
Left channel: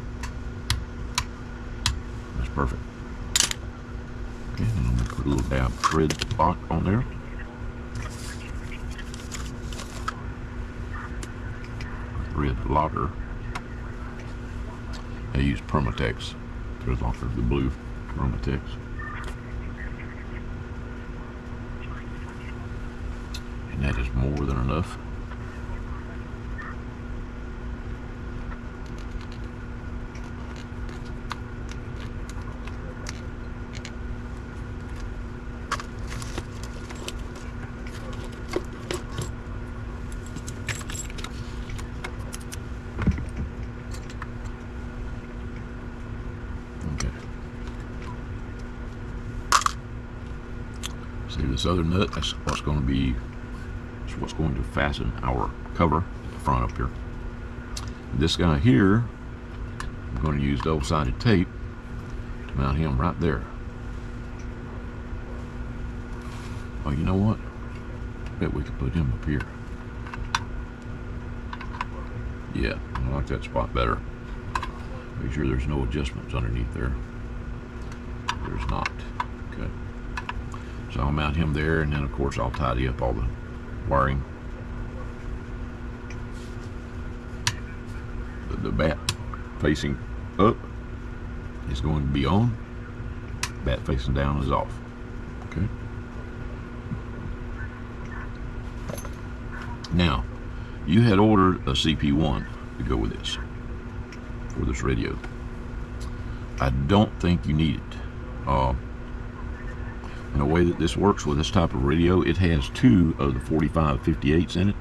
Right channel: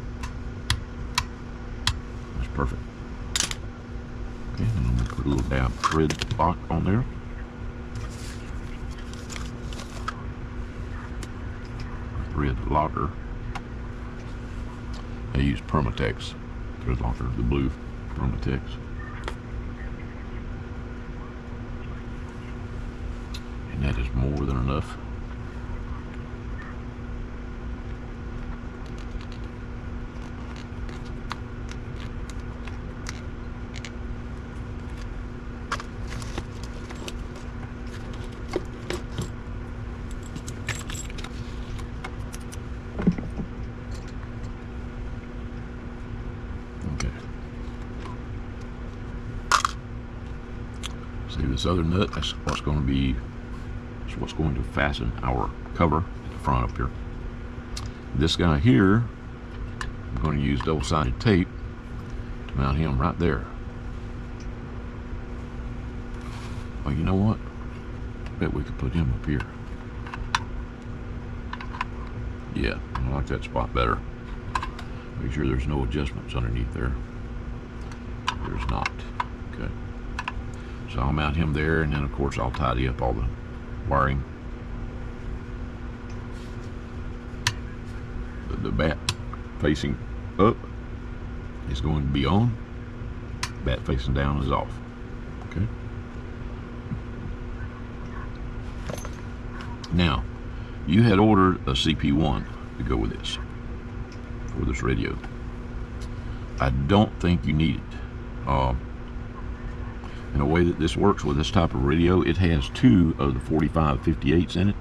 That's perfect. Okay, and I'm gonna put a little dab of thread on there. Thread locker. I use Permatex thread locker, the blue Permatex. And that is more than enough. Okay. See this other nut, that's what's going to be, what's going to fasten our cover at the front up here. This guy here, I'm going to use double-sided tape to mount him right there. Oh, you know what? I bet we could put him up here. Yeah, I like that spot better. Make sure there's no adjustments underneath there. There's not. Okay. So I'll mount him there, and then of course I'll tidy up all the wiring. The bat facing up is going to be on. Bat facing down is off. Okay. Now, you had ordered a CP1 to go with this for this radio. I don't think you need it. In the way that this works with this type of radio, it has two of the 4558s in it.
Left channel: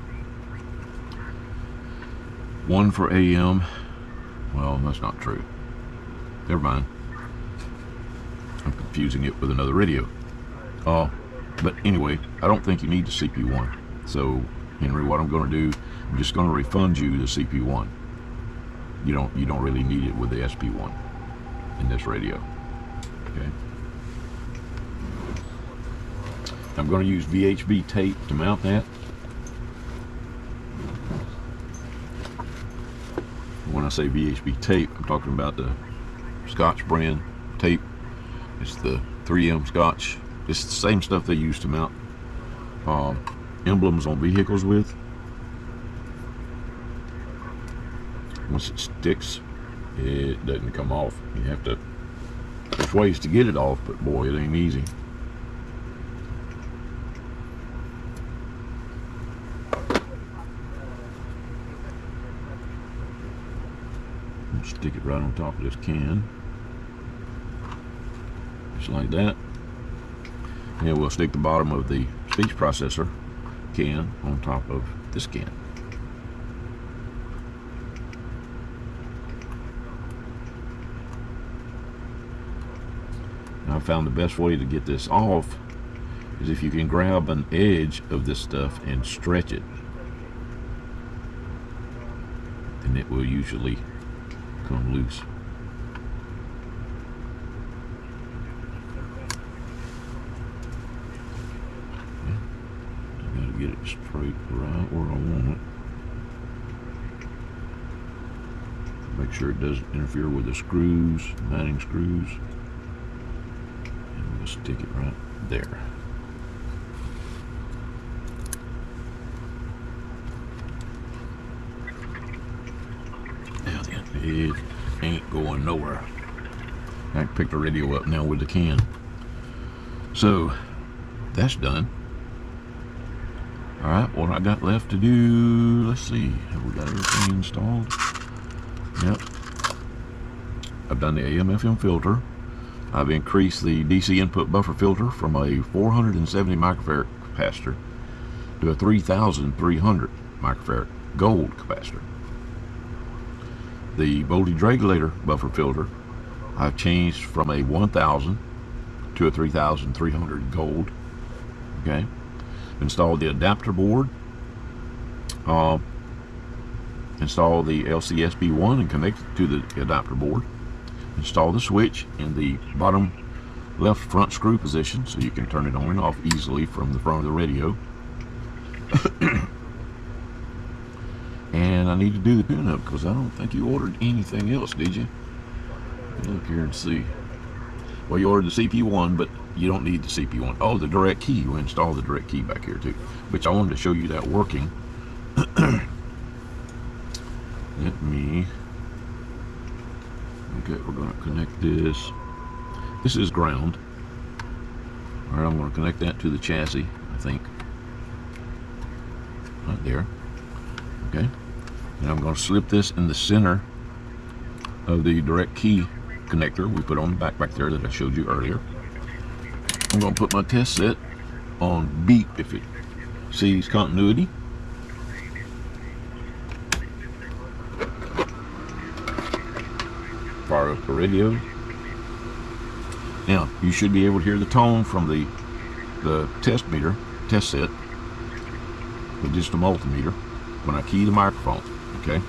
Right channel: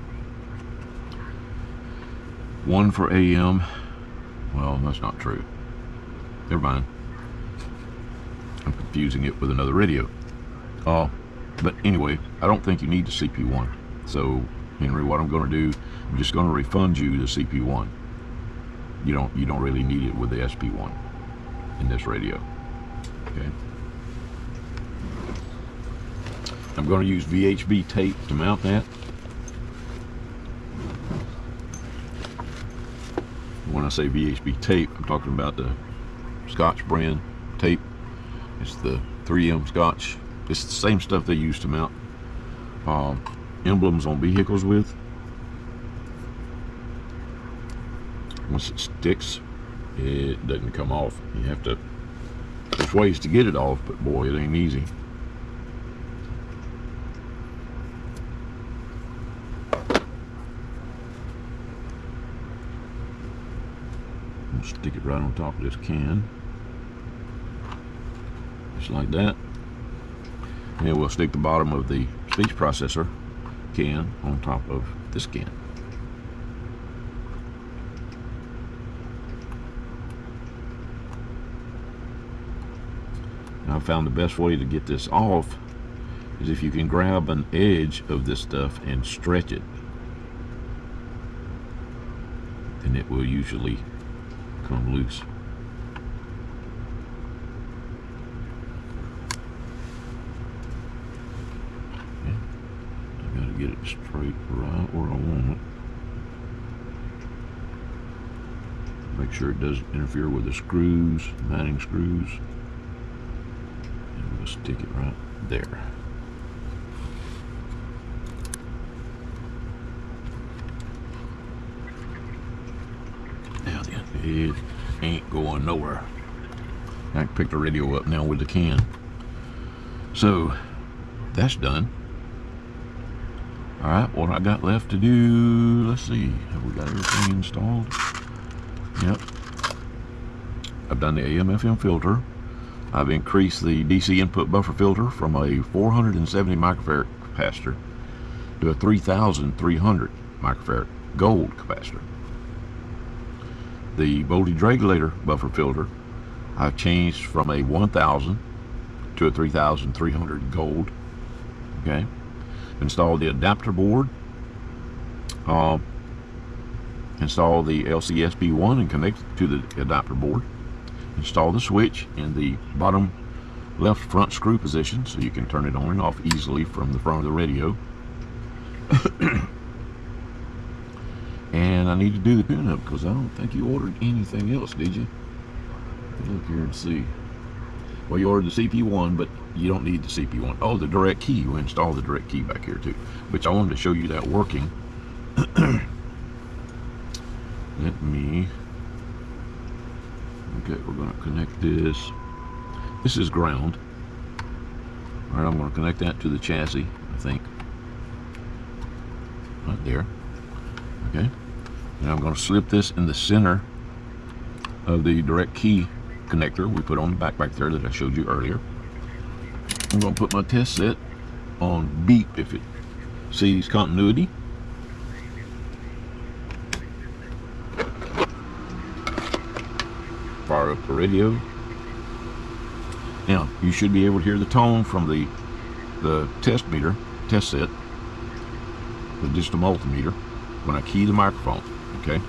One for AM. Well, that's not true. Never mind. I'm confusing it with another radio. But anyway, I don't think you need the CP1. So, Henry, what I'm going to do, I'm just going to refund you the CP1. You don't really need it with the SP1 in this radio. Okay. I'm going to use VHB tape to mount that. When I say VHB tape, I'm talking about the Scotch brand tape. It's the 3M Scotch. It's the same stuff they use to mount emblems on vehicles with. Once it sticks, it doesn't come off. You have to, there's ways to get it off, but boy, it ain't easy. Stick it right on top of this can, just like that, and we'll stick the bottom of the speech processor can on top of this can. Now, I found the best way to get this off is if you can grab an edge of this stuff and stretch it, then it will usually come loose. I gotta get it straight right where I want it. Make sure it doesn't interfere with the screws, mounting screws. And just stick it right there. It ain't going nowhere. I can pick the radio up now with the can. So that's done. Alright, what I got left to do, let's see, have we got this installed? Yep. I've done the AM/FM filter. I've increased the DC input buffer filter from a 470 microfarad capacitor to a 3,300 microfarad gold capacitor. The voltage regulator buffer filter, I've changed from a 1,000 to a 3,300 gold. Okay. Installed the adapter board. Install the LCSB1 and connect it to the adapter board. Install the switch in the bottom left front screw position so you can turn it on and off easily from the front of the radio. And I need to do the tune-up because I don't think you ordered anything else, did you? Look here and see. Well, you ordered the CP1, but you don't need the CP1. Oh, the direct key. You installed the direct key back here too. Which I wanted to show you that working. Let me. Okay, we're going to connect this. This is ground. All right, I'm going to connect that to the chassis, I think. Right there. Okay. And I'm going to slip this in the center of the direct key connector we put on the back there that I showed you earlier. I'm going to put my test set on beep if it sees continuity. Fire up the radio. Now you should be able to hear the tone from the test set, just a multimeter, when I key the microphone. Okay,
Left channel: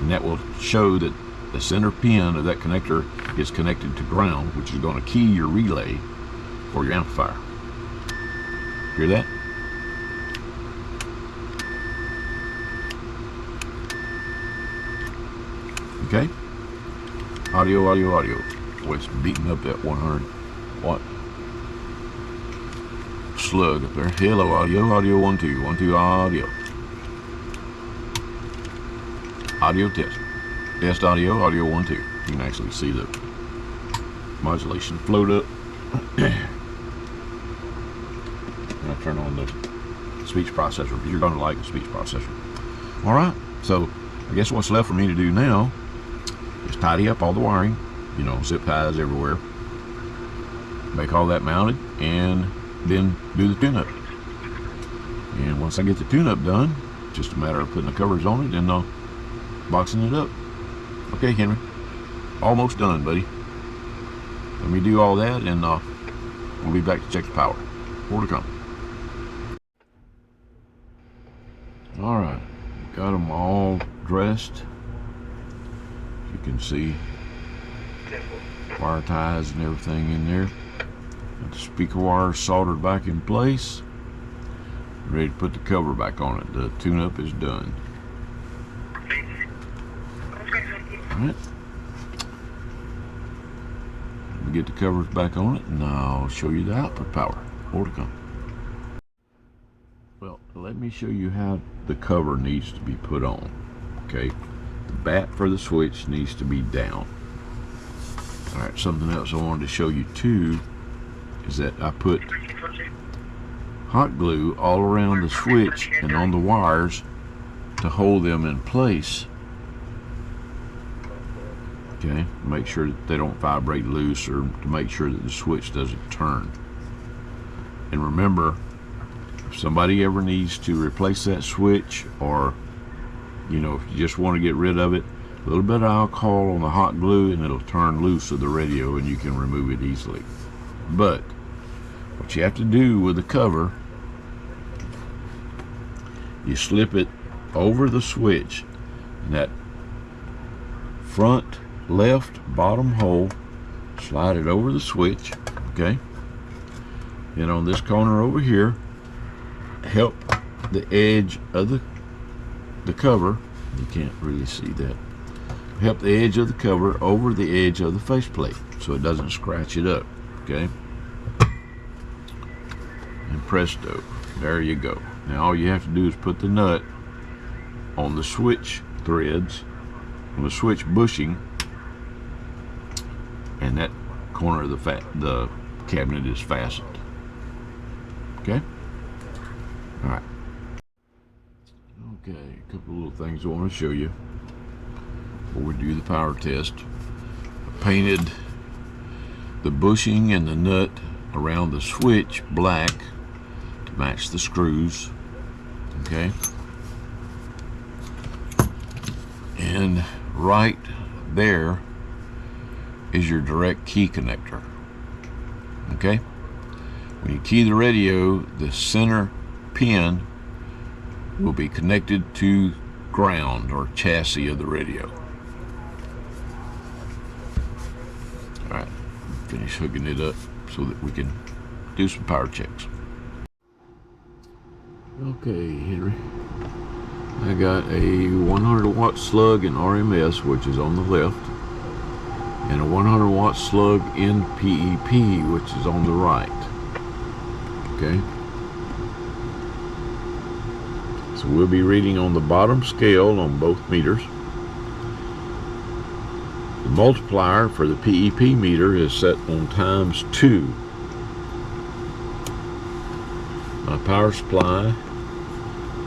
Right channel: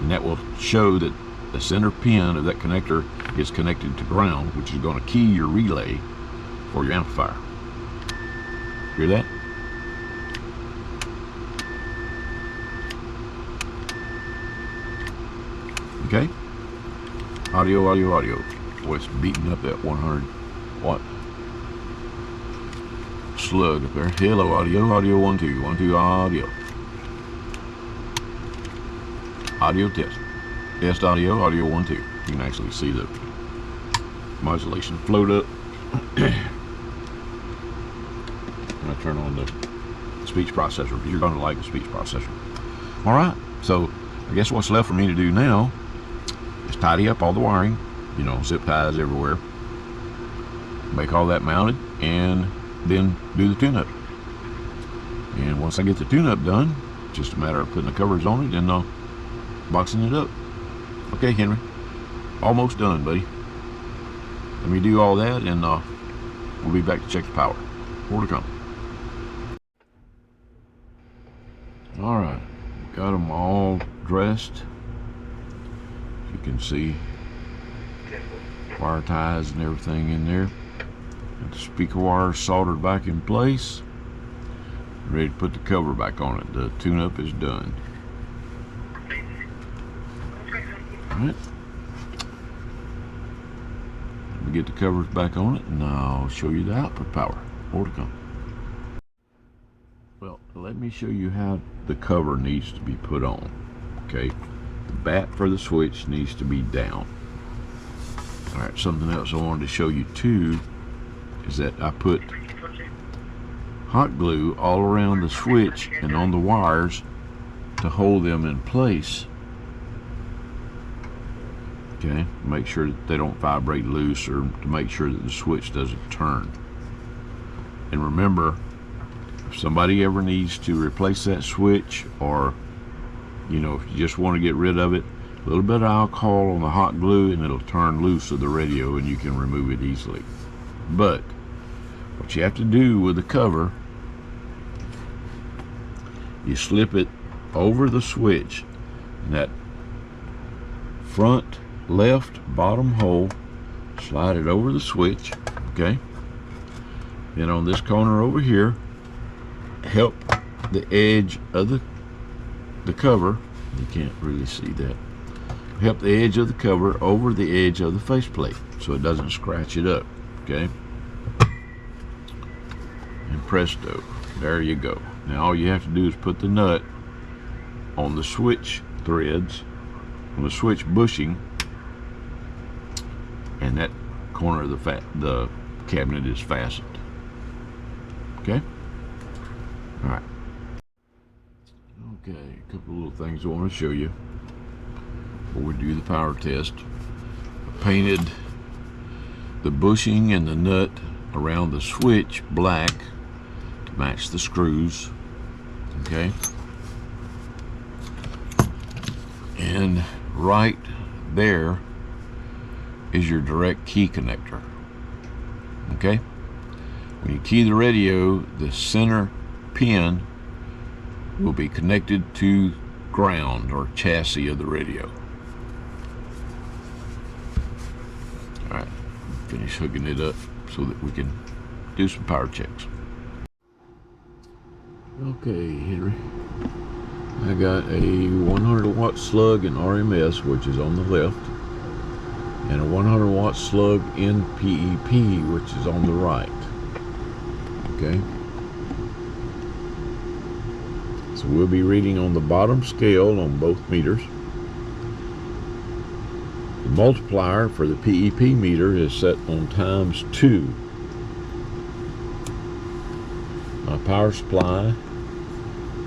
and that will show that the center pin of that connector is connected to ground, which is going to key your relay for your amplifier. Hear that? Okay. Audio, audio, audio. Oh, it's beating up that 100 watt slug up there. Hello, audio, audio, 1, 2, 1, 2, audio. Audio test. Test audio, audio 1, 2. You can actually see the modulation float up. I turn on the speech processor. You're gonna like the speech processor. All right. So I guess what's left for me to do now is tidy up all the wiring. You know, zip ties everywhere. Make all that mounted, and then do the tune-up. And once I get the tune-up done, just a matter of putting the covers on it and boxing it up. Okay, Henry, almost done, buddy. Let me do all that, and we'll be back to check the power. More to come. All right, got them all dressed. You can see wire ties and everything in there. Got the speaker wires soldered back in place. Ready to put the cover back on it. The tune-up is done. Alright. Let me get the covers back on it, and I'll show you the output power. More to come. Well, let me show you how the cover needs to be put on. Okay. The bat for the switch needs to be down. Alright, something else I wanted to show you too is that I put hot glue all around the switch and on the wires to hold them in place. Okay, make sure that they don't vibrate loose, or to make sure that the switch doesn't turn. And remember, if somebody ever needs to replace that switch, or you know, if you just want to get rid of it, a little bit of alcohol on the hot glue and it'll turn loose of the radio and you can remove it easily. But what you have to do with the cover, you slip it over the switch in that front left bottom hole, slide it over the switch, okay? And on this corner over here, help the edge of the cover, you can't really see that, help the edge of the cover over the edge of the faceplate so it doesn't scratch it up, okay? And presto, there you go. Now all you have to do is put the nut on the switch threads, on the switch bushing, and that corner of the cabinet is fastened. Okay? Alright. Okay, a couple of little things I want to show you before we do the power test. I painted the bushing and the nut around the switch black to match the screws. Okay? And right there is your direct key connector. Okay? When you key the radio, the center pin will be connected to ground or chassis of the radio. Alright, finish hooking it up so that we can do some power checks. Okay, Henry, I got a 100 watt slug in RMS, which is on the left, and a 100 watt slug in PEP, which is on the right. Okay. So we'll be reading on the bottom scale on both meters. The multiplier for the PEP meter is set on ×2. My power supply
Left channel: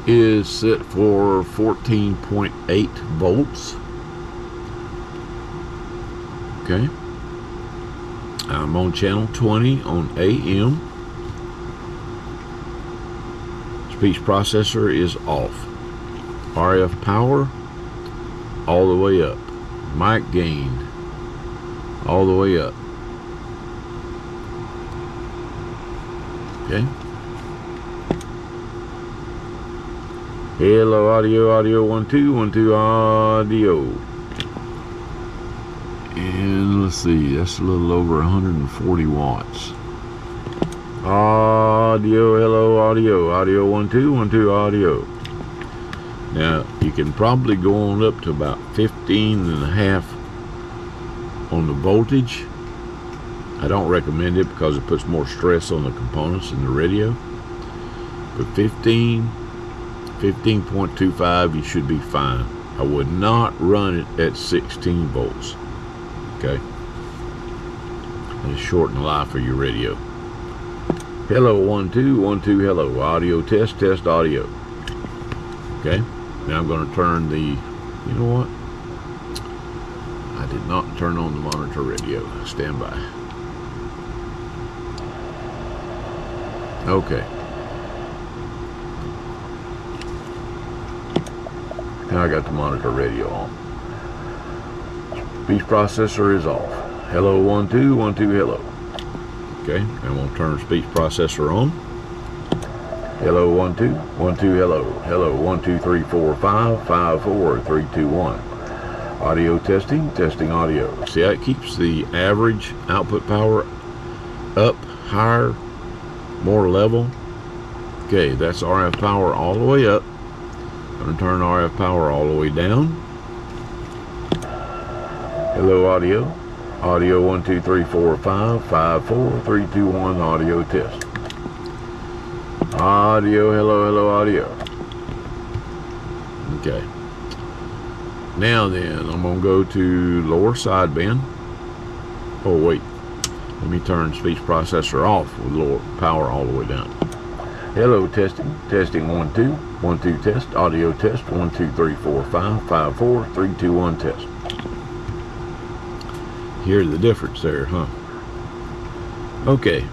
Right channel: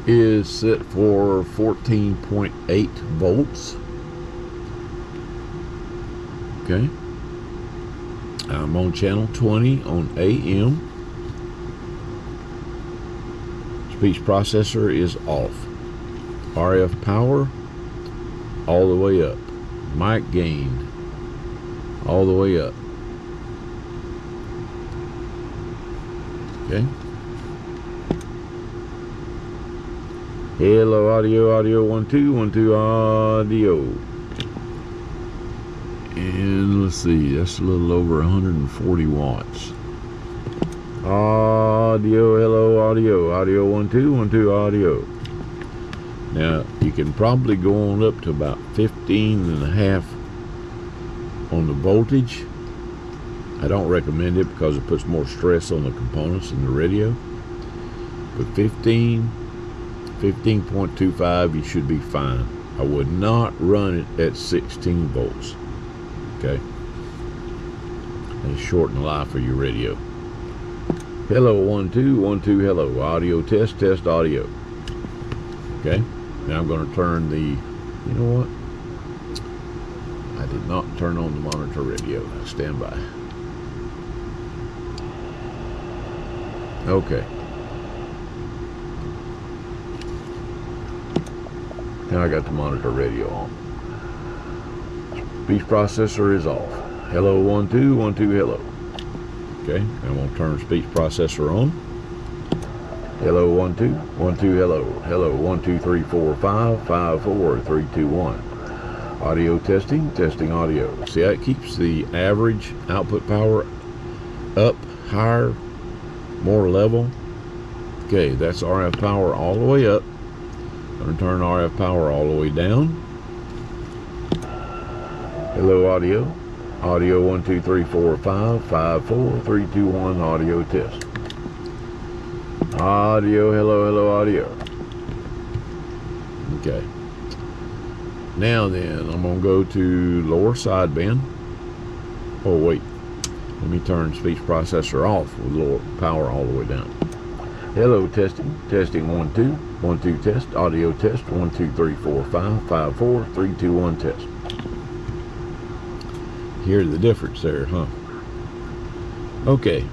is set for 14.8 volts. Okay. I'm on channel 20 on AM. Speech processor is off. RF power all the way up. Mic gain all the way up. Okay. Hello, audio 1 2 1 2 audio. And let's see, that's a little over 140 watts. Audio, hello, audio 1 2 1 2 audio. Now you can probably go on up to about 15.5 on the voltage. I don't recommend it because it puts more stress on the components in the radio. But 15.25 you should be fine. I would not run it at 16 volts. Okay, and shorten the life of your radio. Hello 1 2 1 2 hello, audio test audio. Okay, now I'm going to turn the, you know what, I did not turn on the monitor radio. Stand by. Okay, now I got the monitor radio on. Speech processor is off. Hello 1 2 1 2 hello. Okay, I'm going to turn speech processor on. Hello 1 2 1 2 hello. Hello 1 2 3 4 5 5 4 3 2 1. Audio testing audio. See how it keeps the average output power up, higher, more level. Okay, that's RF power all the way up. I'm going to turn RF power all the way down. Hello audio 1 2 3 4 5 5 4 3 2 1 audio test. Audio, hello audio. Okay, now then I'm gonna go to lower sideband. Oh wait, let me turn speech processor off with lower power all the way down. Hello testing 1 2 1 2 test, audio test 1 2 3 4 5 5 4 3 2 1 test. Hear the difference there, huh? Okay,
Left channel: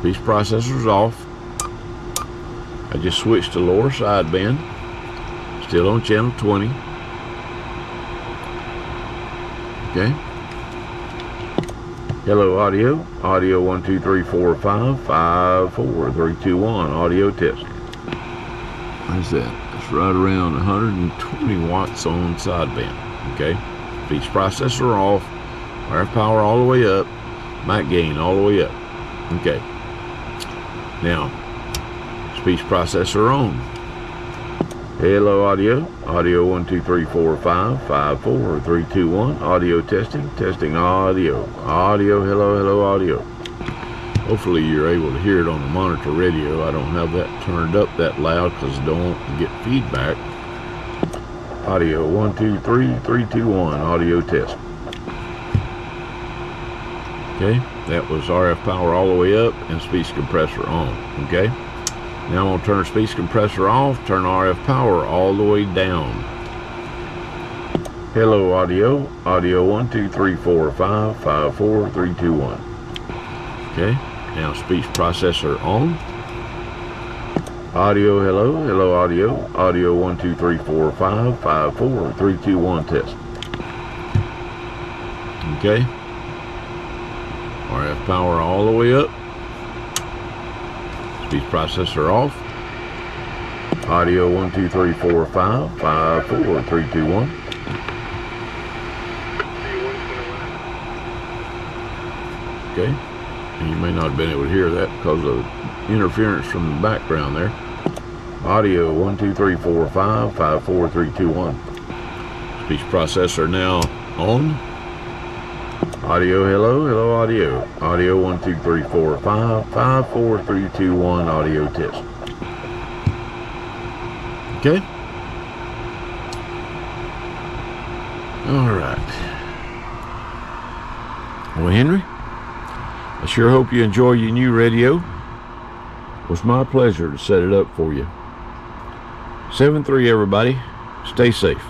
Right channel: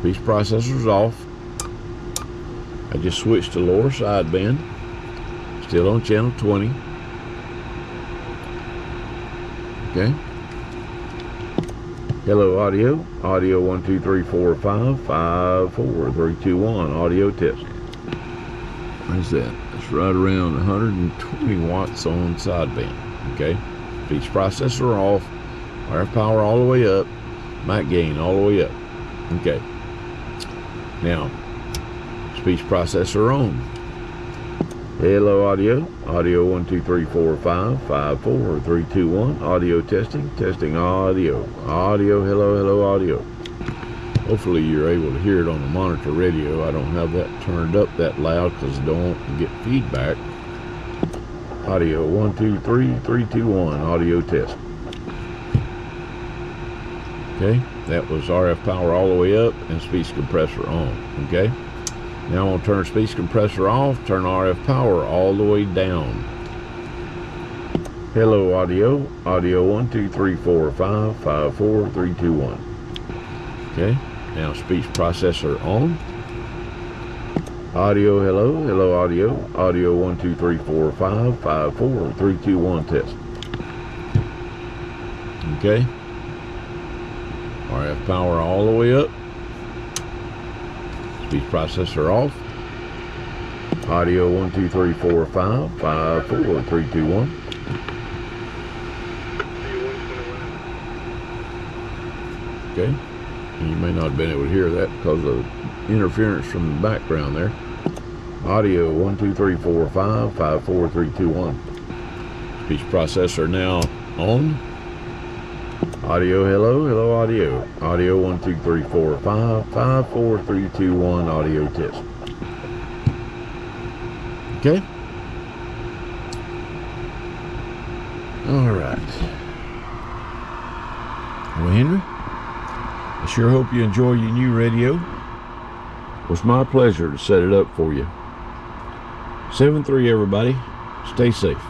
speech processor's off. I just switched to lower sideband, still on channel 20. Okay. Hello audio 1 2 3 4 5 5 4 3 2 1 audio test. What is that? It's right around 120 watts on sideband. Okay, speech processor off. RF power all the way up, mic gain all the way up. Okay, now speech processor on. Hello audio 1 2 3 4 5 5 4 3 2 1 audio testing audio hello audio. Hopefully you're able to hear it on the monitor radio. I don't have that turned up that loud because I don't want to get feedback. Audio 1 2 3 3 2 1 audio test. Okay, that was RF power all the way up and speech compressor on. Okay, now I'm going to turn speech compressor off, turn RF power all the way down. Hello audio 1 2 3 4 5 5 4 3 2 1. Okay, now speech processor on. Audio, hello audio 1 2 3 4 5 5 4 3 2 1 test. Okay, RF power all the way up. Speech processor off. Audio 1 2 3 4 5 5 4 3 2 1. Okay, and you may not have been able to hear that because of interference from the background there. Audio 1 2 3 4 5 5 4 3 2 1. Speech processor now on. Audio, hello, hello, audio. Audio 1 2 3 4 5 5 4 3 2 1. Audio test. Okay. All right. Well, Henry, I sure hope you enjoy your new radio. It was my pleasure to set it up for you. 7-3, everybody. Stay safe.